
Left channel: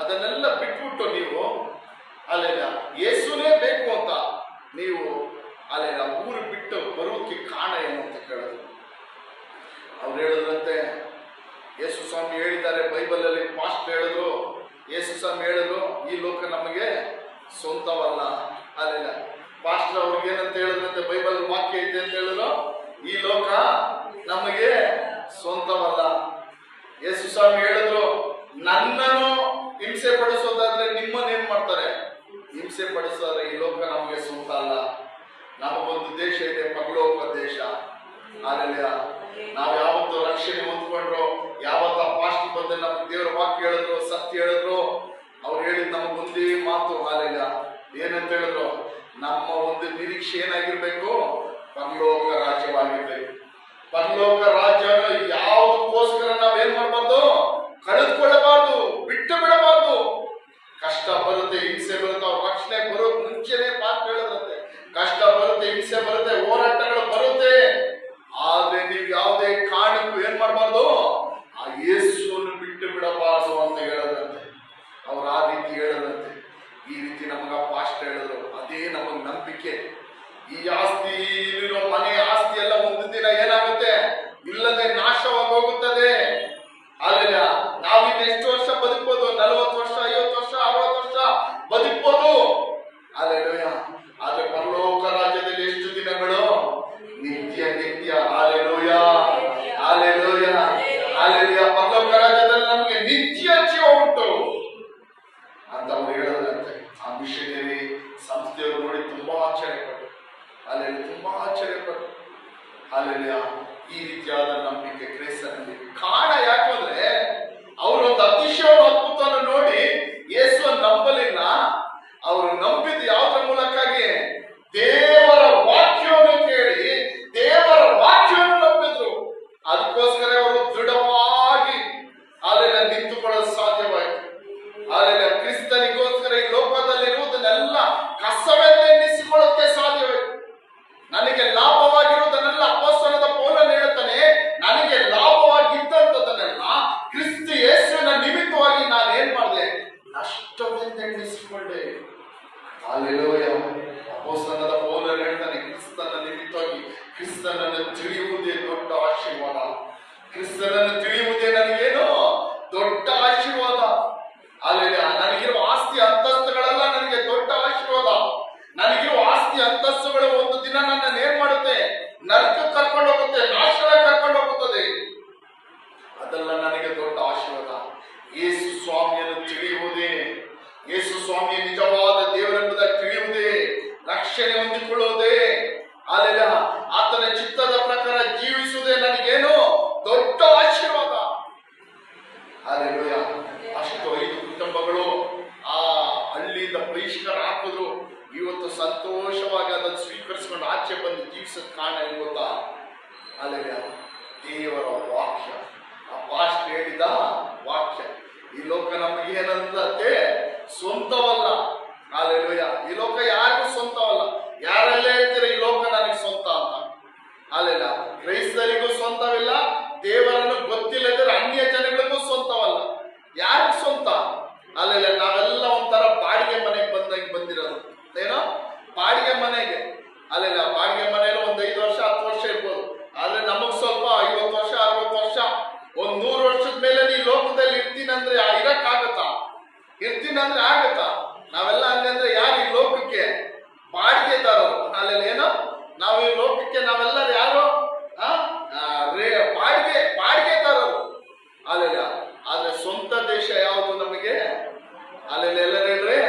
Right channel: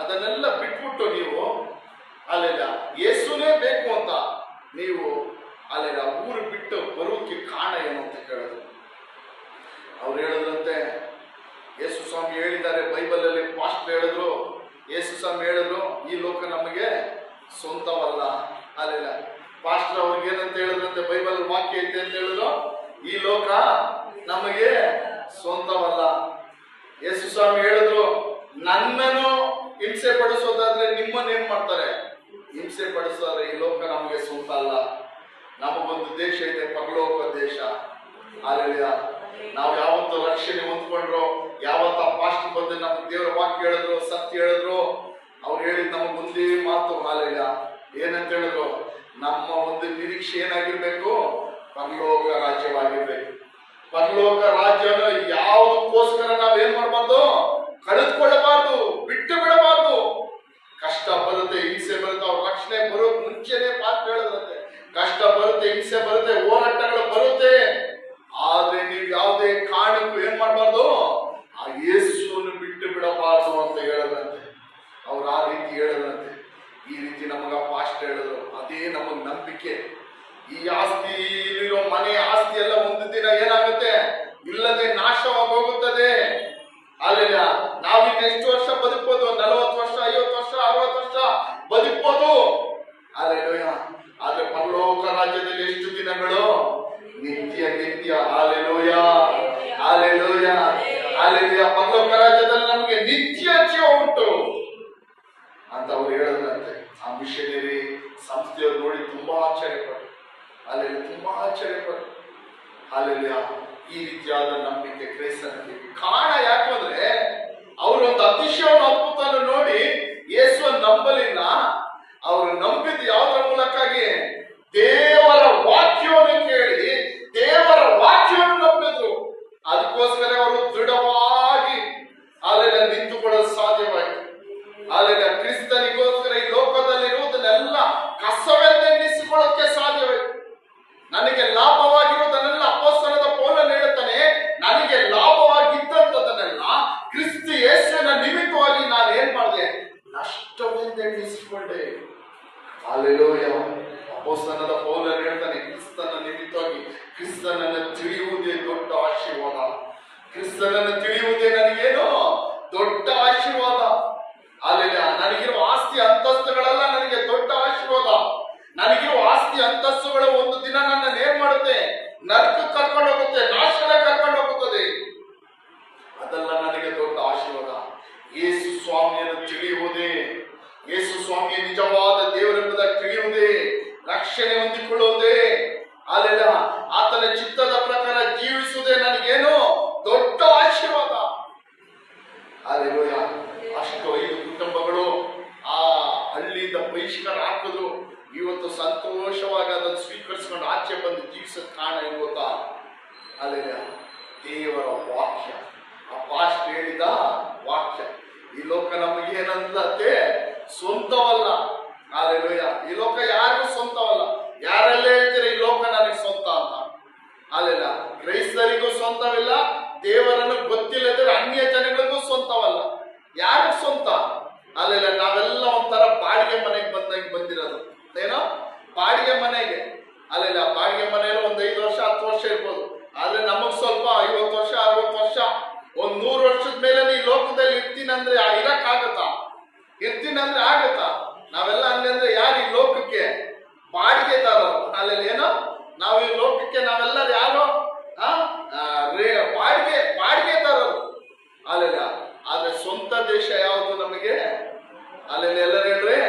ಅದನ್ನೆಲ್ಲ ಬಿಟ್ಬಿಟ್ಟು ನೀವು ಅಲ್ಲೆಲ್ಲ ಯೇಸುನೇ ಬೇಕು ಅಂತ ನೀವು ಅಲ್ಲೆಲ್ಲ ಊರು ಬಿಟ್ಟು ಬರೋಕ್ಕೆ ಕಾರಣ ಏನು ಅಂತ ಕೇಳಿದ್ರು. ಅವ್ರು ಹೇಳಿದ್ರಂತೆ, ಯೇಸು ಸ್ವಾಮಿ ಹೇಳಿದ್ದಾರೆ ಬೈಬಲಲ್ಲಿ, ಪಾಸ್ಟ್ ಹೇಳಿದ್ರು, ಯೇಸು ಸ್ವಾಮಿ ಹೇಳಿದ್ರು ಈ ಲೋಕ ನಮಗೆ ಸ್ವಂತವಲ್ಲ. ಅಲ್ಲೆಲ್ಲ ಪಾಸ್ಟರ್ ಅವ್ರಿಗೆ ಏನಂತ ಹೇಳಿದ್ರಂತೆ, ಬೈಬಲ್ ವಾಕ್ಯ ಐತೆ ಅಂತ ಹೇಳಿದ್ರು, ಈ ಲೋಕ ನಮಗೆ ಸ್ವಂತವಲ್ಲ. ಯೇಸು ಸ್ವಾಮಿ ಹೇಳಿದ್ರು, ನನ್ನನ್ನು ಹಿಂಸೆ ಪಡಿಸೋದಾದ್ರೆ ನಿಮ್ಮನ್ನೇನ್ ಮಾಡ್ತಾರೆ, ಹಿಂಸೆ ಪಡಿಸೋದ್ರೆ ಈ ಲೋಕ ನಮಗೆ ಸ್ವಂತ ಅಲ್ಲ. ನಮಗೊಂದು ದೇಶ ಇದೆ, ಪರಲೋಕ ದೇಶ. ಅಲ್ಲೆಲ್ಲ ನಾವು ಯಾವತ್ತು ರಕ್ಷಣೆ ಹೊಂದ್ಕೊಂಡ್ರು, ಯಾವತ್ತ ಪಾಸ್ಟ್ ಬಂದು ನಮ್ಗೆ ದೇವರ ವಾಕ್ಯ ಹೇಳಿದ್ರು, ಸತ್ಯ ಹೇಳಿದ್ರು, ಅವ್ರು ಹೇಳಿದ್ ನಮಗ್ ಒಂದೇ ಮಾತು. ಅಲ್ಲೆಲ್ಲ ಏನಂತ ಹೇಳಿದ್ರು, ನಮ್ಮ ಒಂದು ನಿರೀಕ್ಷೆ ಏನಾಗಿರ್ಬೇಕು, ಪರಲೋಕ ರಾಜ್ಯವಾಗಿರ್ಬೇಕು. ಪರಲೋಕ ರಾಜ್ಯನ ಯಾವುದಕ್ಕೋಸ್ಕರ ನಾವೇನ್ ಮಾಡಬಾರ್ದು, ಕಳೆದುಕೊಳ್ಳಬಾರ್ದು, ಬಿಟ್ಟು ಬಿಡಬಾರ್ದು. ಕಷ್ಟ ಬರುತ್ತೆ, ಹಿಂಸೆ ಬರುತ್ತೆ, ಅವ್ರ ರಕ್ಷಣೆ ಬರೋಕ್ ಮುಂಚೆನೆ ಪಾಠ ಹೇಳಿದ್ರಂತೆ, ಕಷ್ಟ ಬರುತ್ತೆ, ಹಿಂಸೆ ಬರುತ್ತೆ, ಹೋರಾಟಗಳು ಬರುತ್ತೆ, ಆದ್ರೆ ನೀವು ಯಾವುದೇ ಕಾರಣಕ್ಕೂ ಏನ್ ಮಾಡಬಾರ್ದು, ಆ ಯೇಸುವನ್ನು ಬಿಟ್ಟು ಬಿಡಬಾರ್ದು ಅಂತ ಹೇಳದಂತೆ. ಅವ್ರು ಆ ರೀತಿ ಹೇಳದಂತೆ. ಈ ರೀತಿ ನಮಗ ಪಾಸ್ಟ್ ಹೇಳಿದ್ರು. ಅದೇ ನಮಗ್ ನಂಬಿಕೆ. ಈ ಆಸ್ತಿ, ಇಲ್ಲಿರೋ ಮನೆ ಆಸ್ತಿ ಎಲ್ಲ ಒಂದು ದಿನ ಏನಾಗುತ್ತೆ, ಇಲ್ಲದೆ ನಾಶವಾಗಿ ಹೋಗುತ್ತದೆ. ಅಲ್ಲೆಲ್ಲ ನಾವಿನ್ನ ಎಷ್ಟು ವರ್ಷ ಬದುಕ್ಬೋದು, 40 ವರ್ಷ, 50 ವರ್ಷ, 60 ವರ್ಷ ಬದುಕ್ಬೋದು. ಅಲ್ಲೆಲ್ಲ ಆದ್ರೆ ಪರಲೋಕ ರಾಜ್ಯದಲ್ಲಿ ಎಷ್ಟು ದಿನಗಳು, ನಿತ್ಯ ನಿತ್ಯ. Hallelujah, hallelujah, hallelujah. ಪರಲೋಕ ರಾಜ್ಯದಲ್ಲಿ ನಮಗೆ ನಿತ್ಯ ಜೀವ ಉಂಟು ಅಂತ ಅವ್ರು ಹೇಳಿದ್ರಂತೆ. ಆ ಮಿಷನರಿ ಸಂಸ್ಥೆಯವ್ರು ನೋಡಿ ತುಂಬಾ ಆಶ್ಚರ್ಯಪಟ್ಟರು. ಅಲ್ಲೆಲ್ಲ ತುಂಬಾ ಆಶ್ಚರ್ಯಪಟ್ಟರು. ಅಲ್ಲೆಲ್ಲ ಈ ರೀತಿಯಾದ ನಂಬಿಕೆ ಕ್ರೈಸ್ತನಲ್ಲಿ ಕಾರಣ ಯಾಕೆ ಅಂದ್ರೆ, ಅವರು ಒಂದು ಅತಿಶಯವಾದ ಅದ್ಭುತವನ್ನು ನೋಡಿ ಯೇಸುವನ್ನು ನಂಬಲಿಲ್ಲ. ಅವರು ನಂಬಿದ್ದು ಯಾವುದರ ಮೂಲಕಾಗಿ, ದೇವರ ವಾಕ್ಯವನ್ನು ಕೇಳಿ ದೇವರ ವಾಕ್ಯವನ್ನು ನಂಬಿದ್ರು. ಅದಕ್ಕೋಸ್ಕರ ಅವರು ದೃಢವಾಗಿ ಅಲ್ಲೆಲ್ಲ ನಿಂತುಕೊಳ್ಳಲು ಸಾಧ್ಯವಾಯಿತು. ಅಲ್ಲೆಲ್ಲ ಕ್ರಿಸ್ತನಿಗೋಸ್ಕರ ಈ ಲೋಕದಲ್ಲಿರುವುದನ್ನೆಲ್ಲ ಕಸವೆಂದೆನ್ನಿಸಿಕೊಳ್ಳೋಕೆ ಸಾಧ್ಯವಾಯಿತು. ನನಗೆ ಲಾಭವಾಗಿರುವುದನ್ನೆಲ್ಲ ಅಪೊಸ್ತಲನಾದ ಪೌಲನು ಹೇಳುತ್ತಾನೆ, ನನಗೆ ಲಾಭವಾಗಿದ್ದಂಥದನ್ನೆಲ್ಲ ಕ್ರಿಸ್ತ ಯೇಸುವಿನ ನಿಮಿತ್ತವಾಗಿ ನಾನು ಏನ್ ಮಾಡಿದೆ, ನಷ್ಟವೆಂದೆನ್ನಿಸಿಕೊಂಡೆ. ಹಾಲೆಲೂಯ. ಅಪೊಸ್ತಲನಾದ ಪೌಲನು ಹೇಳ್ತಾನೆ, ಕ್ರಿಸ್ತನ ನಿಮಿತ್ತವಾಗಿ ಕ್ರಿಸ್ತನನ್ನು ತಿಳಿಯುವುದೇ ದೊಡ್ಡ ಆಶೀರ್ವಾದ. ಕ್ರಿಸ್ತನನ್ನು ತಿಳಿಯುವುದೇ ನನಗೇನು ದೊಡ್ಡ ಆಶೀರ್ವಾದ. ಅಲ್ಲೆಲ್ಲ ನನಗಿರುವ ಆಸ್ತಿ ಅಂತಸ್ತುಗಳೆಲ್ಲ ನನಗೆ ದೊಡ್ಡ ಆಶೀರ್ವಾದ. ನನಗಿರುವ ಆಸ್ತಿ ಅಂತಸ್ತುಗಳು ಒಂದು ದಿನ ನನ್ನನ್ನು ಏನ್ ಮಾಡುತ್ತೆ, ನರಕಕ್ಕೆ ಕರ್ಕೊಂಡು ಹೋಗುತ್ತೆ, ನಾಶನ ಕರ್ಕೊಂಡು ಹೋಗುತ್ತದೆ. ಅದೆಲ್ಲ ನನಗೆ ದೊಡ್ಡ ಆಶೀರ್ವಾದ. ಯೇಸು ಸ್ವಾಮಿಯನ್ನು ತಿಳಿಯುವುದೇ, ಯೇಸು ಸ್ವಾಮಿಯ ನಿಜವಾದ ದೇವರೆಂಬುದಾಗಿ ತಿಳಿಯುವುದೇ, ರಕ್ಷಣೆ ಹೊಂದಿಕೊಳ್ಳುವುದೇ, ಅಲ್ಲೆಲ್ಲ ಆತನ ಚಿತ್ತದ ಪ್ರಕಾರ ಜೀವಿಸುವುದೇ ನನಗೇನು ದೊಡ್ಡ ಆಶೀರ್ವಾದ. ಅಲ್ಲೆಲ್ಲ ಅಷ್ಟು 5 ಕುಟುಂಬಗಳು ಆ ಹಳ್ಳಿಯಿಂದ ಬಹಿಷ್ಕಾರ ಹಾಕಿದ್ರು. ಇವತ್ತು ಸಂತೋಷವಾಗಿ ಅದನ್ನು ಸ್ವೀಕರಿಸಿಕೊಂಡು ಆಚೆ ಬಂದು ಜೀವಿಸೋದ್ ಕಾರಣ ಇವತ್ತ. ಅಲ್ಲೆಲ್ಲ ದೇವರ ವಾಕ್ಯ, ಆ ಪಾಸ್ಟ್ ಹೇಳಿದ ವಾಕ್ಯ. ಈ ಲೋಕ ನಮಗೆ ಏನಂತೆ, ಸ್ವಂತವಲ್ಲ. ಅಲ್ಲೆಲ್ಲ ಈ ಲೋಕ ಯಾರಿಗೂ ಸ್ವಂತವಲ್ಲ. ಯಾರೆಲ್ಲ ಹೇಳ್ತೀರ ಈ ಲೋಕ ನನಗೆ ಸ್ವಂತ ಅಂತ. ಅಲ್ಲೆಲ್ಲ ಕ್ರೈಸ್ತರಿಗೂ ಸ್ವಂತವಿಲ್ಲ, ದೇವರನ್ನು ಗೊತ್ತಿಲ್ಲದಿರೋ ಅನ್ಯ ಜನಗಳಿಗೂ ಸ್ವಂತವಲ್ಲ. ಯಾರಿಗೂ ಸ್ವಂತ? ಅಲ್ಲೆಲ್ಲ ನಾವೆಲ್ಲ ಒಂಥರ ಬಾಡಿಗೆ ಮನೆಗೆ ಬಂದಿರೋದು. ಏನೋ ಬಾಡಿಗೆ ಮನೆಗೆ. ಅಲ್ಲೆಲ್ಲ ಬಾಡಿಗೆ ಮನೆಯಲ್ಲಿ ಒಂದು 5 ವರ್ಷ 10 ವರ್ಷ ಇರ್ಬೋದು. ಆದ್ರೆ ನಮಗ್ ಸ್ವಲ್ಪ 50 ವರ್ಷ 60 ವರ್ಷ, ಒಂದ್ 100 ವರ್ಷದ ಮೇಲೆ ಈ ಲೋಕದಲ್ಲಿ ಇರ್ತೀನಂದ್ರೆ ಇರಕ್ಕಾಗತ್ತಾ? ಇರ್ತೀನಂದ್ರೆ ಆಗತ್ತಾ? ನಾವೆಲ್ಲ ಹಂಗಂದ್ರೆ ಯಾರು ಈ ಲೋಕಕ್ಕೆ ಬಾಡಿಗೆದಾರರು. ಅಲ್ಲೆಲ್ಲ ಏನೋ ನಾವು ಈ ಲೋಕಕ್ಕೆ ನಾವೆಲ್ಲರೂ ಯಾರು ಬಾಡಿಗೆದಾರರು. ಅಲ್ಲೆಲ್ಲ ಆದ್ರೆ ಸ್ವಂತ ದೇಶ ಯಾವುದು ನಮಗೆ? ಅಲ್ಲೆಲ್ಲ ಎಲ್ಲರೂ ಹೇಳ್ರಿ,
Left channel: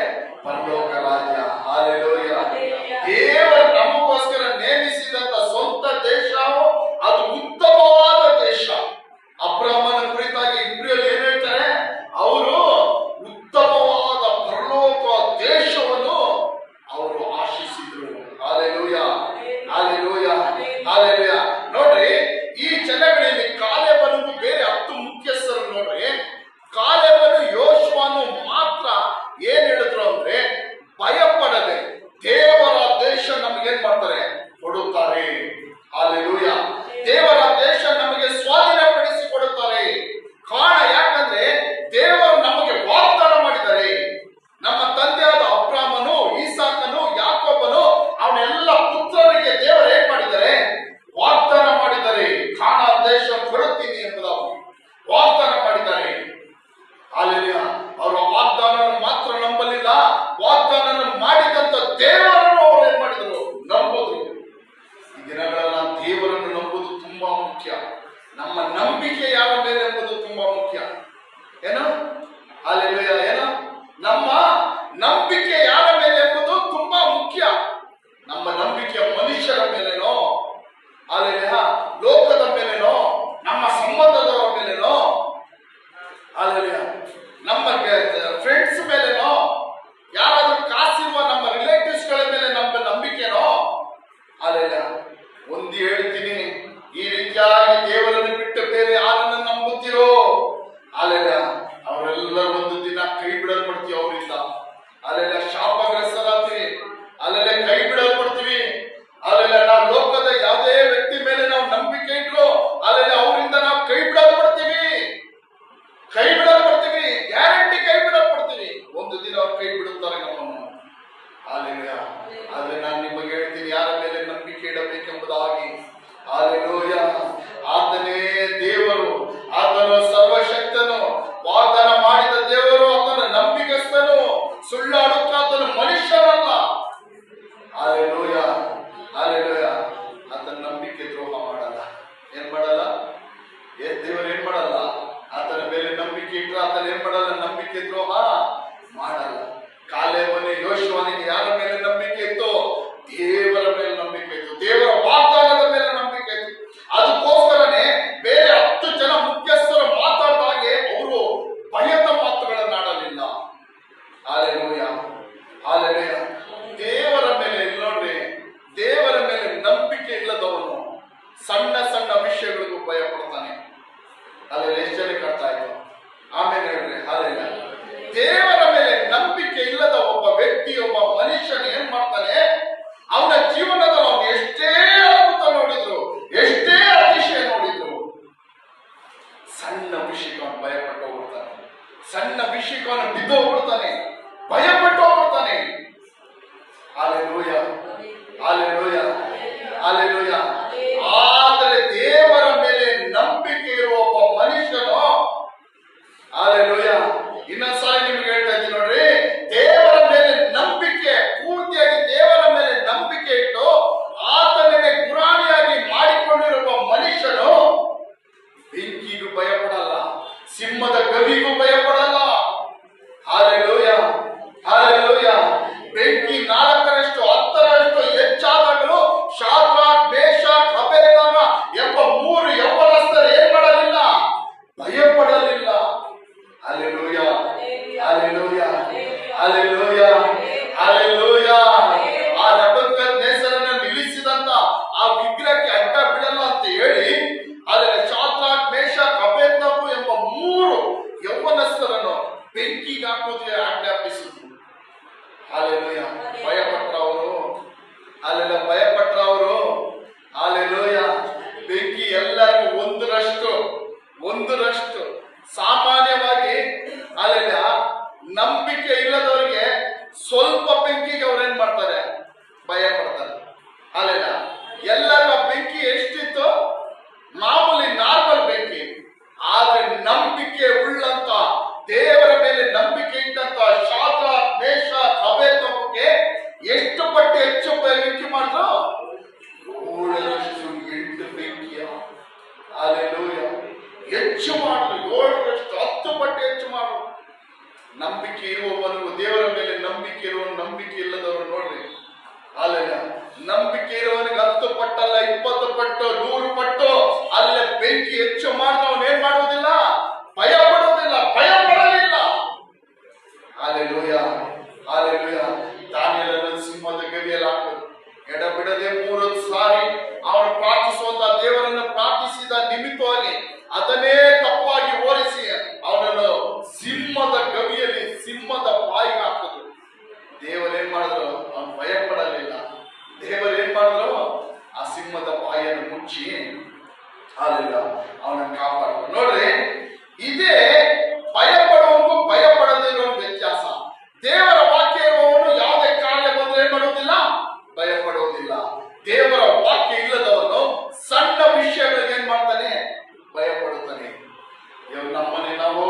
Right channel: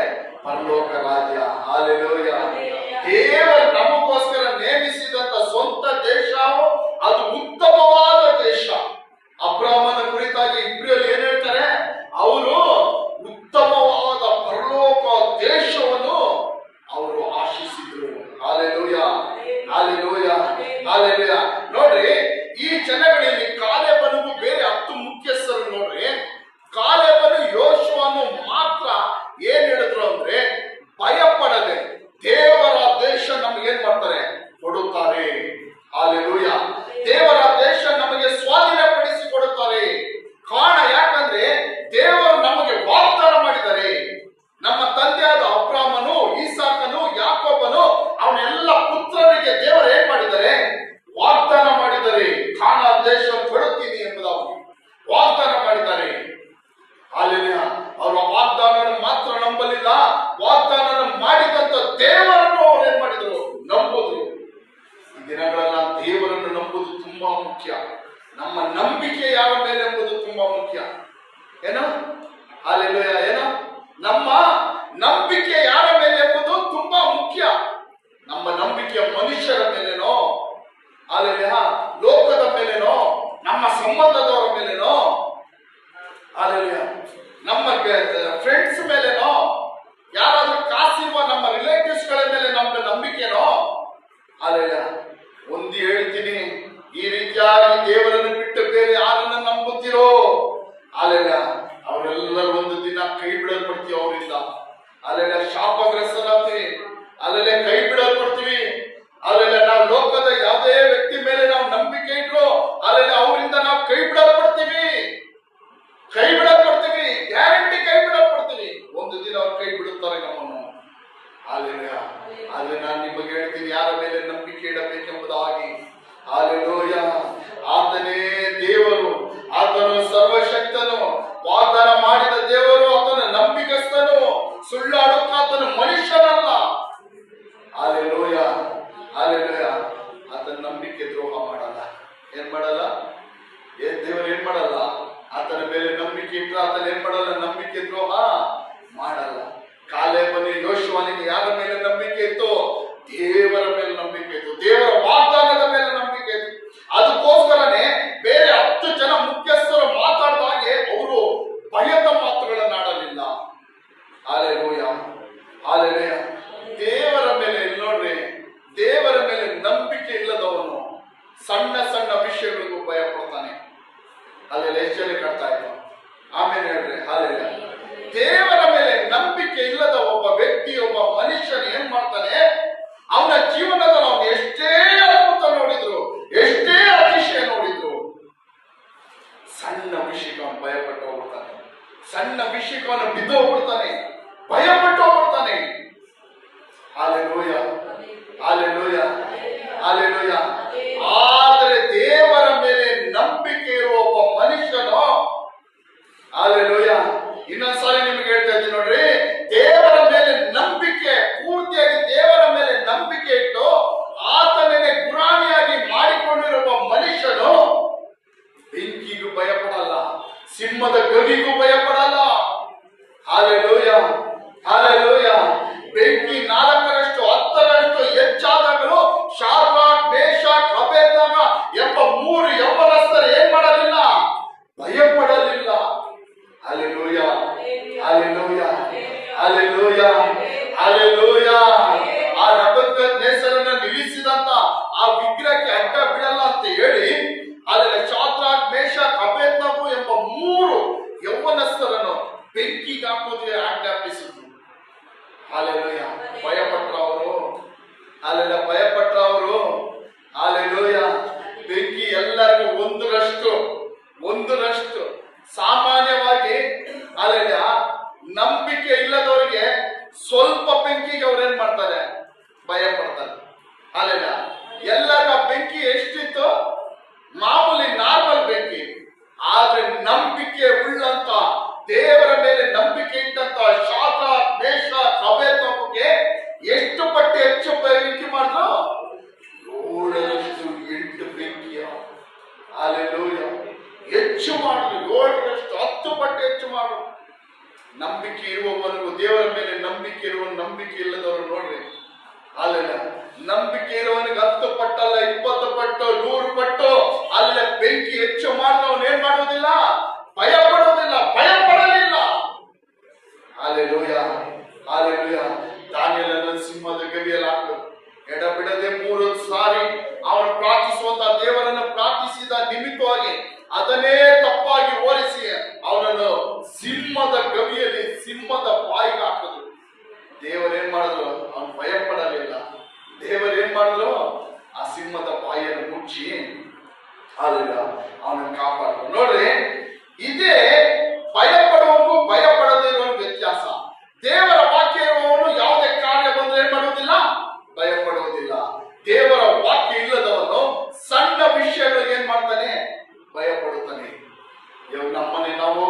ಪರಲೋಕ ರಾಜ್ಯ. ಹಾಲೆಲೂಯ. ದೇವರು ನಮಗೋಸ್ಕರ ನೇಮಿಸಿದಂತ ಸ್ವಂತ ದೇಶವು ಅದು ಉತ್ತಮವಾದ ದೇಶ. ಅಬ್ರಾಹ್ಮನ ಕುರಿತಾಗಿ ಇಬ್ರಿಯಲ್ಲಿ ಏನ್ ಹೇಳ್ತಾರೆ, ಅವರು ಉತ್ತಮವಾದ ಪರಲೋಕ ದೇಶವನ್ನು ಅವರು ಆಶಿಸಿದ್ರು. Hallelujah, hallelujah, hallelujah. ನೋಡ್ರಿ, ಈ ಜನಗಳಲ್ಲಿ ಕಾಲೇಬನಿಗೂ ಬೇರೆ 10 ಮುಖ್ಯಸ್ಥರು ನೋಡ್ರಿ. ಕಾಲೇಬನು ಯೋಶುವನು ಮಾತ್ರ ವಾಗ್ದಾನ ಮಾಡಿದಂತ ದೇವರನ್ನು ಅವರು ಏನ್ ಮಾಡಿದ್ರು? ನಂಬುದು. ಈ ದಿನಗಳೆಲ್ಲ ದೇವರನ್ನು ನಂಬುದು ತುಂಬಾ ಮುಖ್ಯ. ನಮ್ಮ ನಂಬಿಕೆ ಯಾರ ಮೇಲೆ ಎಂಬುದು ತುಂಬಾ ಮುಖ್ಯ. ಏನೋ ಅಲ್ಲೆಲ್ಲೂಯ, ಏನೋ ನಮ್ಮ ನಂಬಿಕೆ ಯಾರ ಮೇಲೆ ಎಂಬುದು ತುಂಬಾ ಮುಖ್ಯ. ನಮ್ಮ ನಂಬಿಕೆ ಮನುಷ್ಯರ ಮೇಲೆನೋ, ಅಲ್ಲೆಲ್ಲ ಲೋಕದ ಮೇಲೆನೋ, ನಮ್ಮ ಸಂಬಂಧದವರ ಮೇಲೆನೋ, ಅಲ್ಲೆಲ್ಲ ನಮ್ಮ ಫ್ರೆಂಡ್ಸ್ ಮೇಲೆನೋ, ಯಾರಾದ್ರೂ ಕಾಸಿರುವ ನಮ್ಮ ರಿಲೇಟಿವ್ಸ್ ಗಳ ಮೇಲೆ ನಮ್ಮ ನಂಬಿಕೆನೋ, ಅಲ್ಲೆಲ್ಲ ಒಂದು ಹೇಳ್ತೀನಿ, ಈ ರೀತಿಯಾಗಿ ದೇವರನ್ನು ಬಿಟ್ಟು ಬೇರೆ ಯಾರನ್ನ ನಂಬುತ್ತೀರೋ ಅಲ್ಲೆಲ್ಲ ಅವರೆಲ್ಲರೂ ಒಂದು ದಿನ ಕೈ ಬಿಡಲ್ಪಡ್ತೀವಿ ಅವರಿಂದ. ಅಲ್ಲೆಲ್ಲ ಶಾಪಗ್ರಸ್ತರಾಗ್ತೀವಿ, ಅಲ್ಲೆಲ್ಲ ಕೈ ಬಿಡಲ್ಪಡ್ತೀವಿ. ಅಲ್ಲೆಲ್ಲ ನಾವು ಲೋಕದ ಯಾವುದೇ ವ್ಯಕ್ತಿ ಮೇಲೆ ನಾವು ನಂಬಿಕೆ ಇಟ್ರು ಅಲ್ಲೆಲ್ಲ ಅವರಿಂದ ನಾವು ಕೈ ಬಿಡಲ್ಪಡ್ತೀವಿ, ಗ್ಯಾರಂಟಿ ಕೈ ಬಿಡಲ್ಪಡ್ತೀವಿ. ಒಂದು ದಿನ ಅವ್ರು ಕೈ ಬಿಡುತ್ತಾರೆ ನಮ್ಮನ್ನು. ಅಲ್ಲೆಲ್ಲ ಆದ್ರೆ ನಾನು ನಿಮಗೆ ಹೇಳ್ತೀನಿ, ಯಾರ ಮೇಲೆ ನಂಬಿಕೆ ಇಡಬೇಕೆಂಬುದಾಗಿ. ಹಾಲೆಲೂಯ. ಆತನೇ ದೇವರು, ಆತನು ಸರ್ವಶಕ್ತನು, ವಾಗ್ದಾನ ಮಾಡಿದ ದೇವರು, ಆತನ ನಂಬಿಕಸ್ಥನು, ಸುಳ್ಳಾಡುತ್ತಾತನು ಮನುಷ್ಯನಲ್ಲ. Hallelujah, hallelujah. ಆತನ ನಂಬಿಕೆ ದ್ರೋಹ ಮಾಡಲ್ಲ. ಏನ್ ಮಾಡಲ್ಲ? ದೇವರು ಏನ್ ಮಾಡಲ್ಲ? ಆತನ ಮೇಲೆ ನಂಬಿಕೆ ಇಟ್ಟರೆ ಆತನ ಏನ್ ಮಾಡಲ್ಲ? ನಂಬಿಕೆ ದ್ರೋಹ ಮಾಡಲ್ಲ. ಕಾಲೇಬನಿಗೆ, ಯೋಶುವನಿಗೆ ಯಾರ ಮೇಲೆ ನಂಬಿಕೆ ಇತ್ತು? ದೇವರ ಮೇಲೆ ನಂಬಿಕೆ ಇತ್ತು, ದೇವರ ವಾಗ್ದಾನದ ಮೇಲೆ ನಂಬಿಕೆ ಇತ್ತು. ಅದಕ್ಕೋಸ್ಕರನೇ ಬೇರೆ 10 ಜನ ಮುಖ್ಯಸ್ಥರು ಮಾತಾಡಿದಾಗೆ ಅವರು ಭಯದ ಮಾತುಗಳನ್ನಾಡಲಿಲ್ಲ. Hallelujah, hallelujah. ದೇವರ ಮೇಲೆ ನೋಡ್ರಿ, ದೇವರ ಮೇಲೆ ನಂಬಿಕೆ ಇಲ್ಲದವನು ಸಣ್ಣ ಸಣ್ಣ ವಿಷಯಗಳಿಗೂ ಭಯ ಪಡ್ತಾನೆ. ಅಲ್ಲೆಲ್ಲ ಎಷ್ಟಲ್ಲಿ ಕಟ್ತಾ ಇತ್ತು. ಆಮೇಲೆ ಹೇಳ್ರಿ, ಹಾಲೆಲ್ಲ ದೇವರ ಮೇಲೆ ನಂಬಿಕೆ ಇಲ್ಲದ ಒಬ್ಬ ವ್ಯಕ್ತಿ, ಒಬ್ಬ ಮನುಷ್ಯನ ಏನ್ ಮಾಡ್ತಾನೆ? ಅವನ ಜೀವನದಲ್ಲಿ ಅವನು ಎಷ್ಟೇ ಅದ್ಭುತ ನೋಡಿದ್ರು, ಎಷ್ಟೇ ಅತಿಶಯ ನೋಡಿದ್ರು, ಸಣ್ಣ ವಿಷಯಕ್ಕೆ ಅವನು ಭಯಪಟ್ಟು ಹೋಗ್ಬಿಡ್ತಾನೆ. ಸಣ್ಣ ವಿಷಯಕ್ಕೆ ಅವನು ಬಿದ್ದು ಹೋಗ್ಬಿಡ್ತಾನೆ, ಭಯಪಟ್ಟು ಹೋಗ್ಬಿಡ್ತಾನೆ. Hallelujah, hallelujah, hallelujah. ಆದರೆ ದೇವರ ಮೇಲೆ ನಂಬಿಕೆ ಇರುವ ಒಬ್ಬ ಮನುಷ್ಯನು, ಹಾಲೆಲೂಯ, ಇನ್ನೊಂದ್ಸಾರಿ ನಿಮ್ಗೆ ಹೇಳ್ತಾ ಇದ್ದೀನಿ ನೋಡ್ರಿ, ದೇವರ ಮೇಲೆ ನಂಬಿಕೆ ಪೂರ್ತಿಯಾಗಿ ದೇವರ ಮೇಲೆ ನಂಬಿಕೆ ಇಟ್ಟು ಆತನೇ ಗುರಾಣಿಯಾಗಿ ಮಾಡಿಕೊಂಡಿರುವ ಮನುಷ್ಯನು ಬೆಂಕಿಗೂ ಭಯಪಡಲ್ಲ, ಸಿಂಹದ ಗವಿಗೂ ಭಯಪಡಲ್ಲ. Hallelujah, hallelujah. ಬೆಂಕಿ 4ರಷ್ಟು 10ರಷ್ಟು ಹೆಚ್ಚಾದಾಗಲೂ ಶಾದ್ರಾಕ್, ಮೇಷಕ್, ಅಬೇದ್ನೆಗೋ ಎಂಬ 3 ಯೌವನಸ್ಥರು ಏನ್ ಮಾಡಲಿಲ್ಲ? ಭಯಪಡಲಿಲ್ಲ. Hallelujah, hallelujah, hallelujah, hallelujah. ಆ ನೆಬೂಕದ್ನೆಚ್ಚರನನ್ನು ನಿಲ್ಲಿಸಿದಂತ ಆ ವಿಗ್ರಹಕ್ಕೆ ಅಡ್ಡ ಬಿಡಲ್ಲ ಅಂತ ಹೇಳಿ ಅಲ್ಲಿ ಶಾದ್ರಾಕ್, ಮೇಷಕ್, ಅಬೇದ್ನೆಗೋ ಎಂಬ 3 ಯೌವನಸ್ಥರನ್ನು ಬೆಂಕಿಗೆ ಹಾಕುವುದಕ್ಕೆ ಆಜ್ಞಾಪಿಸಿದ್ರು. ಹಾಲೆಲೂಯ. ಭಯಪಟ್ರ ಅವರು, ಅಲ್ಲೆಲ್ಲ ಭಯಪಟ್ರ ಅವರು. ಹಾಲೆಲೂಯ. ಬೆಂಕಿ ಎಲ್ಲರಿಗೂ ಒಂದರಷ್ಟು ಸಾಮಾನ್ಯವಾಗಿ ಅಲ್ಲೆಲ್ಲ ನಂಬಿಕೆ ಇಲ್ಲದವರಿಗೆ ಸ್ವಲ್ಪ ಬೆಂಕಿಗೆ ಅವ್ರೇನ್ ಮಾಡ್ತಾರೆ? ಭಯ ಪಡ್ತಾರೆ. ಅಲ್ಲೆಲ್ಲ ಎಲ್ಲರಿಗೂ ಬೆಂಕಿ ಎಷ್ಟಿತ್ತು? ಮಾಮೂಲಿ ನಾರ್ಮಲ್ ಬೆಂಕಿ. ಆದ್ರೆ ನಂಬಿಕೆ ಉಳ್ಳಂತ, ದೇವರ ಮೇಲೆ ನಂಬಿಕೆ ಇಟ್ಟಂತ ಶಾದ್ರಾಕ್, ಮೇಷಕ್, ಅಬೇದ್ನೆಗೋಗೆ ಎಷ್ಟು ಪಟ್ಟು ಹೆಚ್ಚು ಬೆಂಕಿ ಮಾಡಿದ್ರು? 7ರಷ್ಟು 8 ಬೆಂಕಿಯ. ಹಾಲೆಲೂಯ. ಹೆಚ್ಚು ಮಾಡಿದ್ರು, 7ರಷ್ಟು 10 ಪಟ್ಟು ಹೆಚ್ಚು ಮಾಡಿದ್ರು. ನಂಬಿಕೆ ಇರುವವನಿಗೂ, ದೇವರ ಮೇಲೆ ನಂಬಿಕೆ ಇರುವವನು, ನಂಬಿಕೆ ಇಲ್ಲದವರು ನೋಡ್ರಿ. ಅಲ್ಲೆಲ್ಲ ನಂಬಿಕೆ ಇರುವವನಿಗೆ 10 ಪಟ್ಟಲ್ಲ, 20 ಪಟ್ಟು, 100 ಪಟ್ಟು ಅಲ್ಲೇ ಬೆಂಕಿ ಹೆಚ್ಚು ಮಾಡಿದವನು ಏನ್ ಮಾಡುವುದಿಲ್ಲ? ಭಯ ಪಡುವುದಿಲ್ಲ, ಭಯ ಪಡಲಿಲ್ಲ. Hallelujah, hallelujah. ದಾನಿಯೇಲನನ್ನು ಸಿಂಹದ ಗವಿಯಲ್ಲಿ ಹಾಕಿದ್ರು. ಎಡಬಿಡದೆ 3 ಸಾರಿ ಅವನು ಪ್ರಾರ್ಥಿಸುವಂತ ದೇವರನ್ನು ಪ್ರಾರ್ಥಿಸಿದ ನಿಮಿತ್ತವಾಗಿ ಅದನ್ನೇ ತಪ್ಪಾಗಿ ಓರಿಸಿ ಅವನನ್ನು ಸಿಂಹದ ಗವಿಯಲ್ಲಿ, ಸಿಂಹದ ಬಾಯಿಗೆ ಹಾಕಿದ್ರು. ದೇವರೇನ್ ಮಾಡಿದ್ರು? ಅವನು ಭಯ ಪಡಲಿಲ್ಲ. ದೇವರೇನ್ ಮಾಡಿದ್ರು? ಆ ಸಿಂಹದ ಬಾಯಿಯನ್ನು ಮುಚ್ಚಿ ಅಲ್ಲ ಅವನನ್ನು ಕಾಪಾಡಿದ್ರು. ನೋಡ್ರಿ, ಇದೇ ಭಯ ಪಡುವವನು ಭಯ ಪಡದೇ ಇರುವವನು ವ್ಯತ್ಯಾಸ. ದೇವರ ವಾಕ್ಯ ಇರುವವನು ಯಾವುದೇ ಕಾರ್ಯ ಬಂದ್ರೆ ಏನ್ ಮಾಡುವುದಿಲ್ಲ? ಭಯ ಪಡುವುದಿಲ್ಲ. ದೇವರ ವಾಕ್ಯ ಇಲ್ಲದವನು ಸಣ್ಣ ವಿಷಯಗಳಿಗೆ ಏನ್ ಮಾಡ್ತಾನೆ? ಭಯ ಪಡುತ್ತಾನೆ. ನಮ್ಮನೆ ನಾವು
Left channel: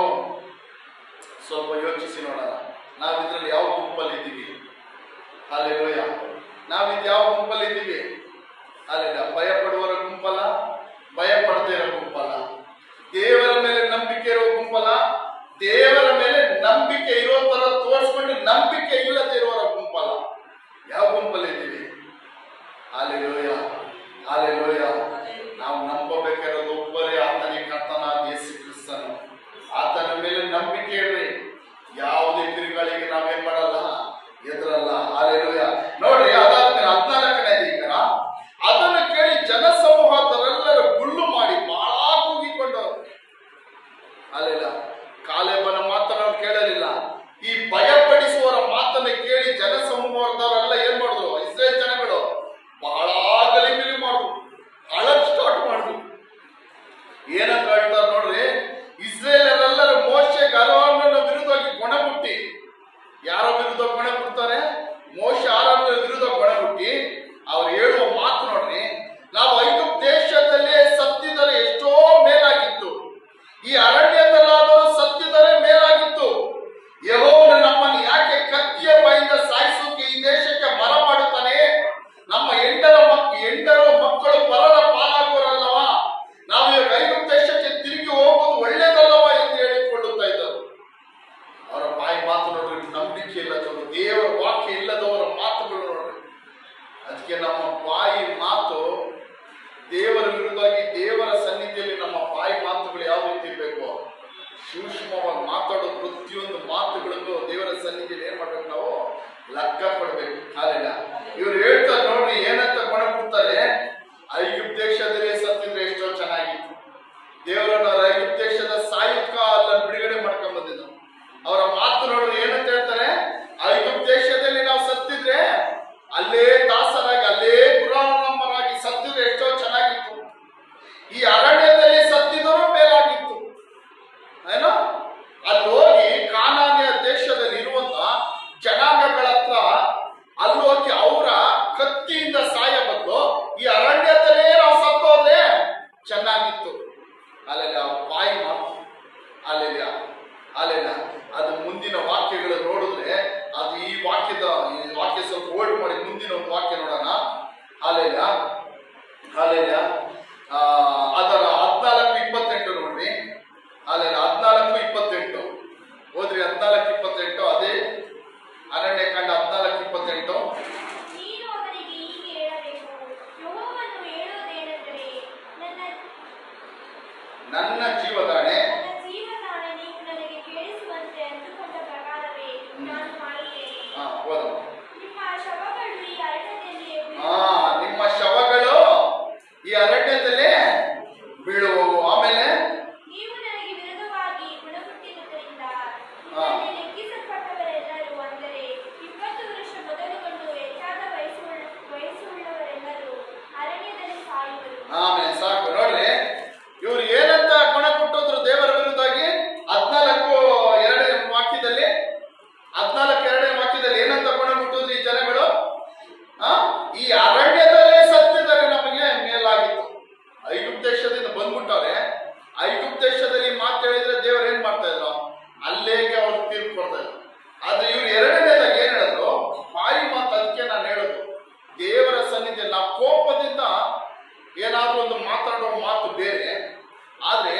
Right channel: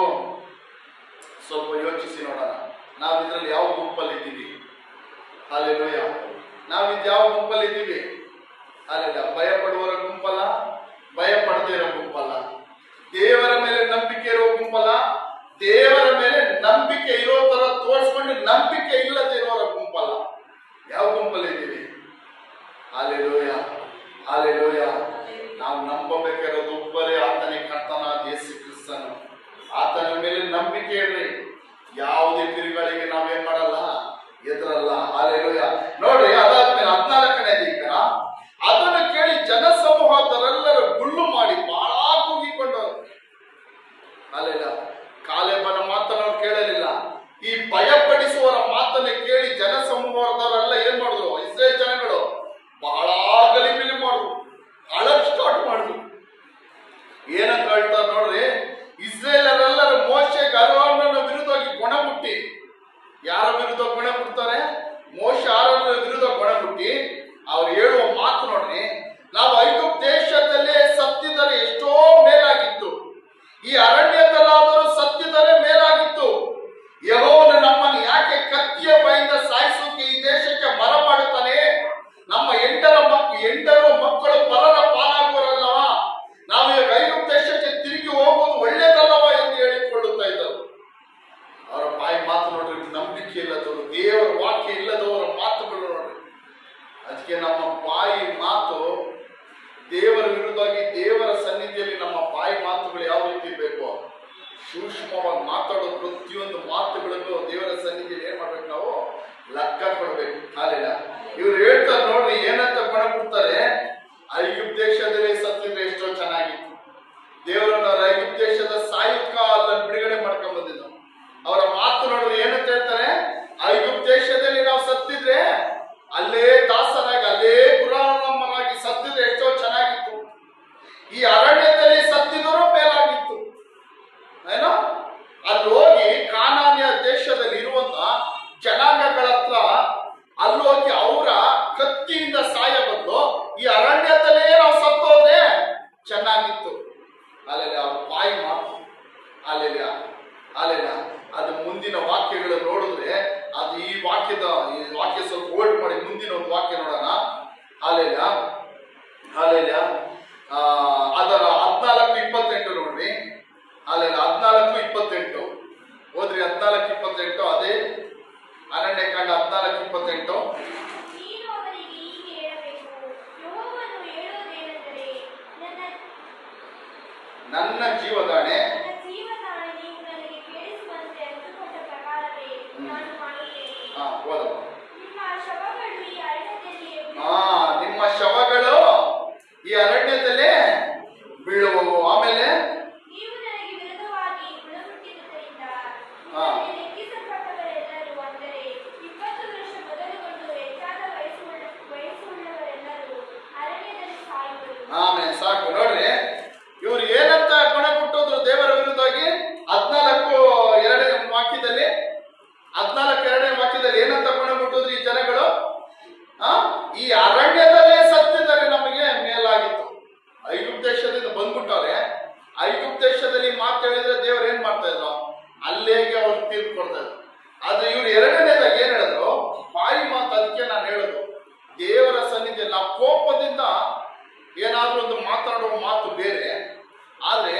ಸ್ವಲ್ಪ ಯೋಚಿಸಿ ನೋಡೋಣ. ನಾವು ಇದ್ರಲ್ಲಿ ಯಾವ ಗುಂಪಲ್ಲಿ ಇದ್ದೀವಿ? ಹಾಲೆಲೂಯ. ನಾವು ಇದ್ಯಾವ ಗುಂಪಲ್ಲಿ ಇದ್ದೀವಿ? ಅಲ್ಲೆಲ್ಲ ಭಯ ಪಡುವವರ ಗುಂಪಲ್ಲ, ಭಯ ಪಡದೇ ಇರೋ ಗುಂಪಲ್ಲ. ದೇವರ ಮೇಲೆ ನಂಬಿಕೆ ಇರೋ ಗುಂಪಲ್ಲ, ದೇವರ ಮೇಲೆ ನಂಬಿಕೆ ಇರೋ ತರ ತೋರಿಸ್ಕೊಂಡು ನಂಬಿಕೆ ಇಲ್ಲದೆ ಇರೋರ ಗುಂಪಲ್ಲ. ಯಾವ ಗುಂಪಲ್ಲಿ ಇದ್ದೀವಿ? Hallelujah, hallelujah. ನಾವು ನಂಬಬೇಕಾಗಿರೋದು ಒಬ್ಬರೇ, ಆತನೇ ಕರ್ತನಾದ ಯೇಸು ಕ್ರಿಸ್ತನು. ಆತನ ಮೇಲೆ ನಂಬಿಕೆ ಇಡ್ರಿ. ಯಾವುದೇ ತಿರುಗಳಿಗೆ ನಾವೇನ್ ಮಾಡಲ್ಲ, ಎದುರಲ್ಲ. ಹಾಲೆಲೂಯ. ನೋಡ್ರಿ, ಅದಾದ್ಮೇಲೆ 14ನೇ ಈಗ ಅದನ್ನು ಕೇಳಿ ಜನಸಮೂಹದರೆಲ್ಲರೂ ಗುಳ್ಳು ಮಾಡಿ ಬಹಳ ಕೂಗಿಕೊಂಡು. ಅಲ್ಲೆಲ್ಲ ಕಾಲೇಬನ ಮಾತನ್ನು ಅವ್ರು ಕೇಳಲಿಲ್ಲ. ಈ ಭಯಪಡಿಸುವವರ ಮಾತನ್ನು ಕೇಳಿ ಜನಸಮೂಹದವರೆಲ್ಲ ಏನ್ ಮಾಡಿದ್ರು? ಇಸ್ರೇಲ್ ಜನಗಳು ಬಹಳ ಗಲಿಬಿಲಿ ಮಾಡಿದ್ರು, ಅಳಕ್ ಸ್ಟಾರ್ಟ್ ಮಾಡಿದ್ರು. ಏನಂತ ಹೇಳ್ತಾರೆ ನೋಡ್ರಿ, ಇಸ್ರೇಲರೆಲ್ಲರೂ ಮೋಶೆಗೆ ಅರೋನನ ವಿರುದ್ಧವಾಗಿ ಗೊಣಗುಟ್ಟಿ. ಯಾರ ವಿರುದ್ಧ ಗೊಣಗುಡ್ತಾರೆ? ಮೋಶೆ ಅರೋನನ ವಿರುದ್ಧ ಗೊಣಗುಟ್ಟಿ ಅವ್ರು ಹೇಳುವ ಮಾತು ನೋಡ್ರಿ, ನಾವು ಐಗುಪ್ತ ದೇಶದಲ್ಲೇ ಸತ್ತಿದರೆ ಎಷ್ಟೋ ಮೇಲಾಗಿತ್ತು, ಈ ಅರಣ್ಯದಲ್ಲಾದರೂ ಸತ್ತಿದರೆ ಮೇಲಾಗಿತ್ತು. ಯೆಹೋವನು ನಮ್ಮನ್ನು ಯಾಕೆ ಕತ್ತಿಯ ಬಾಯಿಂದ ಸಾಯಿಸೋಕೆ ಈ ದೇಶಕ್ಕೆ ಮರ ಮಾಡುತ್ತಾನೆ? ನಮ್ಮ ಎಂಟರ ಮಕ್ಕಳು ಪರರ ಪಾಲಾಗುವರಲ್ಲವಾ? ನಾವು ಈ ಐಗುಪ್ತ ದೇಶಕ್ಕೆ ತಿರುಗಿ ಹೋಗುವುದು ಒಳ್ಳೇದಲ್ಲವಾ ಎಂದು ಹೇಳಿಕೊಳ್ಳುತ್ತಾ ಇದ್ದರು. ಅವರ ಬಾಯಿ ಮಾತು ನೋಡ್ರಿ, ನಂಬಿಕೆ ಇಲ್ಲದವರು, ದೇವರ ವಾಕ್ಯ ಇಲ್ಲದವರ ಮಾತುಗಳು ನೋಡ್ರಿ. ಅದಕ್ಕೆ ನಮ್ಮ ಬಾಯಿ ಮಾತು ದೇವರ ವಿರುದ್ಧವಾಗಿ, ದೇವರ ಸನ್ನಿಧಿಯಲ್ಲಿ ನಮ್ಮ ಬಾಯಿ ಮಾತುಗಳು ಯಾವ ರೀತಿ ಬೇಕು? ಸೂಕ್ಷ್ಮವಾಗಿ ಮಾತಾಡೋ ಪ್ರತಿಯೊಂದು ಮಾತುಗಳಿಗೂ ದೇವರ ಸನ್ನಿಧಿಯಲ್ಲಿ ಏನ್ ಮಾಡ್ಬೇಕು? ನಾವು ಲೆಕ್ಕ ಕೊಡ್ಬೇಕು. ಹಾಲೆಲ್ಲ ಇವ್ರು ಹೇಳ್ತಾರೆ ನೋಡ್ರಿ, ಏನಂತ ಕೊಡ್ತಾರೆ? ಐಗುಪ್ತ ದೇಶದಲ್ಲಿ ಸತ್ತಿದ್ರೆ ಎಷ್ಟೋ ಚೆನ್ನಾಗಿತ್ತು. ದೇವರನ್ನ ಐಗುಪ್ತ ದೇಶದ ಸಾಯುಕ ಅದನ್ನು ಬಿಡುಗಡೆ ಮಾಡ್ಕೊಂಡ್ ಬಂದಿದ್ದು. ಅವರ ಮಾತು ನೋಡ್ರಿ, ಏನಂತ ಹೇಳ್ತಾರೆ? ಐಗುಪ್ತ ದೇಶದಲ್ಲಿ ನಾವು ಸತ್ತಿದ್ರೆ, ಅಲ್ಲೇ ದಾಸರಾಗಿ, ಅಲ್ಲೇ ಗುಲಾಮರಾಗಿ ಸತ್ತಿದ್ರೆ ಎಷ್ಟೋ ಚೆನ್ನಾಗಿತ್ತು. ಈ ಅರಣ್ಯದಲ್ಲಿ ಸತ್ತಿದರೂ ಮೇಲಾಗಿತ್ತು. ಏನೋ ಅಲ್ಲಿ ಹೋಗಿ ಕಾನಾನ್ಯ ದೇಶದಲ್ಲಿ ಇರುವಂತ ಜನಾಂಗಗಳ ಹತ್ರ ಅಲ್ಲಿ ಹೋಗಿ ಅವರ ಕತ್ತಿಯಿಂದ ಸಾಯ ಬದಲು ಈ ಅರಣ್ಯದಲ್ಲೇ ನಾವು ಸತ್ತೋದ್ರೆ ಚೆನ್ನಾಗಿತ್ತು. ಅಲ್ಲೆಲ್ಲ ಅವ್ರ ಬಾಯಿ ಮಾತು. ಅಲ್ಲೆಲ್ಲ ಅಲ್ಲೆಲ್ಲ ಅದು ಮುಂದಿನ ವಾಕ್ಯಗಳು ನೋಡಿದ್ರೆ, ಅದು ಈ ವಾಕ್ಯ ಸ್ವಲ್ಪ ಹೋಲ್ಡ್ ಮಾಡಿ ಮುಂದಿನ ಒಂದು ವಾಕ್ಯ ನೋಡೋಣ. ಅಲ್ಲೆಲ್ಲ ಅಲ್ಲೆಲ್ಲ ಅದರ 14:28 ನೋಡ್ರಿ. ಅಲ್ಲೆಲ್ಲ 14:28 ಹೋದ್ರಿ. 14:28 ಅದೇ ಅರಣ್ಯಕಾಂಡ 14:28. ನನ್ನ ಜೀವದಾಣೆ ನಿಮ್ಮ ಶವಗಳು ಈ ಅರಣ್ಯದಲ್ಲಿ ಬೀಳುವವು. ಆಮೇಲೆ ಆಮೇಲೆ ಸಾಕು ನೋಡ್ರಿ, ಇವ್ರು ಏನಂತ ಗುಣ ಕೊಟ್ಟೋದ್ರು ದೇವರ ವಿರುದ್ಧವಾಗಿ? 14:2 ವಾಕ್ಯದಲ್ಲಿ 14:2 ವಾಕ್ಯದಲ್ಲಿ ಏನಂತ ಗುಣ ಕೊಟ್ಟೋದ್ರು ಈ ಜನಗಳು? ಈ ಅರಣ್ಯದಲ್ಲೇ ಸತ್ತಿದರೆ ನಮಗೆ ಮೇಲಾಗಿತ್ತು. ಐಗುಪ್ತ ದೇಶದಿಂದ ಬಂದ್ಬಿಟ್ಟವ್ರೆ. ಐಗುಪ್ತ ದೇಶದಲ್ಲಿ ಮಾತು ಹೇಳಿದ್ರೆ ದೇವ್ರು ಏನ್ ಮಾಡ್ತಾ ಇದ್ರು? ಅಲ್ಲೇಗೆ ಅವ್ರು ತೀರ್ಪು ಕೊಡ್ತಾ ಇದ್ರು. ಆದ್ರೆ ಇವ್ರು 2ನೇದಾಗ ಏನ್ ಹೇಳಿದ್ರು? ಬಾಯಿ ಮಾತು. ಅದಕ್ಕೆ ನಾನು ಹೇಳೋದು, ದೇವರ ಸನ್ನಿಧಿಯಲ್ಲಿ ನಾವು ಕೋಪದಿಂದ ಏನಾದ್ರೂ ಒಂದು ಮಾತಾಡುವ ಮಾತು ಬೇರೆ, ಆದ್ರೆ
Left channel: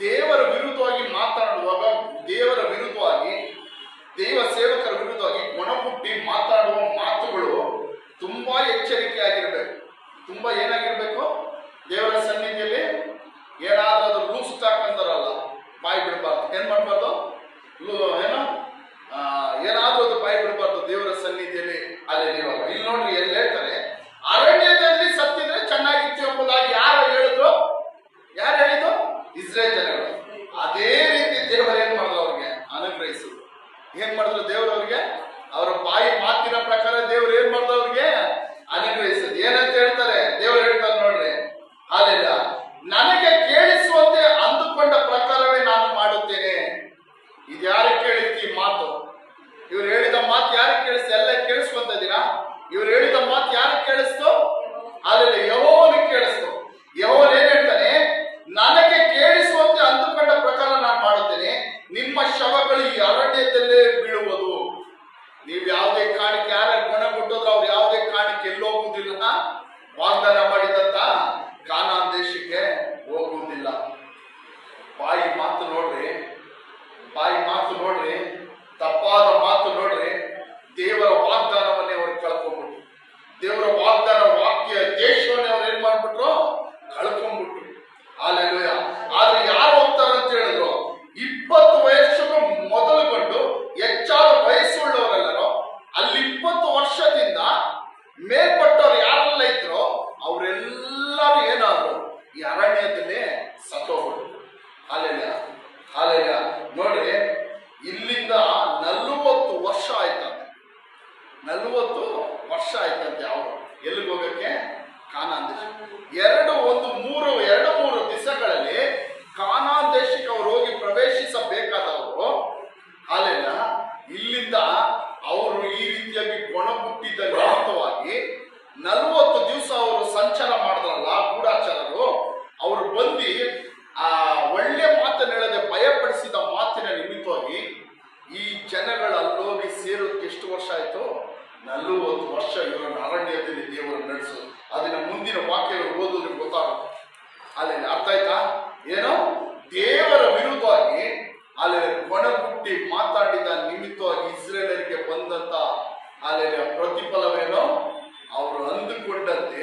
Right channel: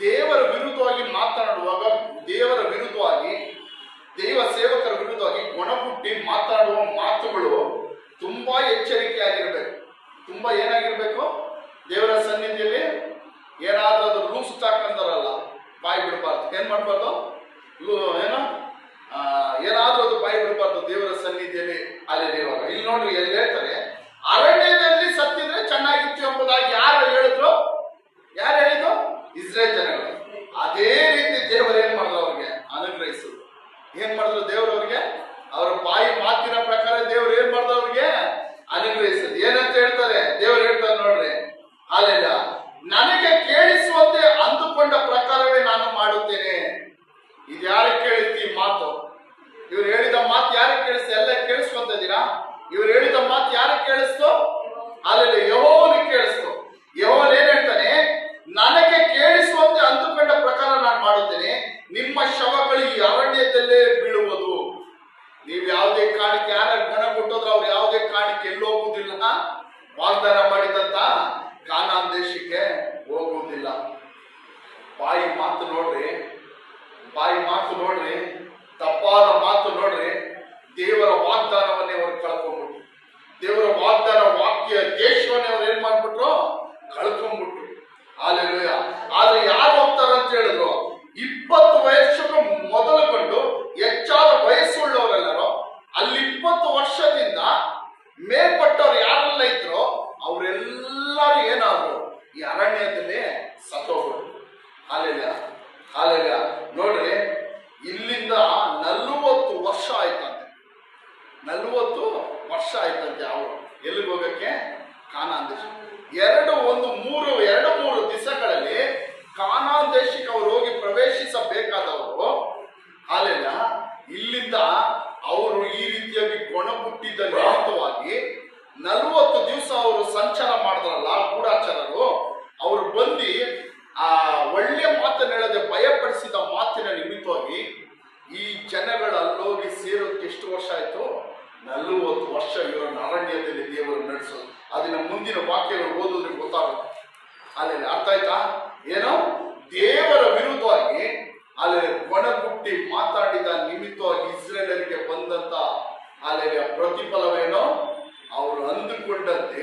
ದೇವರ ವಿರುದ್ಧವಾಗಿ ಮಾತನಾಡುವಾಗ, ದೇವರ ವಿರುದ್ಧವಾಗಿ, ದೈವ ಸೇವಕರ ವಿರುದ್ಧವಾಗಿ ಗುಣಪುಟ್ಟಿ ಮಾತಾಡುವ ಮಾತುಗಳು ತುಂಬಾ ಎಚ್ಚರಿಕೆ ಆಗಿರ್ಬೇಕು. ತುಂಬಾ ಏನಾಗಿರ್ಬೇಕು? ದೇವರ ಸನ್ನಿಧಿಯಲ್ಲಿ ಏನಾದ್ರೂ ಅದು ಲೂಸ್ ಸ್ಟಾಕ್ ಅಂತಾರಲ್ಲ, ಬಾಯಿ ಬಿಡಬಾರ್ದು. ಏನ್ ಮಾಡ್ಬಾರ್ದು? ಏನೋ ಏನಾದ್ರೂ ಅದು ಬಾಯಿ ಬಿಡಬಾರ್ದು ದೇವರ ಸನ್ನಿಧಿಯಲ್ಲಿ. ಅಲ್ಲಿ ಇರುವಾಗ ಇಲ್ಲಿ ನೋಡ್ರಿ, ಎಲ್ಲಿ ಹೇಳ್ತಾರೆ? ಅರಣ್ಯದಲ್ಲಿ ಸತ್ತಿದ್ರೆ ಚೆನ್ನಾಗಿತ್ತು ಎಂಬುದಾಗಿ ಯಾರು ಹೇಳಿದ್ರು? ಯಾರು ಹೇಳಿದ್ರು? ಇಸ್ರೇಲ್ ಜನಗಳು. ಅದೇ ರೀತಿ ದೇವರು ಏನ್ ಮಾಡಿದ್ರು? ಅವ್ರಿಗೆ ಅನುಗ್ರಹಿಸಿದ್ರು. ಏನ್ ಮಾಡಿದ್ರು ದೇವರವ್ರಿಗೆ? ಅವರ ಬಾಯಿ ಮಾತಿನ ಪ್ರಕಾರ ದೇವ್ರು ಏನ್ ಮಾಡಿದ್ರು? ಅವ್ರಿಗೆ ಅನುಗ್ರಹಿಸಿದ್ರು. ಏನಂತ ಹೇಳ್ತಾರೆ? ದೇವರು ಹೇಳ್ತಾರೆ ನೋಡ್ರಿ, ಅಲ್ಲೆಲ್ಲ ನನಗೆ ಕೇಳಿಸುವಂತೆ ಅಂದುಕೊಂಡ ಪ್ರಕಾರವೇ ನಾನು ಮಾಡುತ್ತೇನೆ. ಇದು ಯಾರಿಗೆ ಕೇಳಿಸ್ತಿ ಈ ಮಾತು? ಇವ್ರು ಹೇಳಿದ ಮಾತು ಯಾರಿಗೆ ಕೇಳಿಸ್ತು? ಎಲ್ಲ ಕೇಳಿಸುವಂತದ್ದೀರಾ? ಇವ್ರು ಹೇಳಿದ ಮಾತು ಯಾರಿಗೆ ಕೇಳಿಸ್ತು? ಅಲ್ಲೆಲ್ಲ ಯೆಹೋವನಿಗೆ ಕೇಳಿಸ್ತು. ಯೆಹೋವನು ಏನ್ ಹೇಳ್ತಾನೆ? ನನಗೆ ಕೇಳಿಸುವಂತೆ ಅಂದುಕೊಂಡ ಪ್ರಕಾರ ನಾನು ಮಾಡುತ್ತೇನೆ, ನಿಮ್ಮ ಶವಗಳು ಈ ಅರಣ್ಯದಲ್ಲೇ ಬೀಳುವುದು. ನೀವು ಯಾವುದೇ ಕಾರಣಕ್ಕೆ ಯಾರ ಗುಣ ವಾಗ್ದಾನ ಮಾಡಿದಂತ ಕಾನಾನ್ ದೇಶಕ್ಕೆ ಹೋಗುವುದಿಲ್ಲ. ಬಾಯಿ ಮಾತು ನೋಡ್ರಿ, ತಪ್ಪಾದ ಮಾತು ನೋಡ್ರಿ, ದೇವರ ವಾಗ್ದಾನವನ್ನೇ ಅವ್ರು ಕಳ್ಕೊಂಡ್ಬಿಟ್ರು. ದೇವರ ವಾಗ್ದಾನ ವಾಕ್ಯ ದೇಶವನ್ನೇ ಅವ್ರು ಏನ್ ಮಾಡ್ಬಿಟ್ರು? ಕಳ್ಕೊಂಡ್ಬಿಟ್ರು. ಹಾಲೆಲೂಯ. ಆದ್ರೆ ಯಾರು ಹೋಗ್ತಾರ ಅಂತ ಹೇಳಿದ್ರು? 20 ವಯಸ್ಸಿಗೂ ಮೊದಲುಗೊಂಡು ಹೆಚ್ಚಾದ ವಯಸ್ಸುಳ್ಳವರೆಲ್ಲರೂ, ಅಲ್ಲಿ 20 ವರ್ಷದಿಂದ ಮೇಲ್ಪಟ್ಟವ್ರು ಯಾರೆಲ್ಲ ಇದ್ರು ಅವರೆಲ್ಲರೂ ಏನಾದ್ರು ಈ ಅರಣ್ಯದಲ್ಲಿ ಸತ್ತೋಗ್ಬಿಟ್ರು. ಹಾಲೆಲೂಯ. ನೋಡ್ರಿ, ಇಲ್ಲಿಂದ 40 ವರ್ಷ ಆಯ್ತಂತೆ. 40 ವರ್ಷ ಆಯ್ತಂತೆ ಅವರು ಎಲ್ಲಿಗೆ ಹೋಗಕ್ಕೆ? ಕಾನಾನ್ ದೇಶ. 2-3 ದಿವಸಗಳಲ್ಲಿ ಕಾನಾನ್ ದೇಶಕ್ಕೆ ಅವರು ಹೋಗಿ ಪ್ರವೇಶಿಸಬೇಕಾದವರು. ಹಾಲೆಲ್ಲ ಇಲ್ಲಿಂದ ಅವರು ಈ ರೀತಿಯಾಗಿ ಗೊಣಗುಟ್ಟಿದ್ದ ನಿಮಿತ್ತವಾಗಿ 40 ದಿವಸ ಅವರು ಸಂಚಾರ ಮಾಡಿದ್ರಲ್ಲ ಗೂಢಾಚಾರರು, ಅವರು ಬಂದು ಆ ಒಳ್ಳೆ ಮಾತನ್ನು ಹೇಳದೆ ಭಯಪಡಿಸಿದ ಮಾತಿನ ನಿಮಿತ್ತವಾಗಿ ಈ ಜನಗಳು ಅಲ್ಲೋಗಿ ಸೇರೋದಕ್ಕೆ ಎಷ್ಟು ವರ್ಷ ಆಯ್ತು? 40 ವರ್ಷ ಇವರನ್ನು ಅರಣ್ಯದಲ್ಲಿ ದೇವರು ನಡೆಸೋದು. ಅದನ್ನ ಮುಂದಿನ ವಾಕ್ಯಗಳು ಓದಿದ್ರೆ ಗೊತ್ತಾಗುತ್ತೆ. ಅಲ್ಲಿ ಅರ್ಥ ಆಯ್ತಾ? ಏನೋ ದೇವರ ವಿರುದ್ಧವಾಗಿ ಅಲ್ಲಿ ಗೊಣಗುಟ್ಟಿ ಮಾತಾಡಿದ ನಿಮಿತ್ತವಾಗಿ ಇಸ್ರೇಲರಿಗೆ ಬಂದಂತ ಅಲ್ಲಿ ಪ್ರತಿಫಲವೇನೋ ಅವರು ಅಂದುಕೊಂಡಂತೆ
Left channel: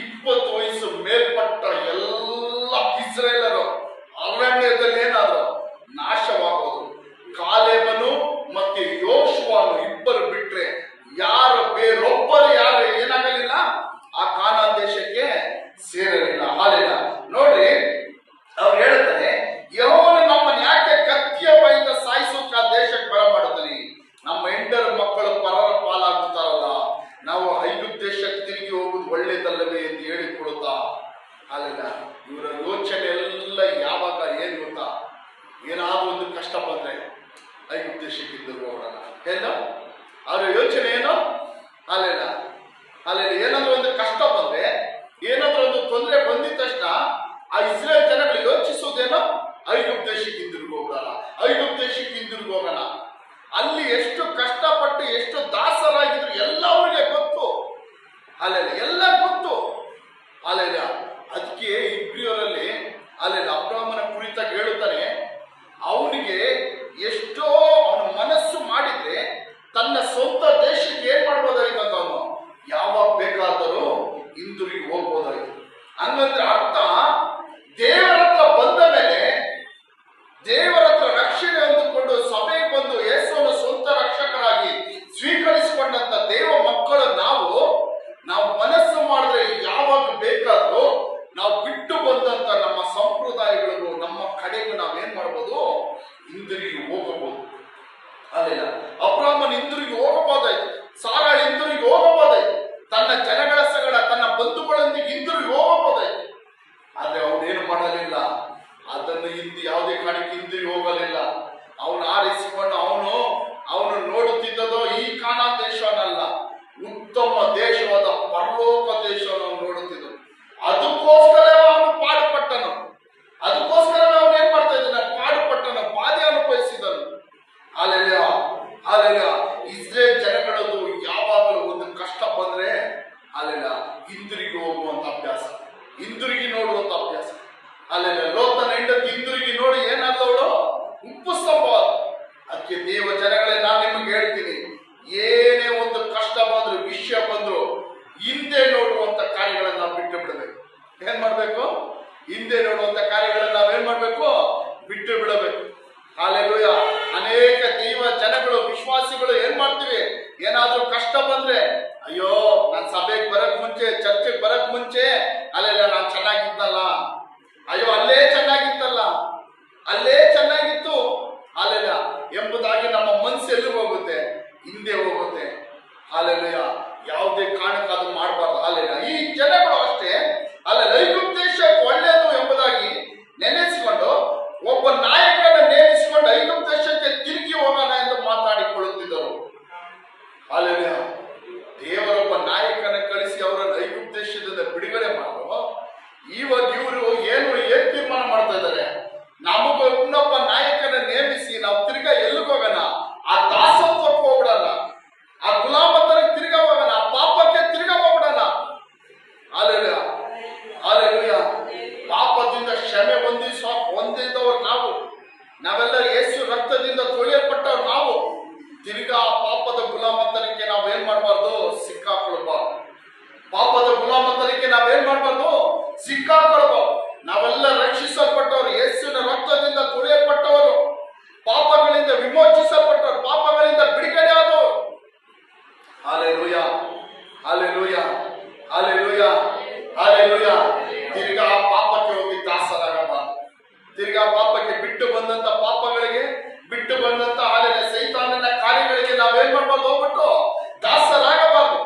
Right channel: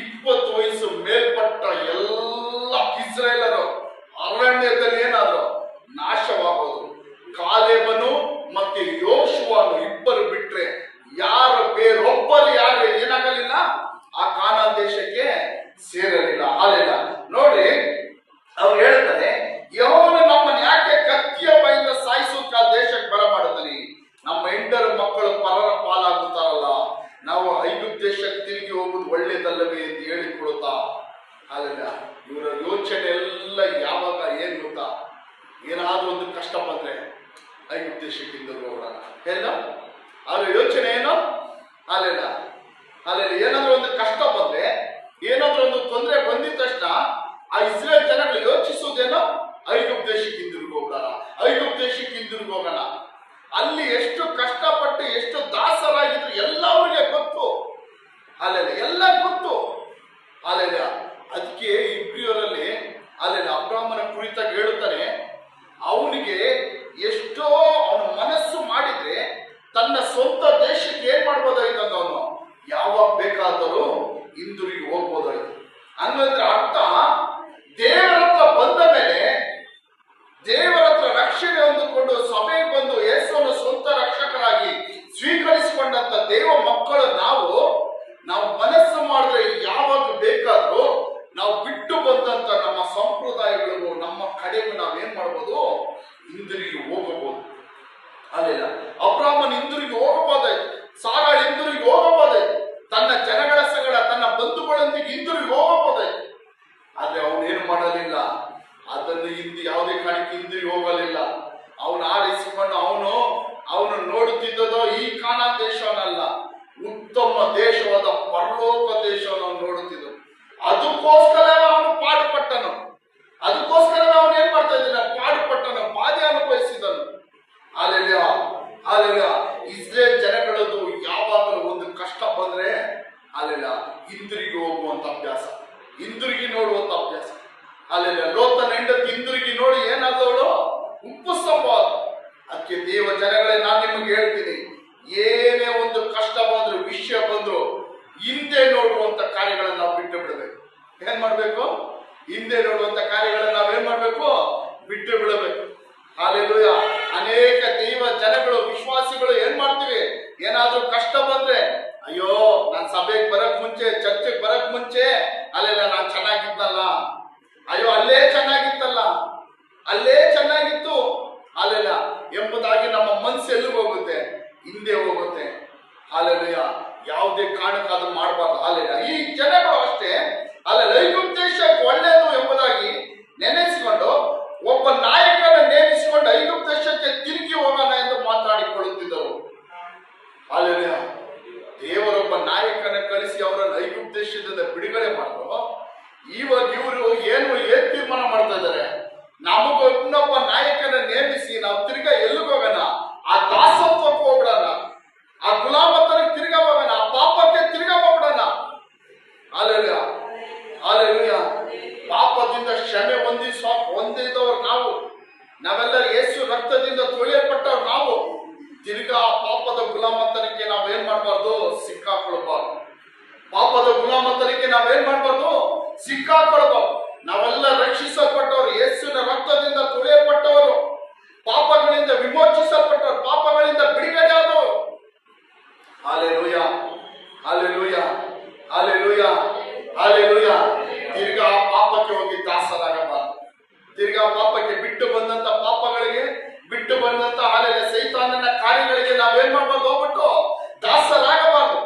20 ವಯಸ್ಸು ಮೇಲ್ಪಟ್ಟ ಎಲ್ಲ ಇಸ್ರೇಲರು ಅರಣ್ಯದಲ್ಲಿ ಏನಾದ್ರು ನಾಶವಾಗೋದು. ಕಾಲೇಬನು ಮತ್ತೆ ಯೋಶುವನು ಇಬ್ಬರು ಬಿಟ್ರೆ ಬೇರೊಬ್ಬರು ಯಾರು ಏನಾಗಲಿಲ್ಲ, ಆ ಕಾನಾನ್ ದೇಶಕ್ಕೆ ಸೇರಲಿಲ್ಲ. ಹಾಲೆಲ್ಲ ನೋಡ್ರಿ, ಅವ್ರು ಹೇಳ್ತಾರೆ, ಯೆಹೋವನು ನಮ್ಮನ್ನು ಯಾಕೆ ಕತ್ತಿಯ ಬೈದ ಸಾಯಿಸೋಕ ದೇಶಕ್ಕೆ ಬರಮಾಡುತ್ತಾನೆ? ನಮ್ಮ ಹೆಂಡರ ಮಕ್ಕಳು ಪರರ ಪಾಲಾಗುತ್ತಾರಲ್ಲ, ನಾವು ಐಗುಪ್ತ ದೇಶಕ್ಕೆ ತಿರುಗಿ ಹೋಗುದು ಒಳ್ಳೇದಲ್ಲವೇ ಎಂದು ಹೇಳಿಕೊಡುತ್ತಾ. ಹಾಲೆಲ್ಲ ಇವರ ಯೋಚನೆ ಎಲ್ಲ ಯಾವಾಗ ಏನ್ ಗೊತ್ತಾ? ಏನಾದ್ರೂ ಒಂದು ಕಷ್ಟ ಬಂದ್ರೆ ಐಗುಪ್ತ ದೇಶಕ್ಕೆ ಹೋಗೋಣ ಎಲ್ಲ ಅವ್ರ ಯೋಚನೆ ಏನು? ಹಾಲೆಲ್ಲ ಏನಾದ್ರೂ ಒಂದು ಕಷ್ಟ ಬಂದ್ರೆ, ಏನಾದ್ರೂ ಒಂದು ತೊಂದರೆ ಬಂದಿದ ತಕ್ಷಣ ಆ ಇಸ್ರೇಲ್ ಜನಗಳು ಯೋಚಿಸೋದೇನೋ ಐಗುಪ್ತ ದೇಶಕ್ಕೆ ಹಿಂದಿರುಗಿ ಹೋಗೋಣ. ಅಲ್ಲಿ ಎಷ್ಟು ಕಷ್ಟಪಟ್ಟು ಎಷ್ಟು ದಾಸರಾಗಿದ್ರು ಎಲ್ಲ ಅವ್ರಿಗೆ ಗೊತ್ತು. ಎಲ್ಲ ಗೊತ್ತು. ಅದಕ್ಕೆ ಇಬ್ರಿಯರಲ್ಲಿ ಅಬ್ರಾಹ್ಮನ ಕುರಿತಾಗಿ ಹೇಳುತ್ತಾನೆ, ಅವನಿಗೆ ಎಷ್ಟೋ ಅವನ ಮನಸ್ಸು ಮಾಡಿದ್ರೆ ತನ್ನ ಸ್ವಂತ ದೇಶಕ್ಕೆ ಏನ್ ಮಾಡ್ಬೋದಾಗಿತ್ತು? ಅವನು ಯಾವಾಗ ಬೇಕಾದರೂ ಹಿಂದಿರುಗಿ ಹೋಗ್ಬೋದಾಗಿತ್ತು. ಹಂಗಂದ್ರೆ ಅರ್ಥ, ದೇವರ ಹತ್ರ ಬಂದ ಮೇಲೆ, ದೇವರ ಹತ್ರ ರಕ್ಷಣೆ ಹೊಂದಿಕೊಂಡು ಸಭೆಗೆ ಬಂದು ಯೇಸುವನ್ನು ಸ್ವಂತ ರಕ್ಷಕರಾಗಿ ಸ್ವೀಕರಿಸಿಕೊಂಡಂತ ದೇವ ಮಕ್ಕಳು ನಾವು ಮನಸ್ಸು ಮಾಡಿದ್ರೆ ಯಾವಾಗ ಬೇಕಾದ್ರೂ ನಾವು ಬಿಟ್ಟು ಬಂದಂತ ನಮ್ಮ ಸಂಪ್ರದಾಯಗಳಿಗೂ ನಮ್ಮ ಕಡೆಗೂ ನಾವೇನ್ ಮಾಡ್ಬೋದು? ಹಿಂದಿರುಗಿ ಹೋಗಬಹುದು. ಅಲ್ಲಿಲ್ಲ ಅಬ್ರಾಹ್ಮನ್ ಹಿಂದಿರುಗಿ ಹೋಗಬಹುದಾಯ್ತು, ಸಾರಾಳ್ ಹಿಂದಿರುಗಿ ಹೋಗಬಹುದಾಯ್ತು, ತನ್ನ ಜನಗಳ ಸಂಗಡ ತನ್ನ ಬಂಧುಗಳೊಂದಿಗೆ ಹಿಂದಿರುಗಿ ಹೋಗಬಹುದಾಯ್ತು. ಆದ್ರೆ ಅವನೇನು ಮಾಡಲಿಲ್ಲ, ಅದನ್ನು ಯಾವುದೇ ಕಾರಣಕ್ಕೆ ಹಿಂದಿರುಗಿ ಹೋಗಲಿಲ್ಲ. ಅವನು ಆರಿಸಿಕೊಂಡು ಅವನು ನೋಡುತ್ತಿದ್ದದೋ ಈ ಕಾನಾನ್ ದೇಶವನ್ನಲ್ಲ, ಉತ್ತಮ ದೇಶವಾದ ಪರಲೋಕ ದೇಶವನ್ನು ಅವನು ನೋಡುತ್ತಿದ್ದ. ಅದಕ್ಕೋಸ್ಕರ ಅವನು ಪಾಡುಪಟ್ಟನು. ಅದಕ್ಕೋಸ್ಕರ ಅವನು ಏನ್ ಮಾಡ್ತಾ ಇದ್ದಾನೆ? ಪಾಡುಪಟ್ಟನು, ಬಾಧೆ ಅನುಭವಿಸಿದನು. ಅಲ್ಲೆಲ್ಲ ಇಸ್ರೇಲ್ ಜನಗಳದ್ದು ಯಾವಾಗಲೂ ಒಂದು ಕಷ್ಟ ಬಂದ್ರೆ ಹಿಂದಿರುಗಿ ಹೋಗುವಂತ ಅಭ್ಯಾಸ, ಹಿಂದಿರುಗಿ ನೋಡುವಂತ ಅಭ್ಯಾಸ. ಲೋತನ ಹೆಂಡತಿ ಹಿಂದಿರುಗಿ ನೋಡಿ ಏನಾದವಳು? ಉಪ್ಪು ಸ್ತಂಭ. ಅದಕ್ಕೆ ದೇವ ಜನಗಳೇ, ನಾನು ನಿಮಗೆ ಹೇಳ್ತೀನಿ, ಏನೇ ಒಂದು ಕಷ್ಟ ಬಂದ್ರು, ವಿಷಯ ಬಂದ್ರು, ಹಿಂದೆ ನೋಡುವಂತ ಕಾರ್ಯಗಳನ್ನ ನಾವು ಬಿಟ್ಟು ಬಿಡಬೇಕು. ಏನ್ ಮಾಡ್ಬೇಕು? ಹಿಂದೆ ನೋಡುವಂತ ಕಾರ್ಯಗಳನ್ನ ನಾವೇನ್ ಮಾಡ್ಬೇಕು? ಬಿಟ್ಟು ಬಿಡಬೇಕು. ಹಾಲೆಲೂಯ. ಅನೇಕ ದೈವ ಜನಗಳು, ವಿಶ್ವಾಸಿಗಳು ಏನ್ ಮಾಡ್ತೀವಿ? ಏನಾದ್ರೂ ಕಷ್ಟ ಬಂದ್ರೆ, ಅಯ್ಯೋ ನಾನ್ ಸಭೆಗೆ ಬರಕ್ ಮುಂಚೆ, ಚರ್ಚೆಗೆ ಬರಕ್ ಮುಂಚೆ ನಾನ್ ಚೆನ್ನಾಗಿದ್ನಲ್ಲ, ಅಯ್ಯೋ ಅಲ್ಲೇ ಚೆನ್ನಾಗಿತ್ತು ಎಂಬುದಾಗಿ ನಮ್ಮ ಮನಸ್ಸು ಎಲ್ಲಿಗೆ ಹೋಗುತ್ತೆ? ಹಿಂದೆ ಹೋಗುತ್ತೆ. ಹಾಲೆಲೂಯ. ಯಾವುದೇ ಕಾರಣಕ್ಕೆ ಅದು ಮಾಡಬಾರ್ದು. ಈ ಜನಗಳು ಅಷ್ಟೇ ಐಗುಪ್ತ ದೇಶಕ್ಕೆ ಒಳ್ಳೆಯದು ಎಂಬುದಾಗಿ ನೆನೆಸಿಕೊಂಡು ಒಬ್ಬ ನಾಯಕನ ನೇಮಿಸಿಕೊಂಡು ಐಗುಪ್ತ ದೇಶಕ್ಕೆ ತಿರುಗಿ ಹೋಗೋಣ ಎಂದು ಮಾತಾಡಿಕೊಳ್ಳುತ್ತಿದ್ದರು. ಹಾಲೆಲೂಯ. ದೇವರೊಬ್ಬ ನಾಯಕನ ಕಳಿಸಿ ಅವರನ್ನು ಐಗುಪ್ತ ದೇಶದಿಂದ ಬಿಡುಗಡೆ ಮಾಡಿದ್ರು. ಇವಾಗ ಇವರು ಏನ್ ತೀರ್ಮಾನ ಮಾಡ್ತಾ ಇದ್ದಾರೆ? ನಮಗೊಬ್ಬನೊಬ್ಬ ನಾಯಕನ ನೇಮಿಸಿ ನಾವು ತಿರ್ಗಾ ಎಲ್ಲಿಗೆ ಹೋಗೋಣ? ಆ ದಾಸತ್ವಕ್ಕೆ ಹೋಗ್ಬಿಡೋಣ, ಆ ಗುಲಾಮತನಕ್ಕೆ ತಿರ್ಗಾ ಹೋಗೋಣ, ಆ ಪಾಪಕ್ಕೆ ತಿರ್ಗಾ ಹೋಗ್ಬಿಡೋಣ. ಪಾಪದ ಗುಲಾಮತನಕ್ಕೆ ನಾವೇನ್ ಮಾಡಬಾರ್ದು? ಸಿಕ್ಕಾಕೊಳ್ಬಾರ್ದು. ಪಾಪದ ಗುಲಾಮತನಕ್ಕೆ ನಾವೇನ್ ಮಾಡಬಾರ್ದು? ಸಿಕ್ಕಾಕೊಳ್ಬಾರ್ದು. ನಾವೆಲ್ಲ ರಕ್ಷಿಸಲ್ಪಟ್ಟವರು, ಯೇಸುವಿನ ರಕ್ತದಿಂದ ತುಳಿಯಲ್ಪಟ್ಟವರು, ಪಾಪಗಳಿಂದ ವಿಮೋಚಿಸಲ್ಪಟ್ಟವರು, ಪಾಪಗಳಿಂದ ಬಿಡುಗಡೆ ಆದವರು. Hallelujah, hallelujah, hallelujah, hallelujah. ತಿರ್ಗಾ ಪಾಪಕ್ಕೆ ಹೋಗಿ ದಾಸರಾಗಬಾರದು. ತಿರ್ಗಾ ಪಾಪಕ್ಕೆ ಬಿಟ್ಟು ಬಂದಂತ ಪಾಪಗಳಿಗೆ, ಬಿಟ್ಟು ಬಂದಂತ ಸೈತಾನನ ಕಾರ್ಯಗಳಿಗೆ ನಾವೇನ್ ಮಾಡಬಾರ್ದು? ಹೋಗ್ಬಿಟ್ಟು ದಾಸರಾಗಬಾರದು.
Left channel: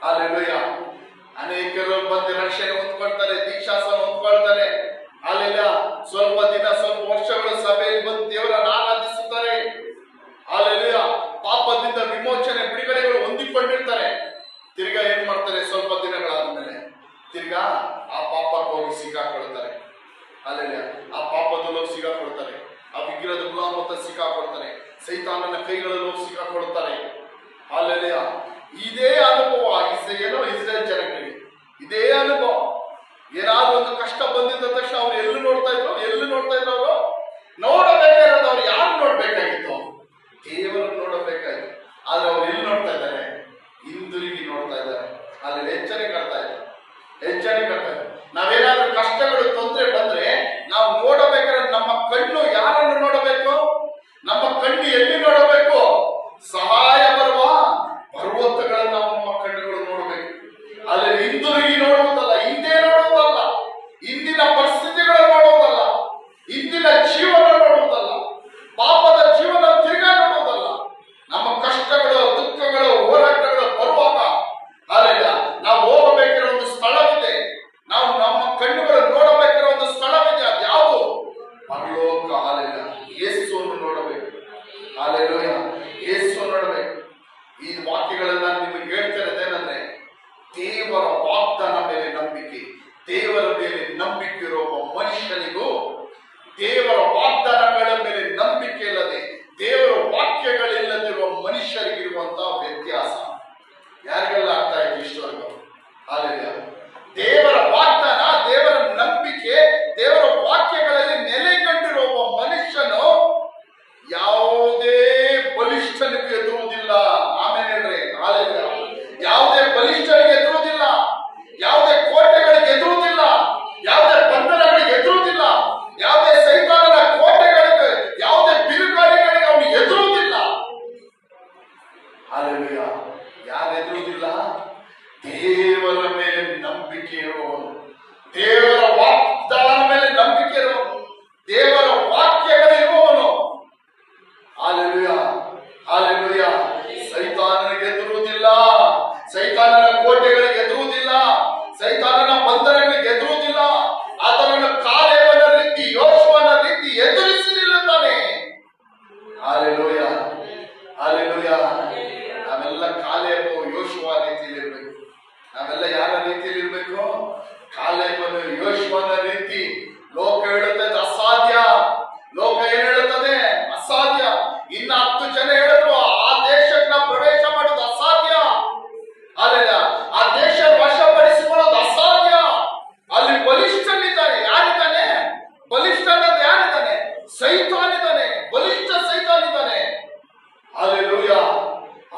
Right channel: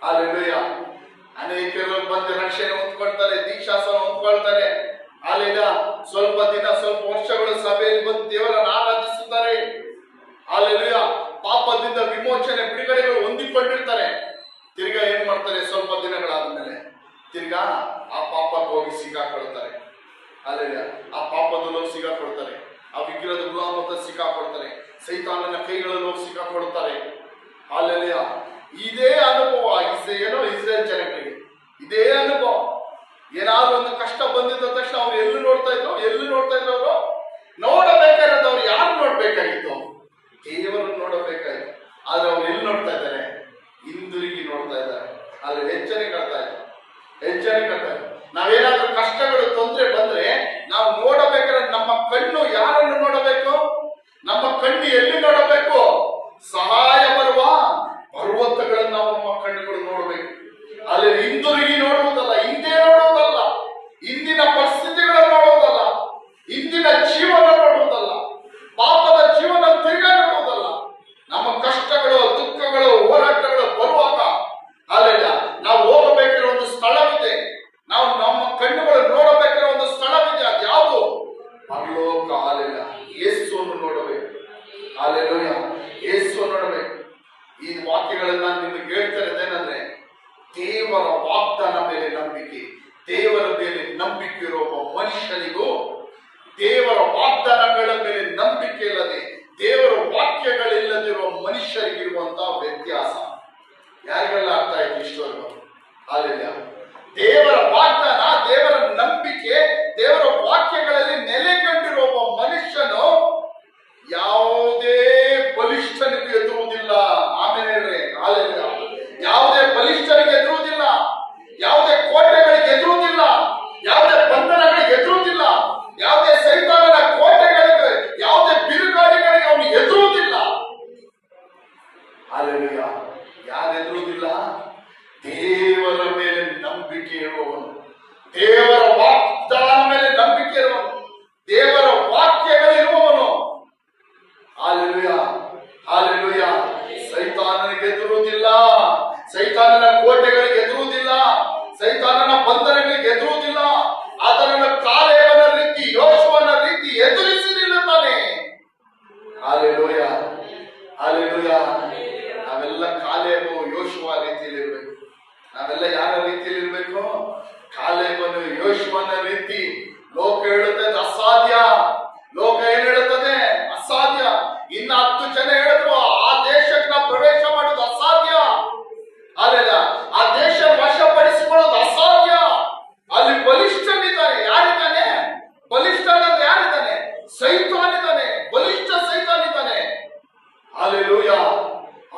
ಹಲ್ಲೆಲೂಯ. ಅನೇಕರು ಬಂದು ರಕ್ಷಣೆ ಹೊಂದ್ಕೊಳ್ತಾರೆ, ದೀಕ್ಷಾಸನ ಹೊಂದ್ಕೊಳ್ತಾರೆ. ಅಲ್ಲೆಲ್ಲ ಸ್ವಲ್ಪ ದಿನ, ಸ್ವಲ್ಪ ವರ್ಷಗಳು ಸಭೆಯಲ್ಲಿ ಬಂದು ದೇವರನ್ನು ಆರಾಧಿಸುತ್ತಾರೆ. ಹಲ್ಲೆಲೂಯ. ಪಾಪದಿಂದ ವಿಮೋಚನೆ, ಬಿಡುಗಡೆಗಳು ಹೊಂದಿಕೊಂಡಿರ್ತಾರೆ. ತಿರ್ಗಾ ಏನ್ ಮಾಡ್ತಾರೆ? ಸ್ವಲ್ಪ ದಿನಗಳಾದ್ಮೇಲೆ ತಿರ್ಗಾ ಆ ಪಾಪಕ್ಕೆ ಹೋಗಿ ಸಿಕ್ಕಾಕೊಳ್ತಾರೆ. ಹಲ್ಲೆಲೂಯ. ಆ ಪಾಪದಲ್ಲಿ ಹೋಗಿ ಸಿಕ್ಕಾಕೊಳ್ತಾರೆ, ಆ ವಿಗ್ರಹದ ಗುಲಾಮತ ಸಿಕ್ಕಾಕೊಳ್ತಾರೆ, ಸೈತಾನನ ಕೈಗಳಲ್ಲಿ ಹೋಗಿ ಸಿಕ್ಕಾಕೊಳ್ತಾರೆ. ಹಲ್ಲೆಲೂಯ. ಇದೇ ಅನುಭವ ಇಸ್ರೇಲ್ ಜನಗಳಿಗೆ, ಇದೇ ಅನುಭವ. ಏನಾದ್ರೂ ಒಂದು ಕಷ್ಟ ಬಂದಿದ್ದ ತಕ್ಷಣ ಅವ್ರು ಎಲ್ಲಿ ನೋಡ್ತಾ ಇದ್ರು? ಅವರು ನೋಡಬೇಕಾಗಿರೋದು ಅವ್ರು ಯಾರು ನೋಡ್ಬೇಕಾಗಿತ್ತು? ದೇವರನ್ನು ನೋಡಬೇಕಾಗಿತ್ತು. ಆದ್ರೆ ಅವ್ರು ಎಲ್ಲಿ ನೋಡ್ತಾ ಇದ್ದಾರೆ? ಹಿಂದಿರುಗಿ ನೋಡ್ತಾ ಇದ್ದಾರೆ. ಅಲ್ಲಿ ಎಚ್ಚರಿಕೆ ಕಟ್ತಾ ಇದ್ದಾರೆ. ನಾವೇನಾದ್ರೂ ಕಷ್ಟಗಳು, ತೊಂದರೆ ಬಂದ್ರೆ ನಾವು ನೋಡಬೇಕಾದ್ರೆ ನಮ್ಮ ಕಣ್ಣು ಯಾರನ್ನು ನೋಡಬೇಕು? ನಮ್ಮ ಕಣ್ಣು ಎಲ್ಲಿ ನೋಡಬೇಕು? ಸಹಾಯ ಬರುವ ಪರ್ವತಗಳನ್ನು ನಾವು ನಮ್ಮ ಕಣ್ಣುಗಳು ನೋಡಬೇಕು. ಅಲ್ಲಿ ಹಿಂದಿರುಗಿ ನೋಡುವುದಲ್ಲ, ಹಿಂದೆ ನೋಡುವುದಲ್ಲ, ಇಂದಿನ ಪರಿಸ್ಥಿತಿಗಳನ್ನು ನೋಡುವುದಲ್ಲ, ಇಂದಿನ ಜೀವನ ನೋಡುವುದಲ್ಲ, ಪಾಪದ ಜೀವನ ತಿರುಗಾ ನೋಡುವುದಲ್ಲ. ನಮ್ಮ ಕಷ್ಟಗಳು, ದುಃಖಗಳು, ಹೋರಾಟಗಳು ಬರುವಾಗ ಅಲ್ಲೆಲ್ಲ ನಾವು ಹೋಗಬೇಕಿರೋ ಒಂದು ಸ್ಥಳವಿದೆ. ನಾವು ನಮ್ಮ ಕಣ್ಣುಗಳು ನೋಡಬೇಕಿರೋ ಒಂದು ಸ್ಥಳವಿದೆ. ಅದು ಯಾವುದು? ಪರಲೋಕ. ಅಲ್ಲೆಲ್ಲ ಯೇಸುವನ್ನು ನೋಡಬೇಕು. ಹಲ್ಲೆಲೂಯ. ಯೇಸು ನೋಡಬೇಕು. ಈ ವಾಕ್ಯಗಳನ್ನ ನಿಮಗೆ ಹೇಳ್ತಾ ಇರೋದೇನಂದ್ರೆ, ದೇವರ ವಾಗ್ದಾನ ಮೇಲೆ ನಂಬಿಕೆ, ದೇವರ ಮೇಲೆ ನಂಬಿಕೆ ಇರುವ ಒಬ್ಬ ಮನುಷ್ಯನಿಗೂ ದೇವರ ವಾಗ್ದಾನಗಳ ಮೇಲೆ ನಂಬಿಕೆ ಇಲ್ಲದೆ, ದೇವರ ವಾಕ್ಯಗಳಿಲ್ಲದಿರುವ ಮನುಷ್ಯರಿಗಿರುವಂತಹ ವ್ಯತ್ಯಾಸ ಯಾರಿಗೆಲ್ಲ ಅರ್ಥ ಆಯ್ತು ಇಷ್ಟವರೆಗೂ? ಹಾಲೆಲೂಯ. ದೇವರ ವಾಗ್ದಾನ, ದೇವರ ನಂಬಿಕೆ, ದೇವರ ವಾಕ್ಯಗಳಲ್ಲಿ ನೆಲೆಗೊಂಡಿರುವ ಒಬ್ಬ ಮನುಷ್ಯನು ಯಾವುದೇ ಬಲಿಷ್ಠನಿಗೂ ಎದುರುವುದಿಲ್ಲ. ಆಮೇಲೆ ಹೇಳ್ರಿ, ಹಾಲೆಲೂಯ. ಯಾವುದೇ ಬಲಿಷ್ಠನಿಗೆ ಎದುರುವುದಿಲ್ಲ, ಯಾವುದೇ ಕೋಟೆಗಳಿಗೆ ಎದುರುವುದಿಲ್ಲ, ಯಾವುದೇ ಬಂಧನಗಳಿಗೆ ಎದುರುವುದಿಲ್ಲ, ಯಾವುದೇ ಸೈತಾನನ ಕೋಟೆಗಳಿಗೆ, ಯಾವುದೇ ಬಿರುಗಾಳಿಗಳಿಗೆ ಅವನು ಎದುರುವುದಿಲ್ಲ. ಹಲ್ಲೆಲೂಯ. ಯಾರು ಎದುರುವುದಿಲ್ಲ? ದೇವರ ಮೇಲೆ ನಂಬಿಕೆ ಇರುವವನು, ದೇವರ ವಾಗ್ದಾನ ಮೇಲೆ ನಂಬಿಕೆ ಇರುವವನು, ದೇವರ ವಾಕ್ಯಗಳಿರುವವನು. Hallelujah, hallelujah. ಸೈತಾನನಿಗೆ ಎದುರುವುದಿಲ್ಲ, ಸೈತಾನನ ಕೋಟೆಗಳಿಗೆ ಎದುರುವುದಿಲ್ಲ, ಸೈತಾನನ ಬಂಧನಗಳಿಗೆ ಎದುರುವುದಿಲ್ಲ. ಅದನ್ನು ಕಾಲೇಬನ ರೀತಿ, ಯೋಶುವನ ರೀತಿ ಎದುರಿಸಿ ನಿಲ್ಲುತ್ತಾನೆ. Hallelujah, hallelujah. ನಾವೆಲ್ಲ ಕಾಲೇಬು, ಯೋಶುವ ರೀತಿಯಲ್ಲಿ ಇರಬೇಕು. ನಾವೆಲ್ಲ ಯಾರ ರೀತಿಯಲ್ಲಿ ಇರಬೇಕು? ಕಾಲೇಬನು, ಯೋಶುವನ ರೀತಿ. ಲೋಕ ಹೇಳುತ್ತದೆ ಅಸಾಧ್ಯ, ಲೋಕ ಏನ್ ಹೇಳುತ್ತದೆ? ಅಸಾಧ್ಯ. ಇನ್ನ 10 ಜನ ಹೇಳಿದ್ರು ಆ ದೇಶಕ್ಕೆ ನಾವು ಪ್ರವೇಶ ಮಾಡೋದು ಅಸಾಧ್ಯ. ಅಲ್ಲ, ಆ ದೇಶ ವಶಪಡಿಸಿಕೊಳ್ಳೋದು ಅಸಾಧ್ಯ. ಅಲ್ಲಿ ಬಲಿಷ್ಠನಿದ್ದಾನೆ. ಯಾರಿದ್ದಾನೆ? ಬಲಿಷ್ಠನಂದ್ರೆ ಯಾರಿದ್ದಾನೆ? ಸೈತಾನಿದ್ದಾನೆ, ಬಲಿಷ್ಠ ಸೈತಾನಿದ್ದಾನೆ. ಹಲ್ಲೆಲೂಯ.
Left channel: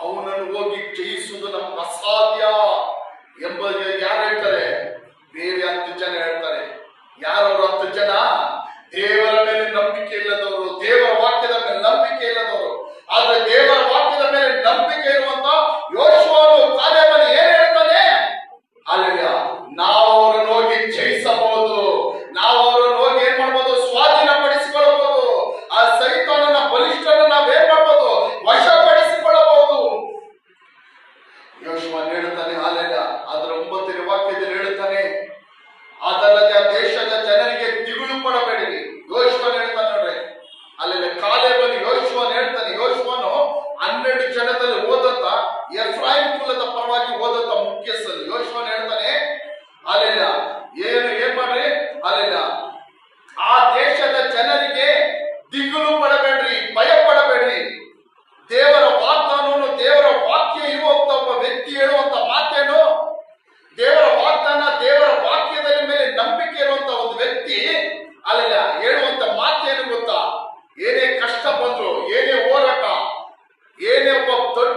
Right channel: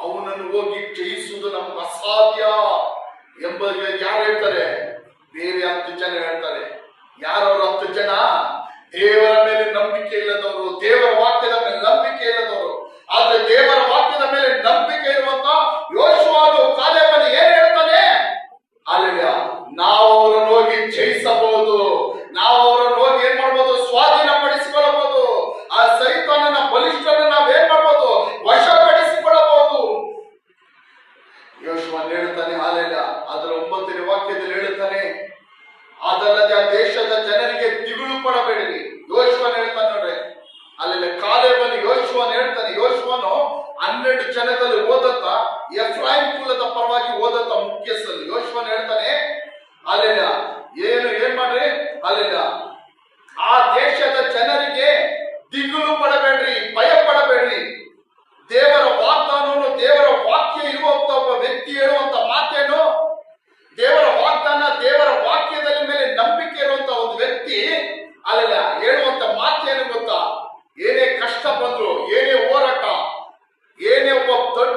ಅವನನ್ನು ಹೋಗಿ ಜಯಿಸುವುದು ನಮ್ಗೆ ಅಸಾಧ್ಯ ಎಂಬುದು ಯಾರು ಹೇಳ್ತಾರೆ? ಬೇರೆ 10 ಜನ ಹೇಳ್ತಾರೆ. ಯಾರವರು 10 ಜನ? ದೇವರ ಮೇಲೆ ನಂಬಿಕೆ ಇಲ್ಲದವರು, ದೇವರ ವಾಕ್ಯದ ಮೇಲೆ ನಂಬಿಕೆ ಇಲ್ಲದವರು. ಆದ್ರೆ ದೇವರ ವಾಕ್ಯದ ಮೇಲೆ ನಂಬಿಕೆ ಇರುವಂತ ಯೋಶುವನು, ಕಾಲೇಬನು ಏನ್ ಹೇಳ್ತಾನೆ? ಅಲ್ಲೆಲ್ಲ ನಾವು ಅವರನ್ನು ಹೋಗಿ ಜಯಿಸಬಹುದು, ನಾವು ಅವರನ್ನು ಹೋಗಿ ಏನ್ ಮಾಡ್ಬೋದು? ಸ್ವಾಧೀನಪಡಿಸಿಕೊಳ್ಳಬಹುದು. ಆ ಸೈತಾನನ ಬಲಿಷ್ಠನ ನಾವೇನ್ ಮಾಡ್ಬೋದು? ವಶಪಡಿಸಿಕೊಳ್ಳಬಹುದು. ಯೋಶುವನು ಹೇಳ್ತಾನೆ. ಅಲ್ಲೆಲ್ಲ ಅದರ 9ನೇ ವಾಕ್ಯದಲ್ಲಿ ಹೇಳ್ತಾನೆ, ಅದಲ್ಲದೆ ಆ ದೇಶದ ಜನರಿಗೆ ದಿಗುಲು ಪಡಬೇಡಿರಿ. ಯೋಶುವನು ಹೇಳ್ತಾನೆ ನೋಡ್ರಿ. ಅಲ್ಲೆಲ್ಲ ಕಾಲೇಬನು ಯೋಶುವನು ಹೇಳ್ತಾನೆ. ಯೋಶುವನು 12 ಜನದಲ್ಲಿ ಓದಂತ ಎಫ್ರಾಯಿಂ ಕುಲದ ಪರವಾಗಿ ಓದಂತ ಮುಖ್ಯಸ್ಥನು. ಯೋಶುವನು ಹೇಳ್ತಾನೆ, ಅಲ್ಲೆಲ್ಲ ಏನ್ ಮಾಡ್ರಿ? ಅಲ್ಲೆಲ್ಲ ಆ ದೇಶದ ಜನರಿಗೆ ದಿಗುಲು ಪಡಬೇಡ್ರಿ, ಭಯ ಪಡಬೇಡ್ರಿ. ದೇವರ ವಾಗ್ದಾನವನ್ನು, ದೇವರ ವಾಕ್ಯ ಇರುವಂತ ಒಬ್ಬ ವ್ಯಕ್ತಿ ಹೇಳುವಂತ ಮಾತೇನು? ದೇವರ ವಾಗ್ದಾನ, ದೇವರ ವಾಕ್ಯದ ಮೇಲೆ ನಂಬಿಕೆ ಇರುವಂತ ಒಂದು ವ್ಯಕ್ತಿ ಅಲ್ಲೆಲ್ಲ ಹೇಳುವಂತ ಮಾತೇನು ಗೊತ್ತಾ? ಏನೇ ಕಷ್ಟ ಬಂದ್ರು, ಏನೇ ಹೋರಾಟ, ಏನೇ ಒಬ್ಬ ದೊಡ್ಡ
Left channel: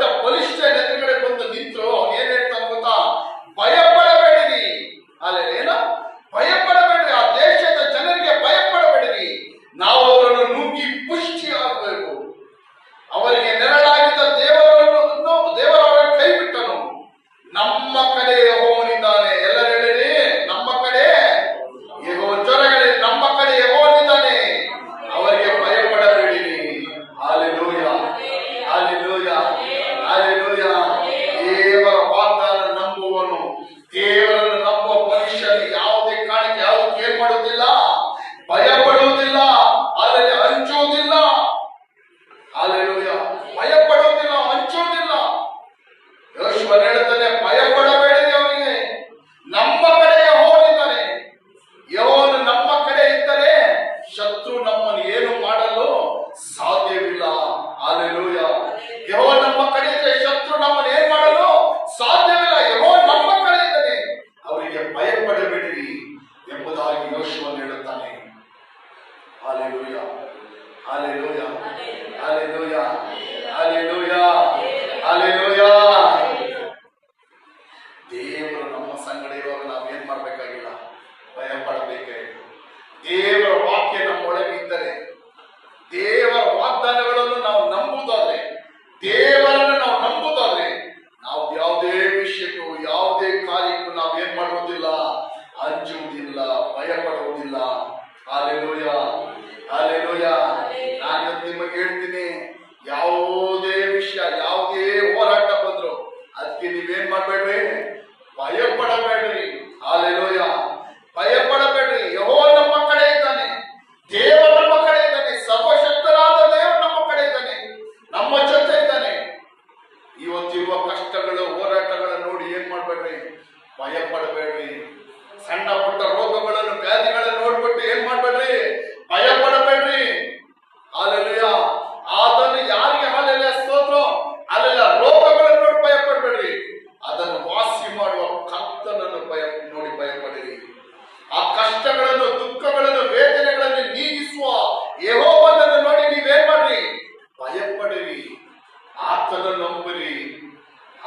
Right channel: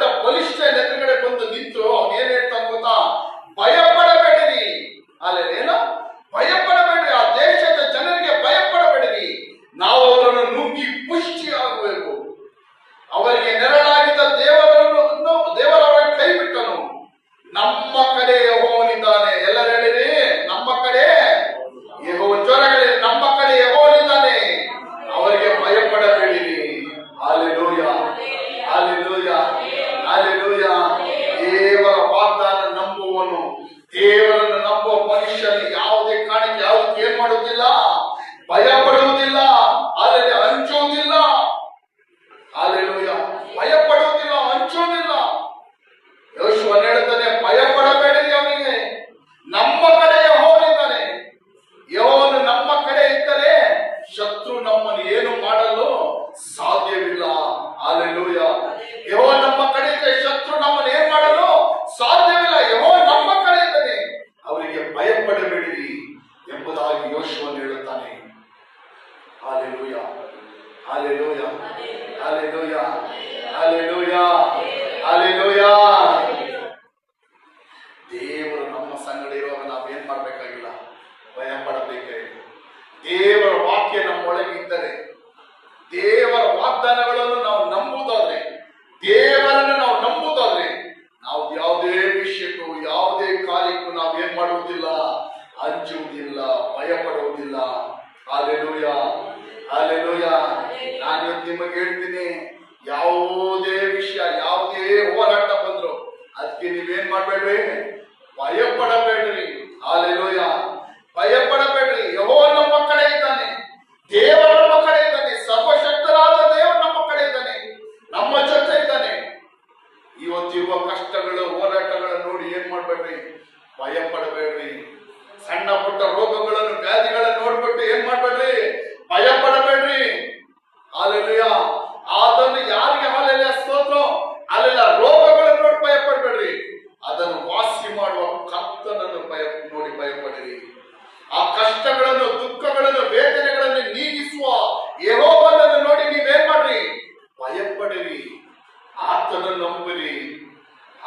ಅದಕ್ಕೆ ನೀವೇನ್ ಮಾಡ್ಬೇಡ್ರಿ, ಭಯ ಪಡಬೇಡ್ರಿ. ಹಲ್ಲೆಲೂಯಾ, ಭಯ ಪಡಬೇಡ್ರಿ. ಯೆಹೋವ ನಮ್ಮ ಕಡೆ ಇದ್ದಾನೆ, ದೇವ ನಮ್ಮ ಕಡೆ ಇದ್ದಾನೆ, ಸರ್ವಶಕ್ತರಾದ ದೇವರು ನಮ್ಮ ಕಡೆ ಇದ್ದಾನೆ, ನಮ್ಮ ಜೊತೆ ಇದ್ದಾನೆ. ಇವತ್ತಿರುವ ಕಷ್ಟಗಳು, ಹೋರಾಟಗಳನ್ನು ನೋಡಿ ಏನ್ ಮಾಡ್ಬೇಡ್ರಿ, ಭಯ ಪಡಬೇಡ್ರಿ. ಸಣ್ಣ ಪುಟ್ಟ ರೋಗಗಳನ್ನು, ವ್ಯಾಧಿಗಳನ್ನು ನೋಡ್ಬಿಟ್ಟು ಏನ್ ಮಾಡ್ಬೇಡ್ರಿ, ಭಯ ಪಡಬೇಡ್ರಿ. ಹಲ್ಲೆಲೂಯಾ, ಅದನ್ನು ಯಾರಿಗೆ ಹಲ್ಲೆಲೂಯಾ ಸ್ತೋತ್ರ, ಅಲ್ಲೆಲ್ಲ ರೋಗಗಳನ್ನು ನೋಡಿ ಭಯ ಪಡಬೇಡ್ರಿ, ಅದನ್ನು ವಾಸಿ ಮಾಡುವ ಕರ್ತನನ್ನು ನೋಡಿ ಭಯಪಡಿರಿ. ಆ ಕಷ್ಟಗಳನ್ನು, ದುಃಖಗಳನ್ನು, ವೇದನೆಗಳನ್ನು ನೀಗಿಸುವ ಯೆಹೋವನನ್ನು ನೋಡಿ ನೀವೇನ್ ಮಾಡ್ರಿ, ಭಯಪಡಿರಿ, ಆತನನ್ನು ನಂಬಿರಿ.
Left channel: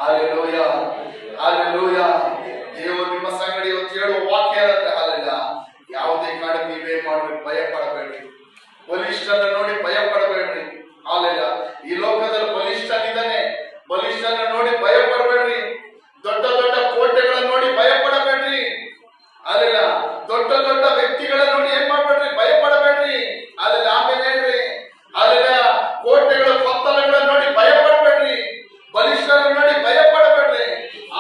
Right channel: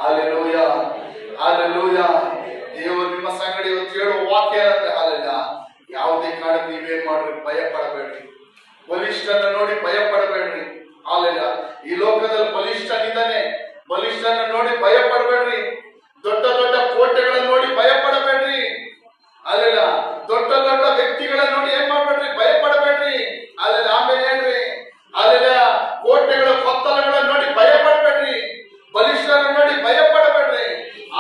Hallelujah, hallelujah. ದೇವರು ನಿಮ್ಮ ಸಂಗಡಿ ಇವತ್ತು ಹೇಳುವ ವಾಕ್ಯ ಅಂದ್ರೆ ಅಲ್ಲ, ಯಾವುದೇ ಕಾರಣಕ್ಕೆ ನೀವೇನ್ ಮಾಡ್ರಿ, ಭಯ ಪಡಬೇಡ್ರಿ. ಬಲಿಷ್ಠನ ನೋಡಿ ಭಯ ಪಡಬೇಡ್ರಿ. ಅಲ್ಲ, ಈ ಲೋಕದಲ್ಲಿ ಬಲಿಷ್ಠನಿದ್ದಾನೆ, ಬಲಿಷ್ಠನ ನೋಡಿ ಭಯ ಪಡಬೇಡ್ರಿ. ದೊಡ್ಡ ದೊಡ್ಡ ಕೋಟೆಗಳನ್ನು ನೋಡಿ ಭಯ ಪಡಬೇಡ್ರಿ. ಅಲ್ಲ, ದೊಡ್ಡ ದೊಡ್ಡ ವ್ಯಕ್ತಿಗಳನ್ನ ನೋಡಿ ಏನ್ ಮಾಡ್ಬೇಡ್ರಿ, ಭಯ ಪಡಬೇಡ್ರಿ. ಅಲ್ಲ, ಆಮೇಲೆ ಹೇಳ್ರಿ, ಅಲ್ಲ, ಕೋಟೆಗಳ ಪತ್ತರಗಳನ್ನು ನೋಡಿ ಭಯ ಪಡಬೇಡ್ರಿ, ಬಲಿಷ್ಠರನ್ನು ನೋಡಿ ಭಯ ಪಡಬೇಡ್ರಿ.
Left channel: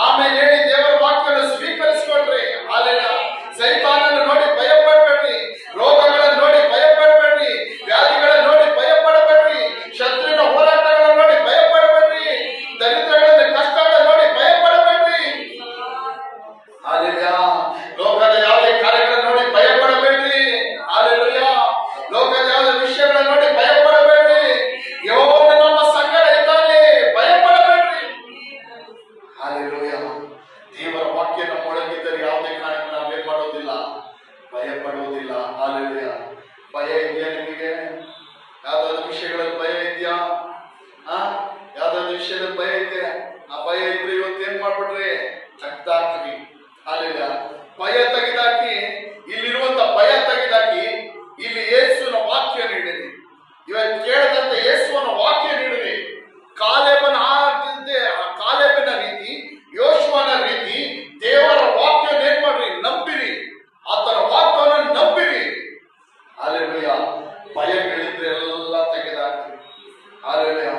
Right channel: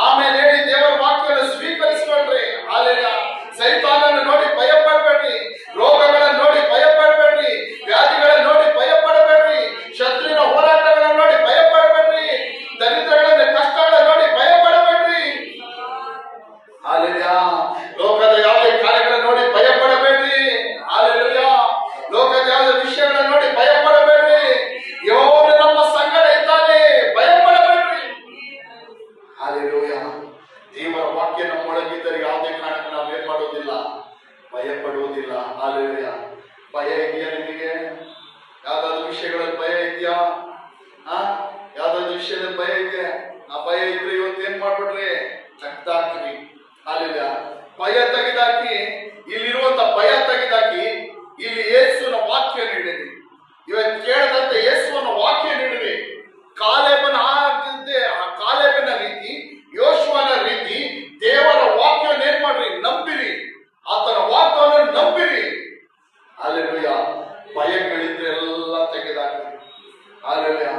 ಆಮೇಲೆ ಹೇಳಿ ದೇವರ ವಾಕ್ಯವನ್ನು ಸ್ವೀಕರಿಸಿಕೊಳ್ರಿ. ಅಲ್ಲ, ಸೈತಾನನ್ನು ನೋಡಿ ಭಯ ಪಡಬೇಡ್ರಿ, ರೋಗಗಳನ್ನು ನೋಡಿ ಭಯ ಪಡಬೇಡ್ರಿ, ವ್ಯಾಧಿಗಳನ್ನು ನೋಡಿ ಭಯ ಪಡಬೇಡ್ರಿ, ಶತ್ರುವಿನ ಹೋರಾಟಗಳನ್ನು ನೋಡಿ ಭಯ ಪಡಬೇಡ್ರಿ, ದರಿದ್ರಗಳ ಕಷ್ಟಗಳನ್ನು ನೋಡಿ ಭಯ ಪಡಬೇಡ್ರಿ. ಅಲ್ಲ, ಲೋಕದ ಯಾವುದೇ ಕಾರ್ಯಗಳನ್ನು ನೋಡಿ ಭಯ ಪಡಬೇಡ್ರಿ. ಅಲ್ಲ, ಲೋಕದ ಯಾವುದೇ ವಿಷಯಗಳನ್ನು ನೋಡಿ ಭಯ ಪಡಬೇಡ್ರಿ. ಯೆಹೋವನು ನಮ್ಮ ಸಂಗಡ ಇದ್ದಾನೆ, ಭಯ ಪಡಬೇಡ್ರಿ. ಹಲ್ಲೆಲೂಯಾ. ದೇವರ ವಾಕ್ಯ ನಮ್ಮೊಳಗಿದ್ದರೆ ಯಾವುದೇ ಕಾರಣಕ್ಕೆ ನಾವು ಏನ್ ಮಾಡೋದಿಲ್ಲ, ಭಯ ಪಡುವುದಿಲ್ಲ. ಹಲ್ಲೆಲೂಯಾ. ಭಯ ಇದೆಯಾ ನಿಮಗೆ? ಯಾವ್ದಾದ್ರು ವಿಷಯಗಳಲ್ಲಿ ಭಯ ಇದೆಯಾ? ಯಾವ್ದಾದ್ರು ವಿಷಯದಲ್ಲಿ ಭಯ ಇದೆ? ಆ ಭಯ ಇದ್ರೆ ಇವತ್ತೇನ್ ಮಾಡ್ಬಿಟ್ರಿ, ತೆಗ್ದಾಕ್ರಿ. ಹಲ್ಲೆಲೂಯಾ. ಭಯ ತೆಗೆದಾಕಿ, ಇಲ್ಲಿರುವಂತ ಭಯ ತೆಗೆದಾಕಿ, ಇಲ್ಲಿ ಯೇಸುವಿನ ವಾಕ್ಯ ನೀಡಿರಿ. ಇವತ್ತು ಕೇಳದಂತ ಯೇಸುವಿನ ವಾಕ್ಯ ನೀಡಿರಿ. ಕಾಲೇಬನ ಕಾಲೇಬನ ರೀತಿ, ಯೋಶುವನ ರೀತಿ ದೇವರ ವಾಕ್ಯವನ್ನು ಏನ್ ಮಾಡ್ರಿ, ನಂಬಿರಿ. ಆತನ ವಾಕ್ಯವನ್ನು ನಂಬಿರಿ. ಹಲ್ಲೆಲೂಯಾ. ಭಯಗಳಿದ್ರೆ ಎಲ್ಲ ತೆಗೆದಾಕ್ರಿ. ಹಲ್ಲೆಲೂಯಾ.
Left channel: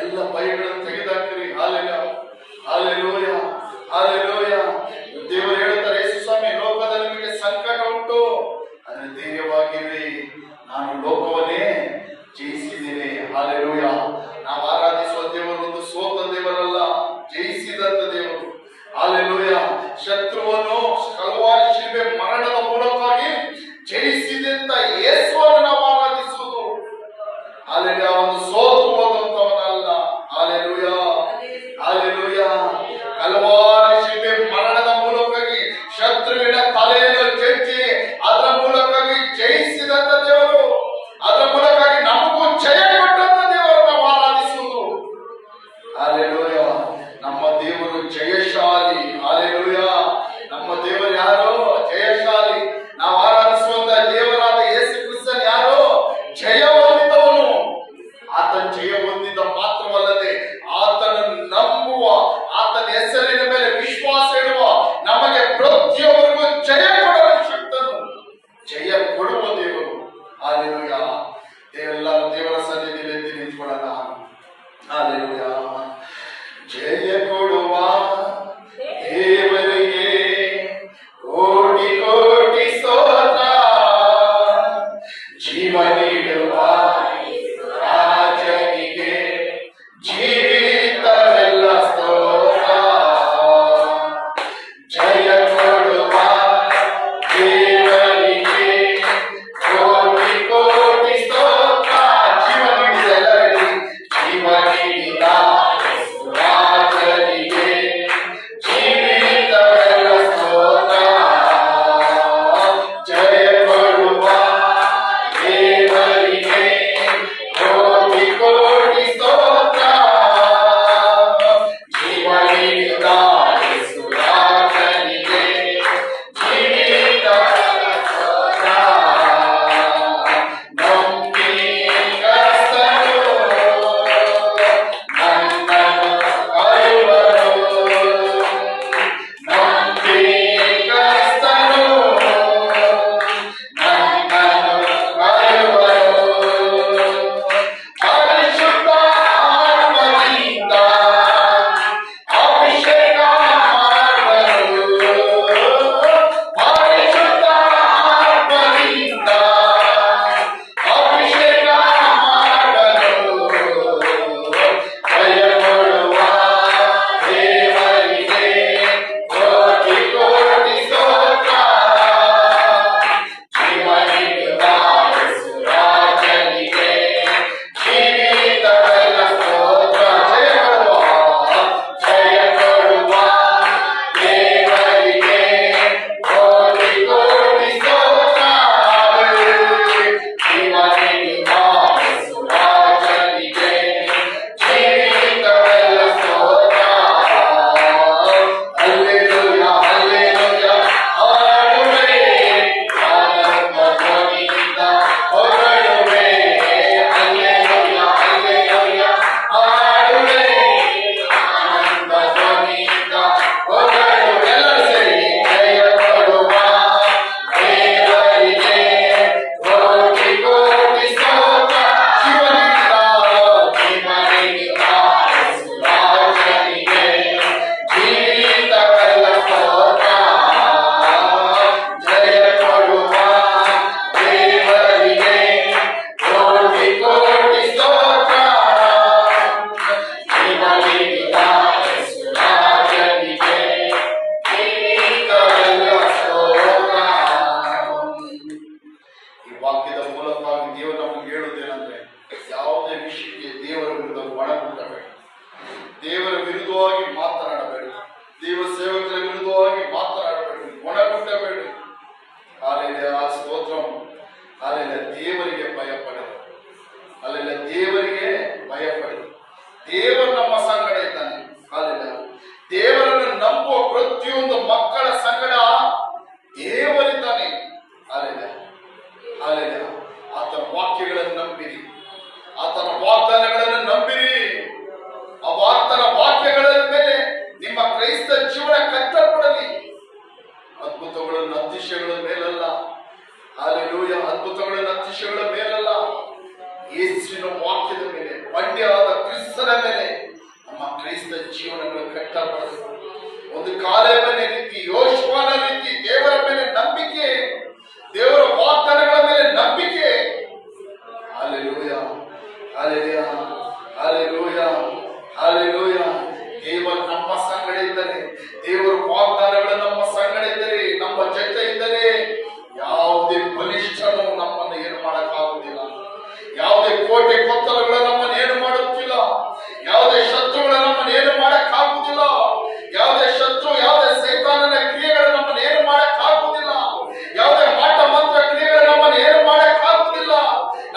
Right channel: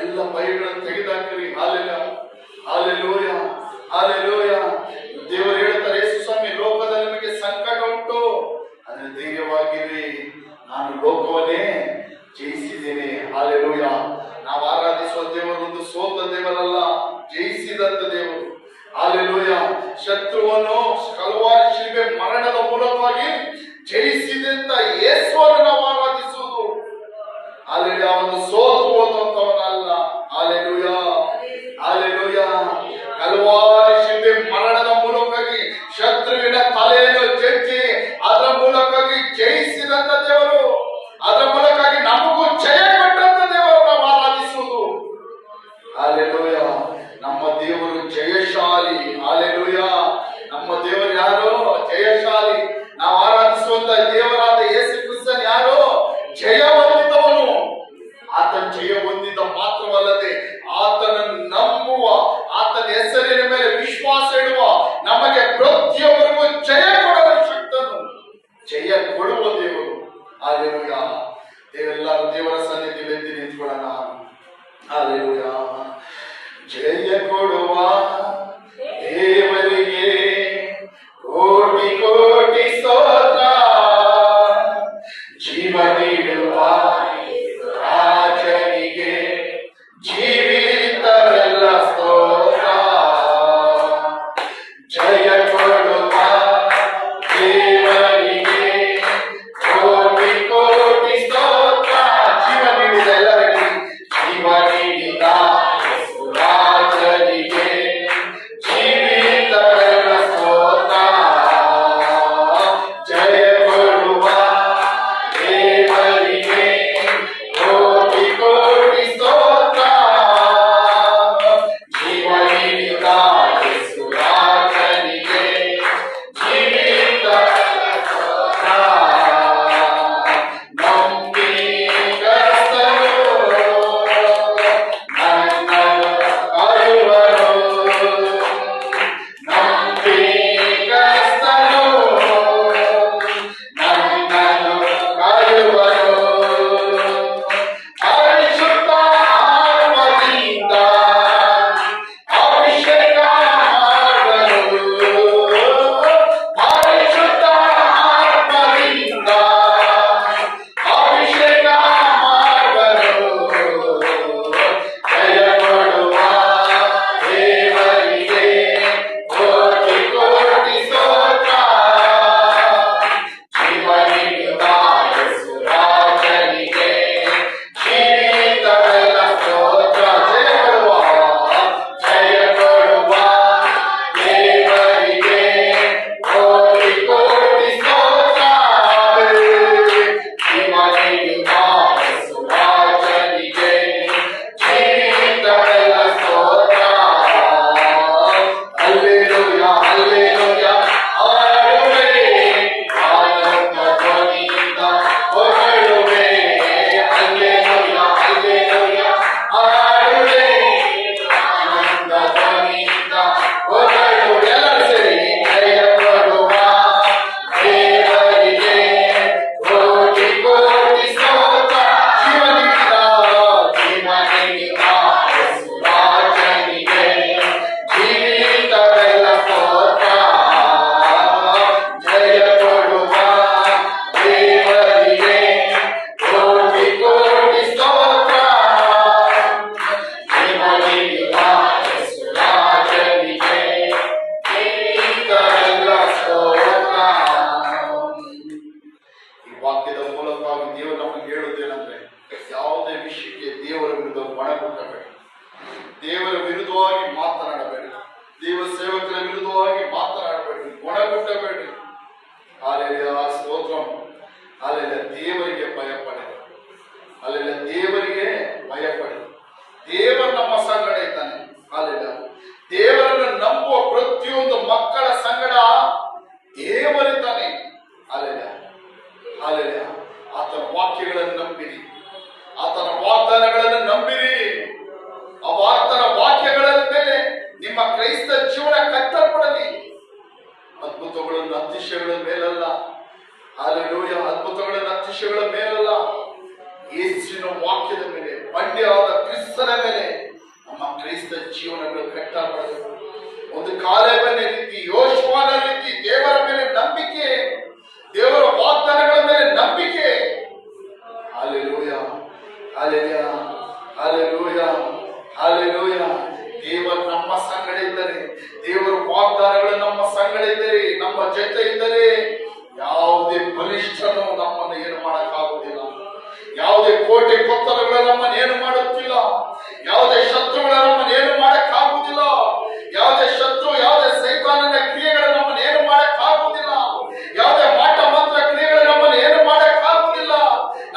ಎಲ್ಲ ಭಯಗಳನ್ನು ತೆಗೆದಾಕ್ರಿ. Hallelujah, hallelujah, hallelujah. ದೇವರು ಹೇಳ್ತಾರೆ, ಯೇಸು ಸ್ವಾಮಿ, ಲೋಕದಲ್ಲಿ ನಿಮಗೆ ಸಂಕಟ ಉಂಟು, ಅದನ್ನು ಧೈರ್ಯವಾಗಿರಿ, ನಾನು ಲೋಕವನ್ನೇ ಜಯಿಸಿದ್ದೇನೆ. ಹಲ್ಲೆಲೂಯಾ. ನಾವು ಆರಾಧಿಸುವ ದೇವರು ಒಂದು ಸೋತ ದೇವರಲ್ಲ, ಜಯಿಸಿದಂತ ದೇವರು. ಹಲ್ಲೆಲೂಯಾ. ಶತ್ರುವನ್ನು ಕಲ್ವಾರಿ ಶಿಲುಬೆ ಮರಣದ ಮೂಲಕವಾಗಿ ಜಯಿಸಿದಂತ ಯೇಸುವನ್ನು ನಾವು ಆರಾಧಿಸುವುದು. ಹಲ್ಲೆಲೂಯಾ. ಒಂದು ಸೋತು ಹೋದಂತವನಲ್ಲ. Hallelujah, hallelujah. ಕಲ್ವಾರಿ ಶಿಲುಬೆ ಮರಣದ ಮೂಲಕವಾಗಿ ಶತ್ರುವಿನ ತಲೆಯನ್ನು ಜಜ್ಜಿ ಅದರ ಮೂಲಕವಾಗಿ ಜಯಿಸಿದಂತ ದೇವರು, ಅದರ ಮೂಲಕವಾಗಿ ನಮಗೂ ಜಯ ಕೊಟ್ಟಂತ ದೇವರು ನಾವು ಆರಾಧಿಸುವುದು. ಹಲ್ಲೆಲೂಯಾ. ನಮ್ಮ ದೇವರು ಜಯಶಾಲಿ. ಹಲ್ಲೆಲೂಯಾ. ನಮ್ಮ ದೇವರು ಯಾರು? ಜಯಶಾಲಿ. ನಾವು ಆರಾಧಿಸುವಂತ ದೇವರಾದ ಯೇಸು ಕ್ರಿಸ್ತನ್ ಯಾರು? ಜಯ ಹೊಂದಿದವನು. ಆತನ ಜಯ ಹೊಂದಿದ ಮಾತ್ರವಲ್ಲದೆ ಆತನನ್ನು ನಂಬುವ, ಆತನ ಹೆಸರಿನ ಮೇಲೆ ವಿಶ್ವಾಸ ಇಡುವ ನಮಗೆ ಪ್ರತಿಯೊಬ್ಬರಿಗೂ ಜಯ ಕೊಡುವ ಶಕ್ತನು, ಜಯ ಕೊಡುವ ದೇವರು. ಹಲ್ಲೆಲೂಯಾ. ಎಲ್ಲರೂ ದೇವರ ಸನ್ನಿಧಿಯಲ್ಲಿ ಎದ್ದು ನಿಂತ್ಕೊಳ್ಳೋಣ. ಹಲ್ಲೆಲೂಯಾ. ಜಯ ಕೊಡುವ ದೇವರಿಗೆ ಕೋಟಿ ಕೋಟಿ ಸ್ತೋತ್ರ, ಜೀವ ನೀಡುವ ರಾಜನಿಗೆ ಜೀವಿತವೆಲ್ಲ ಸ್ತೋತ್ರ. ಜಯ ಕೊಡುವ ದೇವರಿಗೆ ಕೋಟಿ ಕೋಟಿ ಸ್ತೋತ್ರ. ಜೀವ ನೀಡಿದ ಎಲ್ಲರಿಗೆ, ಜೀವ ನೀಡಿದ ರಾಜನಿಗೆ ಜೀವನಗಳು ಕಟ್ಟಬಾರದು. ಒಂದು ಕಾಲೇಬನ ರೀತಿ, ಯೋಶುವನ ರೀತಿ ದೇವರ ಮೇಲೆ ನಂಬಿಕೆ, ದೇವರ ವಾಗ್ದಾನಗಳ ಮೇಲೆ ನಂಬಿಕೆ. Hallelujah, hallelujah, hallelujah, hallelujah. ದೇವರು ನಮ್ಮ ಸಂಗಡ ಇದ್ದರೆ, ದೇವರ ವಾಗ್ದಾನಗಳು ನಮ್ಮ ಸಂಗಡ ಇದ್ದರೆ, ನಮ್ಮ ಜೊತೆ ಇದ್ದರೆ, ಯಾವುದೇ ಬಲಿಷ್ಠನು ನಮ್ಮನ್ನು ಏನು ಮಾಡಕ್ಕಾಗುವುದಿಲ್ಲ. ಯಾವುದೇ ಕೋಟೆ ಕೊತ್ತಲಗಳು ನಮ್ಮನ್ನು ಏನು ಮಾಡುತ್ತಿಲ್ಲ. ಯಾವುದೇ ಶತ್ರುಗಳು ನಮ್ಮನ್ನು ಏನು ಮಾಡಕ್ಕಾಗುವುದಿಲ್ಲ. ಯಾವುದೇ ಶತ್ರು, ಯಾವುದೇ ಸೈತಾನನ ಕ್ರಿಯೆಗಳು ನಮ್ಮನ್ನು ಏನು ಮಾಡಕ್ಕಾಗುವುದಿಲ್ಲ. ಯಾವುದೇ ಮಾಟ ಮಂತ್ರ ಕ್ರಿಯೆಗಳು ನಮ್ಮನ್ನು ಏನು ಮಾಡಕ್ಕಾಗುವುದಿಲ್ಲ.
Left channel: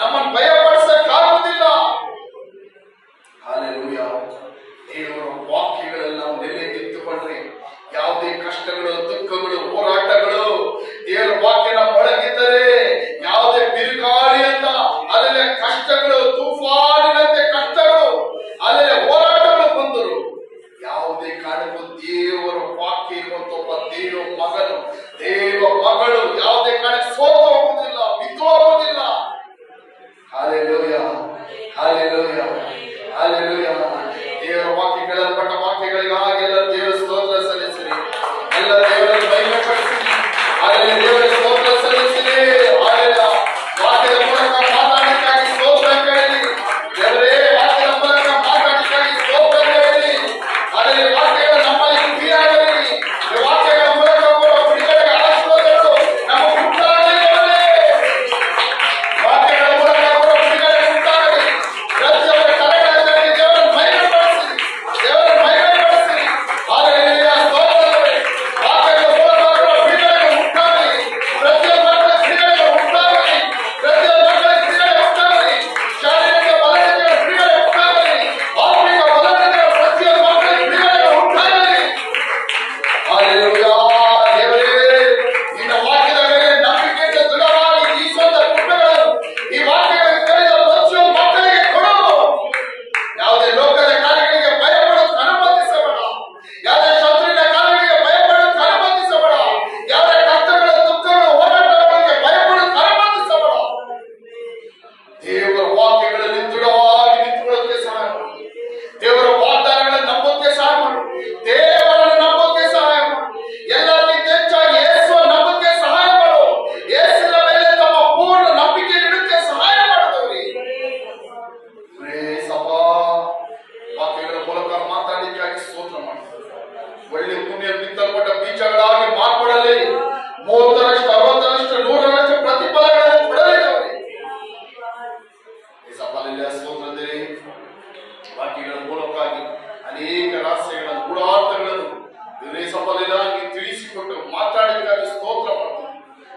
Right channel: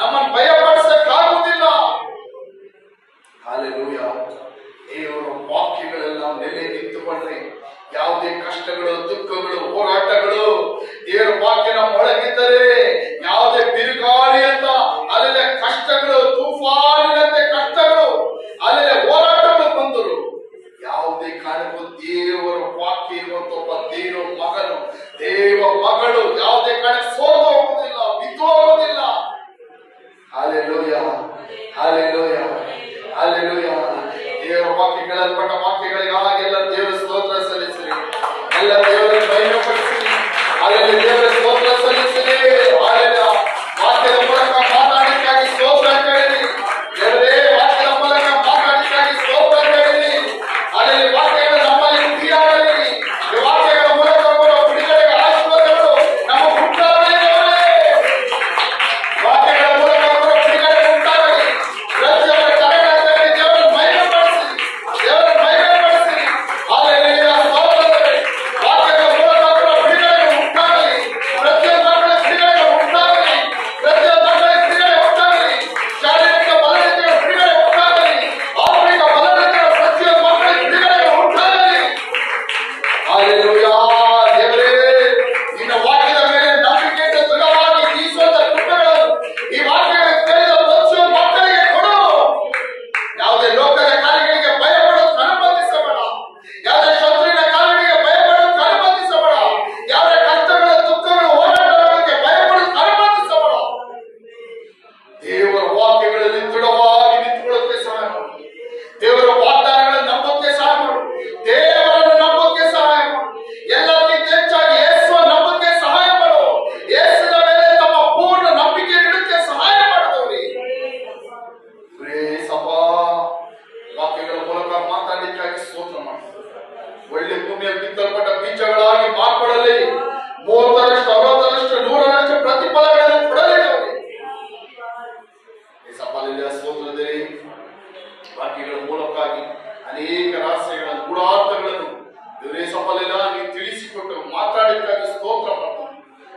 ನಮ್ಮನ್ನು ಭಯಪಡಿಸಕ್ಕಾಗುವುದಿಲ್ಲ. ಹಲ್ಲೆಲೂಯ. ದೇವರ ವಾಕ್ಯಗಳೆಲ್ಲ ನೆಲೆ ನಿಂತುಕೊಂಡ್ರೆ ಯಾವುದೇ ಕಷ್ಟಗಳು, ದುಃಖಗಳು, ಹೋರಾಟಗಳು ದೇವರ ವಾಕ್ಯನ ಒಳಗಿದ್ದರೆ, ಯಾವುದೇ ಬಿರುಗಾಳಿ ಅಂತ ಅಲ್ಲೇ ಕಷ್ಟಗಳು, ತೂಫಾನಿನಂತೆ ಕಷ್ಟಗಳು, ಅಲ್ಲೇ ಹೋರಾಟಗಳು ಬಂದರು, ಯಾವುದೇ ಕಾರಣಕ್ಕೂ ದೇವರ ವಾಕ್ಯ ಇರುವಂತ ಒಬ್ಬ ದೇವ ಮಗನು, ದೇವ ಮಗಳು ಯಾವುದೇ ಕಾರಣಕ್ಕೆ ಸೋತು ಹೋಗುವುದಿಲ್ಲ, ಬಿದ್ದು ಹೋಗುವುದಿಲ್ಲ. Hallelujah, hallelujah, hallelujah. ದೇವರ ವಾಕ್ಯಗಳಲ್ಪಟ್ಟ ವಾಕ್ಯಗಳಿಗಾಗಿ ಎಲ್ಲ ದೇವರ ಸ್ತೋತ್ರ ಸಲ್ಲಿಸಿರಿ, ಎಲ್ಲ ದೇವರಿಗೆ ಮಹಿಮೆಪಡಿಸಿರಿ. ಅಲ್ಲಿ ದೇವರ ಸ್ತೋತ್ರ ಸಲ್ಲಿಸಿರಿ. ವಾಕ್ಯದ ಮೂಲಕ ಮಾತಾಡಿಕ್ಕಾಗಿ ಸ್ತೋತ್ರ ಕೇಳಿರಿ. ದೇವರೇ ವಾಕ್ಯದ ಮೂಲಕ ಮಾತಾಡಿಕ್ಕಾಗಿ ಸ್ತೋತ್ರ ಕೇಳಿರಿ. ಅಲ್ಲಿ ವಾಕ್ಯಗಳ ನಮ್ಮಲ್ಲಿ ಕ್ರಿಯೆಯಾಗಲಿ. ಈ ವಾಕ್ಯಗಳ ಮೂಲಕ ಬರುವ ಬಿಡುಗಡೆಗೆ ಆಶೀರ್ವಾದಗಳು ನಮ್ಮ ಉಂಟಾಗಲಿ. ವಾಕ್ಯಗಳ ಮೂಲಕ ಬರುವ ಬಿಡುಗಡೆ ಉಂಟಾಗಲಿ. ಪ್ರತಿಯೊಬ್ಬರ ಕರೆಗಳಲ್ಲಿ ದೇವರ ಮಹಿಮೆಪಡಿಸಿ, ದೇವರ ಮಹಿಮೆಪಡಿಸಿ. ಹಲ್ಲೆಲೂಯ, ಸ್ತೋತ್ರವೇ. ವಾಕ್ಯಗಳ ಮೂಲಕ ಬರುವ ಬಿಡುಗಡೆಗಳು ಉಂಟಾಗಲಿ. ಪ್ರತಿಯೊಬ್ಬ ಮಕ್ಕಳ ಬಿಡುಗಡೆಗಳು ಉಂಟಾಗಲಿ. ಪ್ರತಿಯೊಬ್ಬ ಮಕ್ಕಳ ಬಿಡುಗಡೆ ಉಂಟಾಗಲಿ. ಶಾರೀರಿಕ ಬಲಹೀನತೆಯ ಬಿಡುಗಡೆ ಉಂಟಾಗಲಿ. ಆತ್ಮಿಕ ಬಲಹೀನತೆಯ ಪ್ರತಿಯೊಬ್ಬ ಮಕ್ಕಳ ಬಿಡುಗಡೆಗಳು ಉಂಟಾಗಲಿ. ಹಲ್ಲೆಲೂಯ. ದೇವರೇ, ನಿನ್ನ ವಾಕ್ಯದ ಮೇಲೆ ನಂಬಿಕೆಯಿಂದ ದೃಢವಾಗಿ ಜೀವಿಸುವಂತ ಕೃಪೆಗಳನ್ನು ಈ ವಾಕ್ಯಗಳ ಕೇಳಿದ ಪ್ರತಿಯೊಬ್ಬ ಮಕ್ಕಳಿಗೆ ಕೊಡು. ಯಾವುದೇ ಲೋಕದ ಕಾರ್ಯಗಳಿಗೆ ಭಯಪಡೋದು ಅನುಮತಿಸಬೇಡ. ಯಾವುದೇ ಶತ್ರುವಿನ ಕಾರ್ಯಗಳಿಗೆ ಭಯಪಡೋದು ಅನುಮತಿಸಬೇಡ. ಯಾವುದೇ ಕಷ್ಟಗಳ, ದುಃಖಗಳ, ಹೋರಾಟಗಳಿಗೆ ಭಯಪಡೋದು ಅನುಮತಿಸಬೇಡ. ದೇವರ ವಾಕ್ಯಗಳಲ್ಲಿ ದೃಢವಾಗಿ ನಿಂತುಕೊಳ್ಳೋಕೆ ಸಹಾಯ ಮಾಡು. ದೇವರ ವಾಗ್ದಾನಗಳನ್ನು ನಂಬೋಕೆ ಸಹಾಯ ಮಾಡು. ದೇವರನ್ನು ನಂಬೋಕೆ ಸಹಾಯ ಮಾಡು. ಎಲ್ಲಕ್ಕಿಂತ ಹೆಚ್ಚಾಗಿ ಯೇಸುವ ನಂಬೋಕೆ ಸಹಾಯ ಮಾಡು. ಯೇಸುವಿನ ಮೇಲೆ ತಮ್ಮ ಪೂರ್ಣ ನಂಬಿಕೆ ಇಡೋಕೆ ಸಹಾಯ ಮಾಡಿದವರಿ. ಸಭಾ ವಾಕ್ಯಗಳ ಮೂಲಕ ಮಾತಾಡಲಿಕ್ಕಾಗಿ ಸ್ತೋತ್ರ ಮಾಡು. ಒಳ್ಳೆ ಭೂಮಿಯಲ್ಲಿ ಬಿತ್ತಲ್ಪಟ್ಟ ಬೀಜಗಳಾಗಿ ಮಾರ್ಪಡಲಿ. 30ರಷ್ಟು, 60ರಷ್ಟು, 100ರಷ್ಟು ಪ್ರತಿಫಲಗಳನ್ನು ಕೊಡಲಿ. ಈ ಸಭೆಯಲ್ಲಿ ಸ್ತೋತ್ರದಲ್ಲಿ ವಾಕ್ಯಗಳ ಮೂಲಕವಾಗಿ ಅನೇಕ ರಹಸ್ಯಗಳನ್ನು, ಗೂಢಾರ್ಥಗಳನ್ನು ದೇವರೇ ಸಫಲೆಲ್ಲ ನೀವು ತಿಳಿಸಿಕೊಟ್ಟು ಮಾತಾಡಲಿಕ್ಕಾಗಿ ಸ್ತೋತ್ರ ಮಾಡ್ತೀನಿ.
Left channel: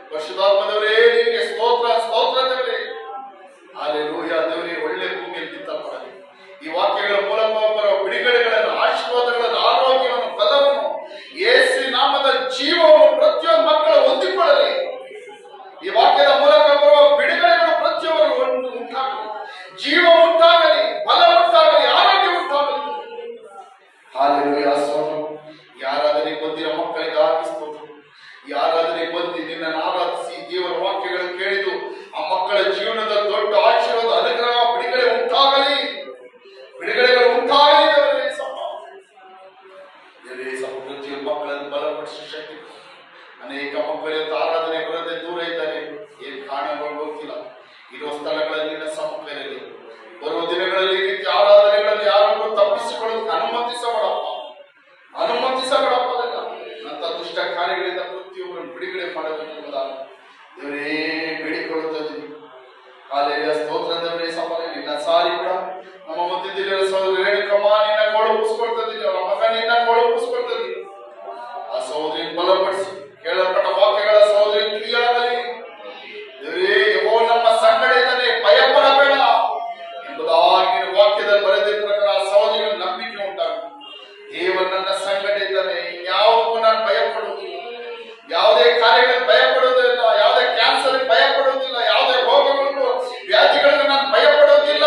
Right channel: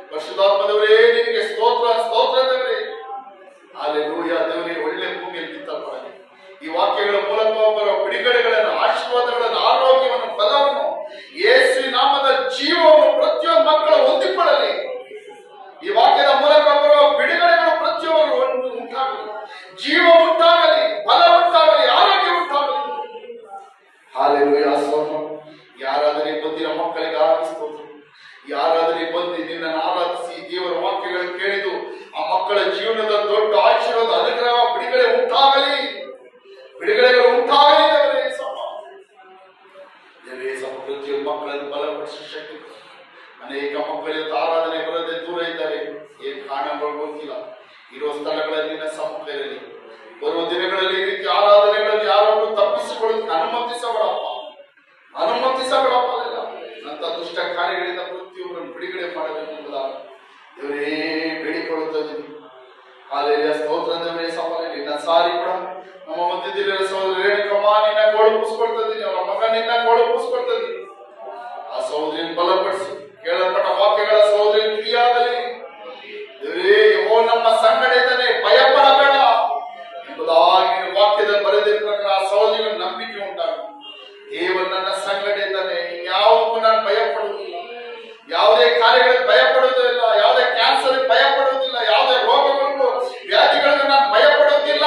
ಪರಿಶುದ್ಧಾತ್ಮದವರೇ, ನಿಮಗೆ ಸ್ತೋತ್ರ, ಸ್ತೋತ್ರ ದೇವರೇ. ಹಲ್ಲೆಲೂಯ. ದೇವರೇ, ಒಳ್ಳೆ ಭೂಮಿಯಲ್ಲಿ ಬಿತ್ತಲ್ಪಡಲಿ. ಈ ವಾಕ್ಯಗಳ ಮೂಲಕ ಬರುವ ಬಿಡುಗಡೆಗಳನ್ನು, ಆಶೀರ್ವಾದಗಳನ್ನು, ಆರೋಗ್ಯವನ್ನು, ಬಲವನ್ನು, ಯೇಸುವಿನ ನಾಮದ ಜೀವವನ್ನು ಪ್ರತಿಯೊಂದು ಮಕ್ಕಳು ಹೊಂದಿಕೊಳ್ಳಲಿ. ಈ ವಾಕ್ಯದ ಮೂಲಕ ಬರುವ ಬಿಡುಗಡೆಗಳು ಪ್ರತಿಯೊಬ್ಬರು ಉಂಟಾಗಲಿ. ಜೀವ ಉಂಟಾಗಲಿ, ಬಲ ಉಂಟಾಗಲಿ, ಆರೋಗ್ಯ ಉಂಟಾಗಲಿ. ಹಲ್ಲೆಲೂಯ. ಸ್ತೋತ್ರ. ಯಾರಾದರೆ ಬಂದಿರೋ ಮಕ್ಕಳಿಗಾಗಿ ಸ್ತೋತ್ರ. ಯಾರಾದರೆ ಬಂದು ನಿನ್ನನ್ನು ಆರಾಧಿಸಿ ದೇವರ ವಾಕ್ಯಗಳನ್ನು ಕೇಳಿದು ಆ ಮಕ್ಕಳ ಜೀವನದ ದೊಡ್ಡ ಆಶೀರ್ವಾದ, ಅನುಗ್ರಹ, ಬಿಡುಗಡೆ ಉಂಟಾಗಲಿ. ಬಿಡುಗಡೆಗಳು ಉಂಟಾಗಲಿ. ಪ್ರತಿಯೊಂದು ಮಕ್ಕಳನ್ನು ಬಲಪಡಿಸಿ ಶಕ್ತಿ. ಅನೇಕ ಮಕ್ಕಳು ಆರಾಧನೆ ಬರದೆ ದೂರ ಇದ್ದಾರೆ. ಏನ್ ಕಾರಣಗಳು ಗೊತ್ತಿಲ್ಲ. ಇರುವ ಸ್ಥಳಗಳಲ್ಲಿ ನಿನ್ನ ಸಮ್ಮುಖ ಇರಲಿ. ಬರುವ ದಿನಗಳಲ್ಲಿ ಈ ರೀತಿ ಆರಾಧನೆಗಳಲ್ಲಿ ಯಾರನ್ನು ತಪ್ಪಿಸಿಕೊಳ್ಳೋದಕ್ಕೆ ಅನುಮತಿಸಬೇಡಪ್ಪ, ಅನುಮತಿಸಬೇಡಪ್ಪ. ಅಂತ ದುಷ್ಟ ಕಾರ್ಯಗಳಿಂದ ಪ್ರತಿಯೊಬ್ಬರನ್ನು ಬಿಡುಗಡೆ ಮಾಡಬೇಕೆಂಬುದಾಗಿ ದೇವರೇ ಬೇಡಿಕೊಳ್ಳುತ್ತದೆ. ಹಾಲೆಲೂಯ. ಸ್ತೋತ್ರ ದೇವರೇ. ಸಫಲ ನಿನ್ನ ಸಾರಿ ಕೂಡ ನಮ್ಮ ಮಧ್ಯದಲ್ಲಿರುವ ಸಹೋದರಿ ರೇಣುಕಮ್ಮ ನಿನ್ನ ಗೋಳಪಿಸ್ಕೊಳ್ತದೆ. ಅವರ ಮಗ ನಿನ್ನ ಗೋಳಪಿಸ್ಕೊಳ್ತದೆ. ಆ ಸಹೋದರಿಯನ್ನು ಬಲಪಡಿಸಿ ಕೇಳಲ್ಪಟ್ಟ ವಾಕ್ಯಗಳ ಸಹೋದರಿ ಕ್ರಿಯಾಗಲಿ. ದೇವರೇ, ಯೆಹೋವ ನಮ್ಮ ಸಂಗಡ ಇದ್ದಾನೆ, ಭಯಪಡಬೇಡ ಎಂಬುದಾಗಿ ವಾಕ್ಯದಲ್ಲಿ ಬರೆದಿರುವ ಪ್ರಕಾರ ಆ ಸಹೋದರಿಗಳ ನಂಬಿಕೆ ಉಂಟಾಗಲಿ. ದೇವರು ನನ್ನ ಸಂಗಡ ಇದ್ದಾನೆ, ಇನ್ಯಾವುದಕ್ಕೂ ನಾನು ಭಯಪಡುವುದಿಲ್ಲ. ಯಾವುದೇ ಕಾರ್ಯಗಳಿಗೆ ಭಯಪಡುವುದಿಲ್ಲ. ಯಾವುದೇ ಕ್ಯಾನ್ಸರ್ ಭಯಪಡುವುದಿಲ್ಲ. ಯಾವುದೇ ರೋಗಗಳು, ವ್ಯಾಧಿಗಳಿಗೆ ನಾನು ಭಯಪಡುವುದಿಲ್ಲ.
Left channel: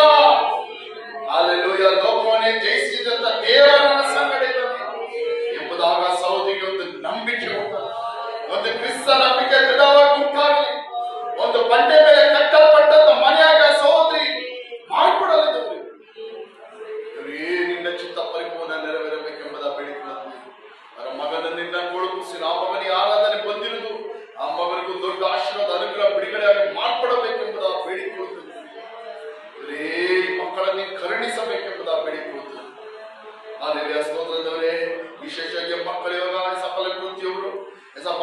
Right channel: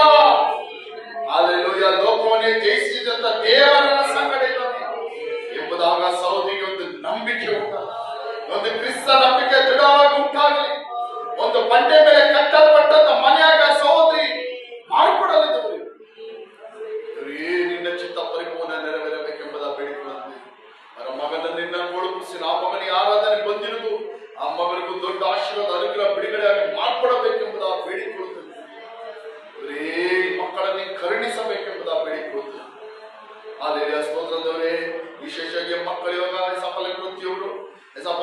ಹಲ್ಲೆಲೂಯ. ಲೋಕವನ್ನೇ ಜಯಿಸಿದಂತ ದೇವರು ನನ್ನ ಸಂಗಡ ಇದ್ದಾನೆ ಎಂಬುದಾಗ ಸಹೋದರಿಗೆ ಒಂದು ನಂಬಿಕೆ ಉಂಟಾಗಲಿ. ಒಂದು ಕ್ರಿಸ್ತ ನಂಬಿಕೆ ದೃಢವಾಗಿ ಉಂಟಾಗಲಿ. ಒಂದು ಬಂಡೆ ಮೇಲೆ ಕಟ್ಟಲ್ಪಟ್ಟಂತ ಮನೆಯಾಗ ಸಹೋದರಿ ಮಾರ್ಪಡಲಿದ್ದವರು. ನಿನ್ನ ಚಿತ್ತ ಪರಿಪೂರ್ಣ ನೆರವೇರ ನಿನ್ನ ಕೊಡುಗಿಸಿ ಆ ಮಗನಿಗೆ ಆರಾಧನೆ ಬಂದಿರುವುದು ಆ ಮಗನಿಗೂ ದೊಡ್ಡ ಆಶೀರ್ವಾದ ಅನುಗ್ರಹ ಬಿಡುಗಡೆಯಾಗಿ ಮಾಡ್ಕೊಡಬೇಕೆಂಬುದ ಬೇಡಿಕೊಳ್ಳುತ್ತದೆ. ಈ ಮಕ್ಕಳನ್ನು ಕರುಣಿಸಬೇಕೆಂಬುದ ಬೇಡಿಕೊಳ್ಳುತ್ತದೆ. ಅಲ್ಲಿಯ ಸ್ತೋತ್ರದವರೇ, ವಿಶೇಷವಾಗಿ ಮಕ್ಕಳು ಇವಾಗ ಸಫಲ ಪ್ರತಿಯೊಬ್ಬರು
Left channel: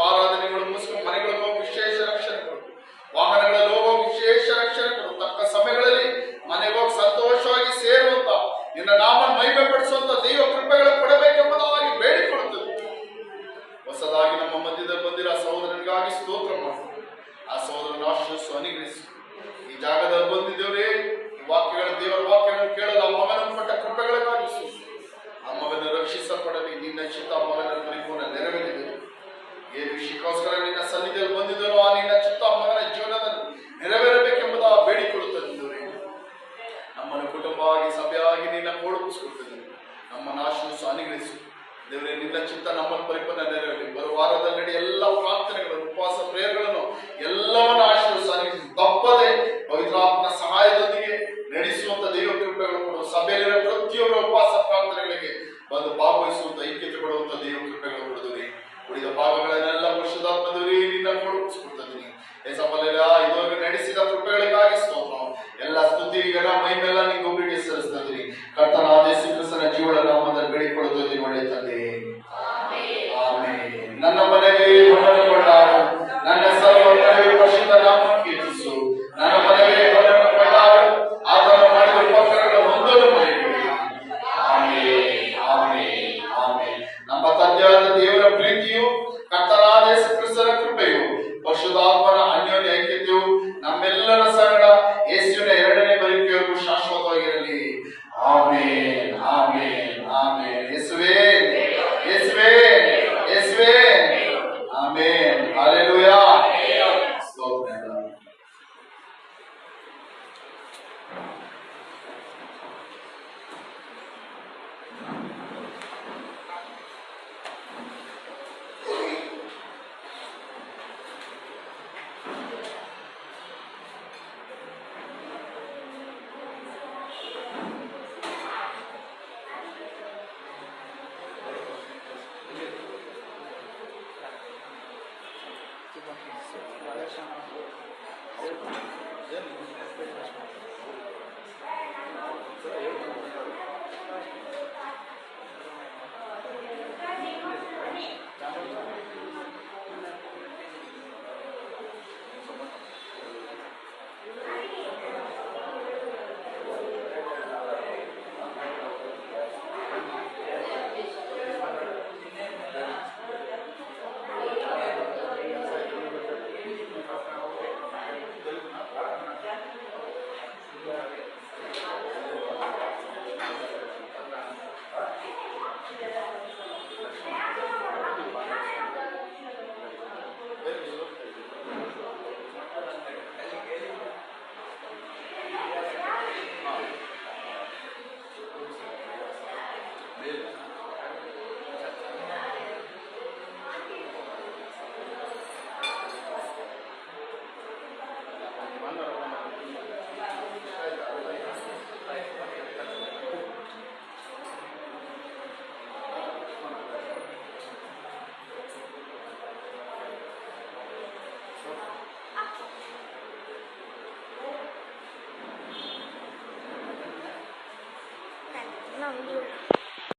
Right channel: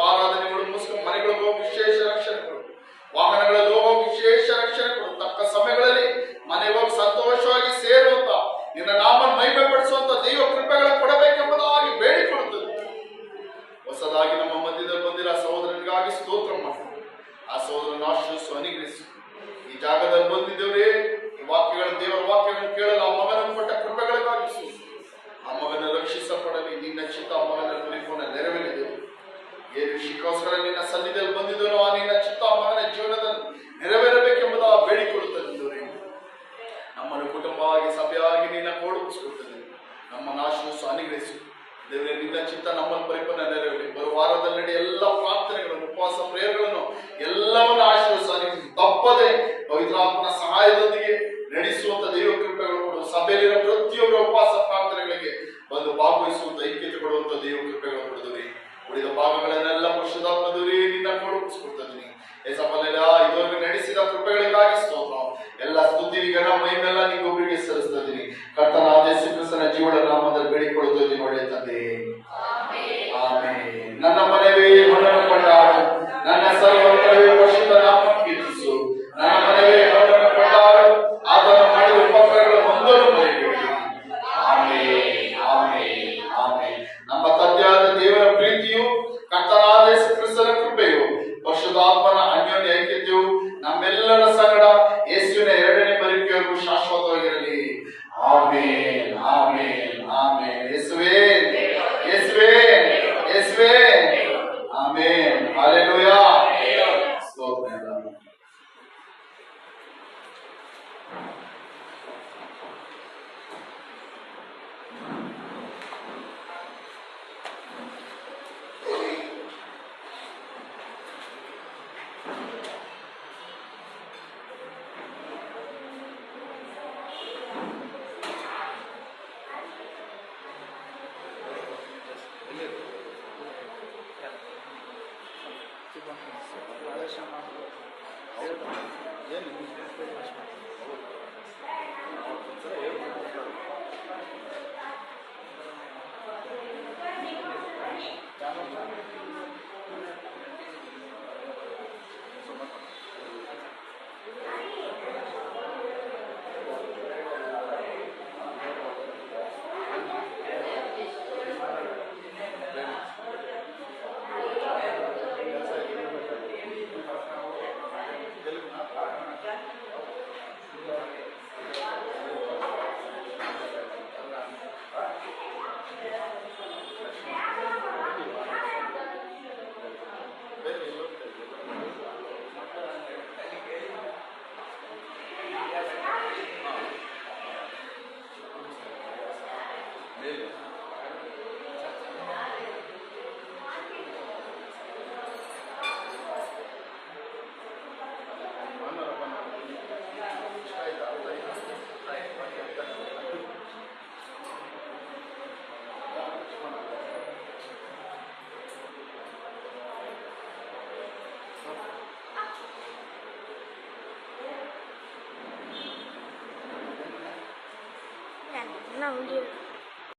ಆರಾಧನೆಗಳು ಮುಗಿಸ್ಕೊಂಡು ಮನೆಗಳಿಗೆ ಹೋಗಿ ವಿಶೇಷ ರಕ್ಷಣೆ ಕೊಡು, ವಾಹನಗಳಲ್ಲಿ ಹೋಗೋ ವಿಶೇಷ ರಕ್ಷಣೆ ಕೊಡು, ತಕ್ಕ ಸಮಯಗಳಲ್ಲಿ ಮನೆಗೆ ಹೋಗಿ ಸಂತೋಷವಾಗಿ ಸೇರುವಂತ ನಿನ್ನ ನಾಮ ಮಹಿಮೆ ಪಡಿಸುವಂತ ದೈವ ಕೃಪೆಗಳನ್ನು ಕೊಡಬೇಕೆಂಬುದಾಗಿ ಬೇಡಿಕೊಳ್ಳುತ್ತದೆ. ಹೊಸದಾಗಿ ನಮ್ಮ ಮಧ್ಯದಲ್ಲಿ ಬಂದಿರೋ ಸಹೋದರನಿಗಾಗಿ ಸ್ತೋತ್ರ ಮಾಡ್ತೀವಿ. ಆ ಸಹೋದರನ ಆಶೀರ್ವದಿಸು, ಅನುಗ್ರಹಿಸು. ಈ ಜಾಗದಲ್ಲಿ ಬಂದಿದ್ದೇವ್ರೆ, ಈ ವಾಕ್ಯಗಳ ದೇವರ ವಾಕ್ಯಗಳನ್ನು ಕೇಳಲು ಆ ಮಗನನ್ನು ಕೊಟ್ಟ ಕೃಪೆಗಳಿಗಾಗಿ ಆ ಮಗನ ರಕ್ಷಿಸಲ್ಪಡಲಿ. ನಿನ್ನ ಚಿತ್ತ ಆ ಮಗನ ಪರಿಪೂರ್ಣ ನೆರವೇರಿದೆ. ಏನು ವಿಷಯಕ್ಕೋಸ್ಕರ ನಿನ್ನ ಸನ್ನಿಧಿಯಲ್ಲಿ ಬಂದಿದ್ದನೋ ಆ ನಿನ್ನ ಚಿತ್ತ ಆ ಮಗನ ಜೀವನದಲ್ಲಿ ನೆರವೇರಬೇಕೆಂಬುದ ಬೇಡಿಕೊಳ್ಳುತ್ತದೆ. ನಮ್ಮನ್ನು ಕುಟುಂಬವಾಗಿ ಸಭೆಯಾಗಿ ನಿನ್ನ ಕೊಡುಗಿಸುತ್ತದೆ. ನಮ್ಮನ್ನು ಆಶೀರ್ವದಿಸು, ಅನುಗ್ರಹಿಸು. ದೇವರೇ, ನಿನ್ನ ಚಿತ್ತ ನಮ್ಮನ್ನು ಪರಿಪೂರ್ಣ ನೆರವೇರಲಿ. ಬರುವ ವಾರದಲ್ಲಿ ನಡಿ ಎಲ್ಲ ಪ್ರಾರ್ಥನೆಗಳನ್ನು, ಉಪವಾಸ ಪ್ರೇಯರ್ಗಳನ್ನು ಎಲ್ಲವನ್ನು ಆಶೀರ್ವದಿಸು, ಅನುಗ್ರಹಿಸು. ತಪ್ಪದೆ ಪವಿತ್ರಾತ್ಮನ ಸಹಾಯದೊಂದಿಗೆ ನಡೆಸುವಂತ ದೈವ ಕೃಪೆಗಳು ಕೊಡು. ಸಭೆಯಲ್ಲಿರುವ ಪ್ರತಿಯೊಬ್ಬರ ಉಪವಾಸ ಪ್ರಾರ್ಥನೆಗಳಿಗೆ ಬಂದು ಭಾಗವಹಿಸುವಂತ ಐಕ್ಯತೆ ಕೊಡುವಂತ ದೈವ ಕೃಪೆಗಳು ಕೊಡುತ್ತೀರಿ. ಉಳಿದ ಭಾಗಗಳನ್ನೆಲ್ಲ ಪರಿಶುದ್ಧಾತ್ಮದವರೇ ನಿನ್ನ ಕೊಡುಗಿಸ್ಕೊಡ್ತಿದ್ದೀನಿ. ಇದುವರೆಗೂ ನಡೆಸಿದ ಕೃಪೆಗಳಿಗಾಗಿ ಸ್ತೋತ್ರ. ಎಲ್ಲ ಸ್ತುತಿ ಘನ ಮಹಿಮೆಲ್ಲ ನಿಂಗೆ ಒಬ್ಬರಿಗೆ ಸಲ್ಲಿಸ್ತಿದ್ದೀನಿ. ಕರ್ತನಾದ ಯೇಸು ಕ್ರಿಸ್ತನ ಜೀವನ ನಾಮದಲ್ಲಿ ಬೇಡಿಕೊಳ್ಳುತ್ತೀನಿ. ಒಳ್ಳೆಯ ತಂದೆ, ಆಮೆನ್. ನನ್ನ ಮನವೇ ಹೊರನ್ನು ಕೊಂಡಾಡು, ನನ್ನ ಸರ್ವ ಪರಿಶುದ್ಧ ನಾಮ ಕೀರ್ತಿಸು. ನನ್ನ ಮನವೇ ಹೊರನ್ನು ಕೊಂಡಾಡು, ಆತನು ಮಾಡಿದ ಉಪಕಾರಗಳ ಒಂದನ್ನು ಮರೆಯಬೇಡಿ. Amen, amen, amen. ನಮ್ಮ ತಂದೆಯಾದ ದೇವರ ಪ್ರೀತಿಯು, ಕರ್ತನಾದ ಯೇಸು ಕ್ರಿಸ್ತನ ಕೃಪೆಯು, ಪರಿಶುದ್ಧಾತ್ಮನ ಅನ್ಯೋನ್ಯ ಐಕ್ಯತೆಯು ನಮ್ಮೆಲ್ಲರ ಸಂಗಡ ಯೇಸುವಿನ ಎರಡನೇ ಬರುವಿಕೆಯವರೆಗೂ ಶಾಶ್ವತವಾಗಿರಲಿ. Amen, amen, amen. ಯೇಸುವೇ, ಯೇಸುವೇ, ಯೇಸುವೇ. ಆಮೆನ್. ಹಲ್ಲೆಲೂಯಾ. ಸ್ತೋತ್ರ. ಏನು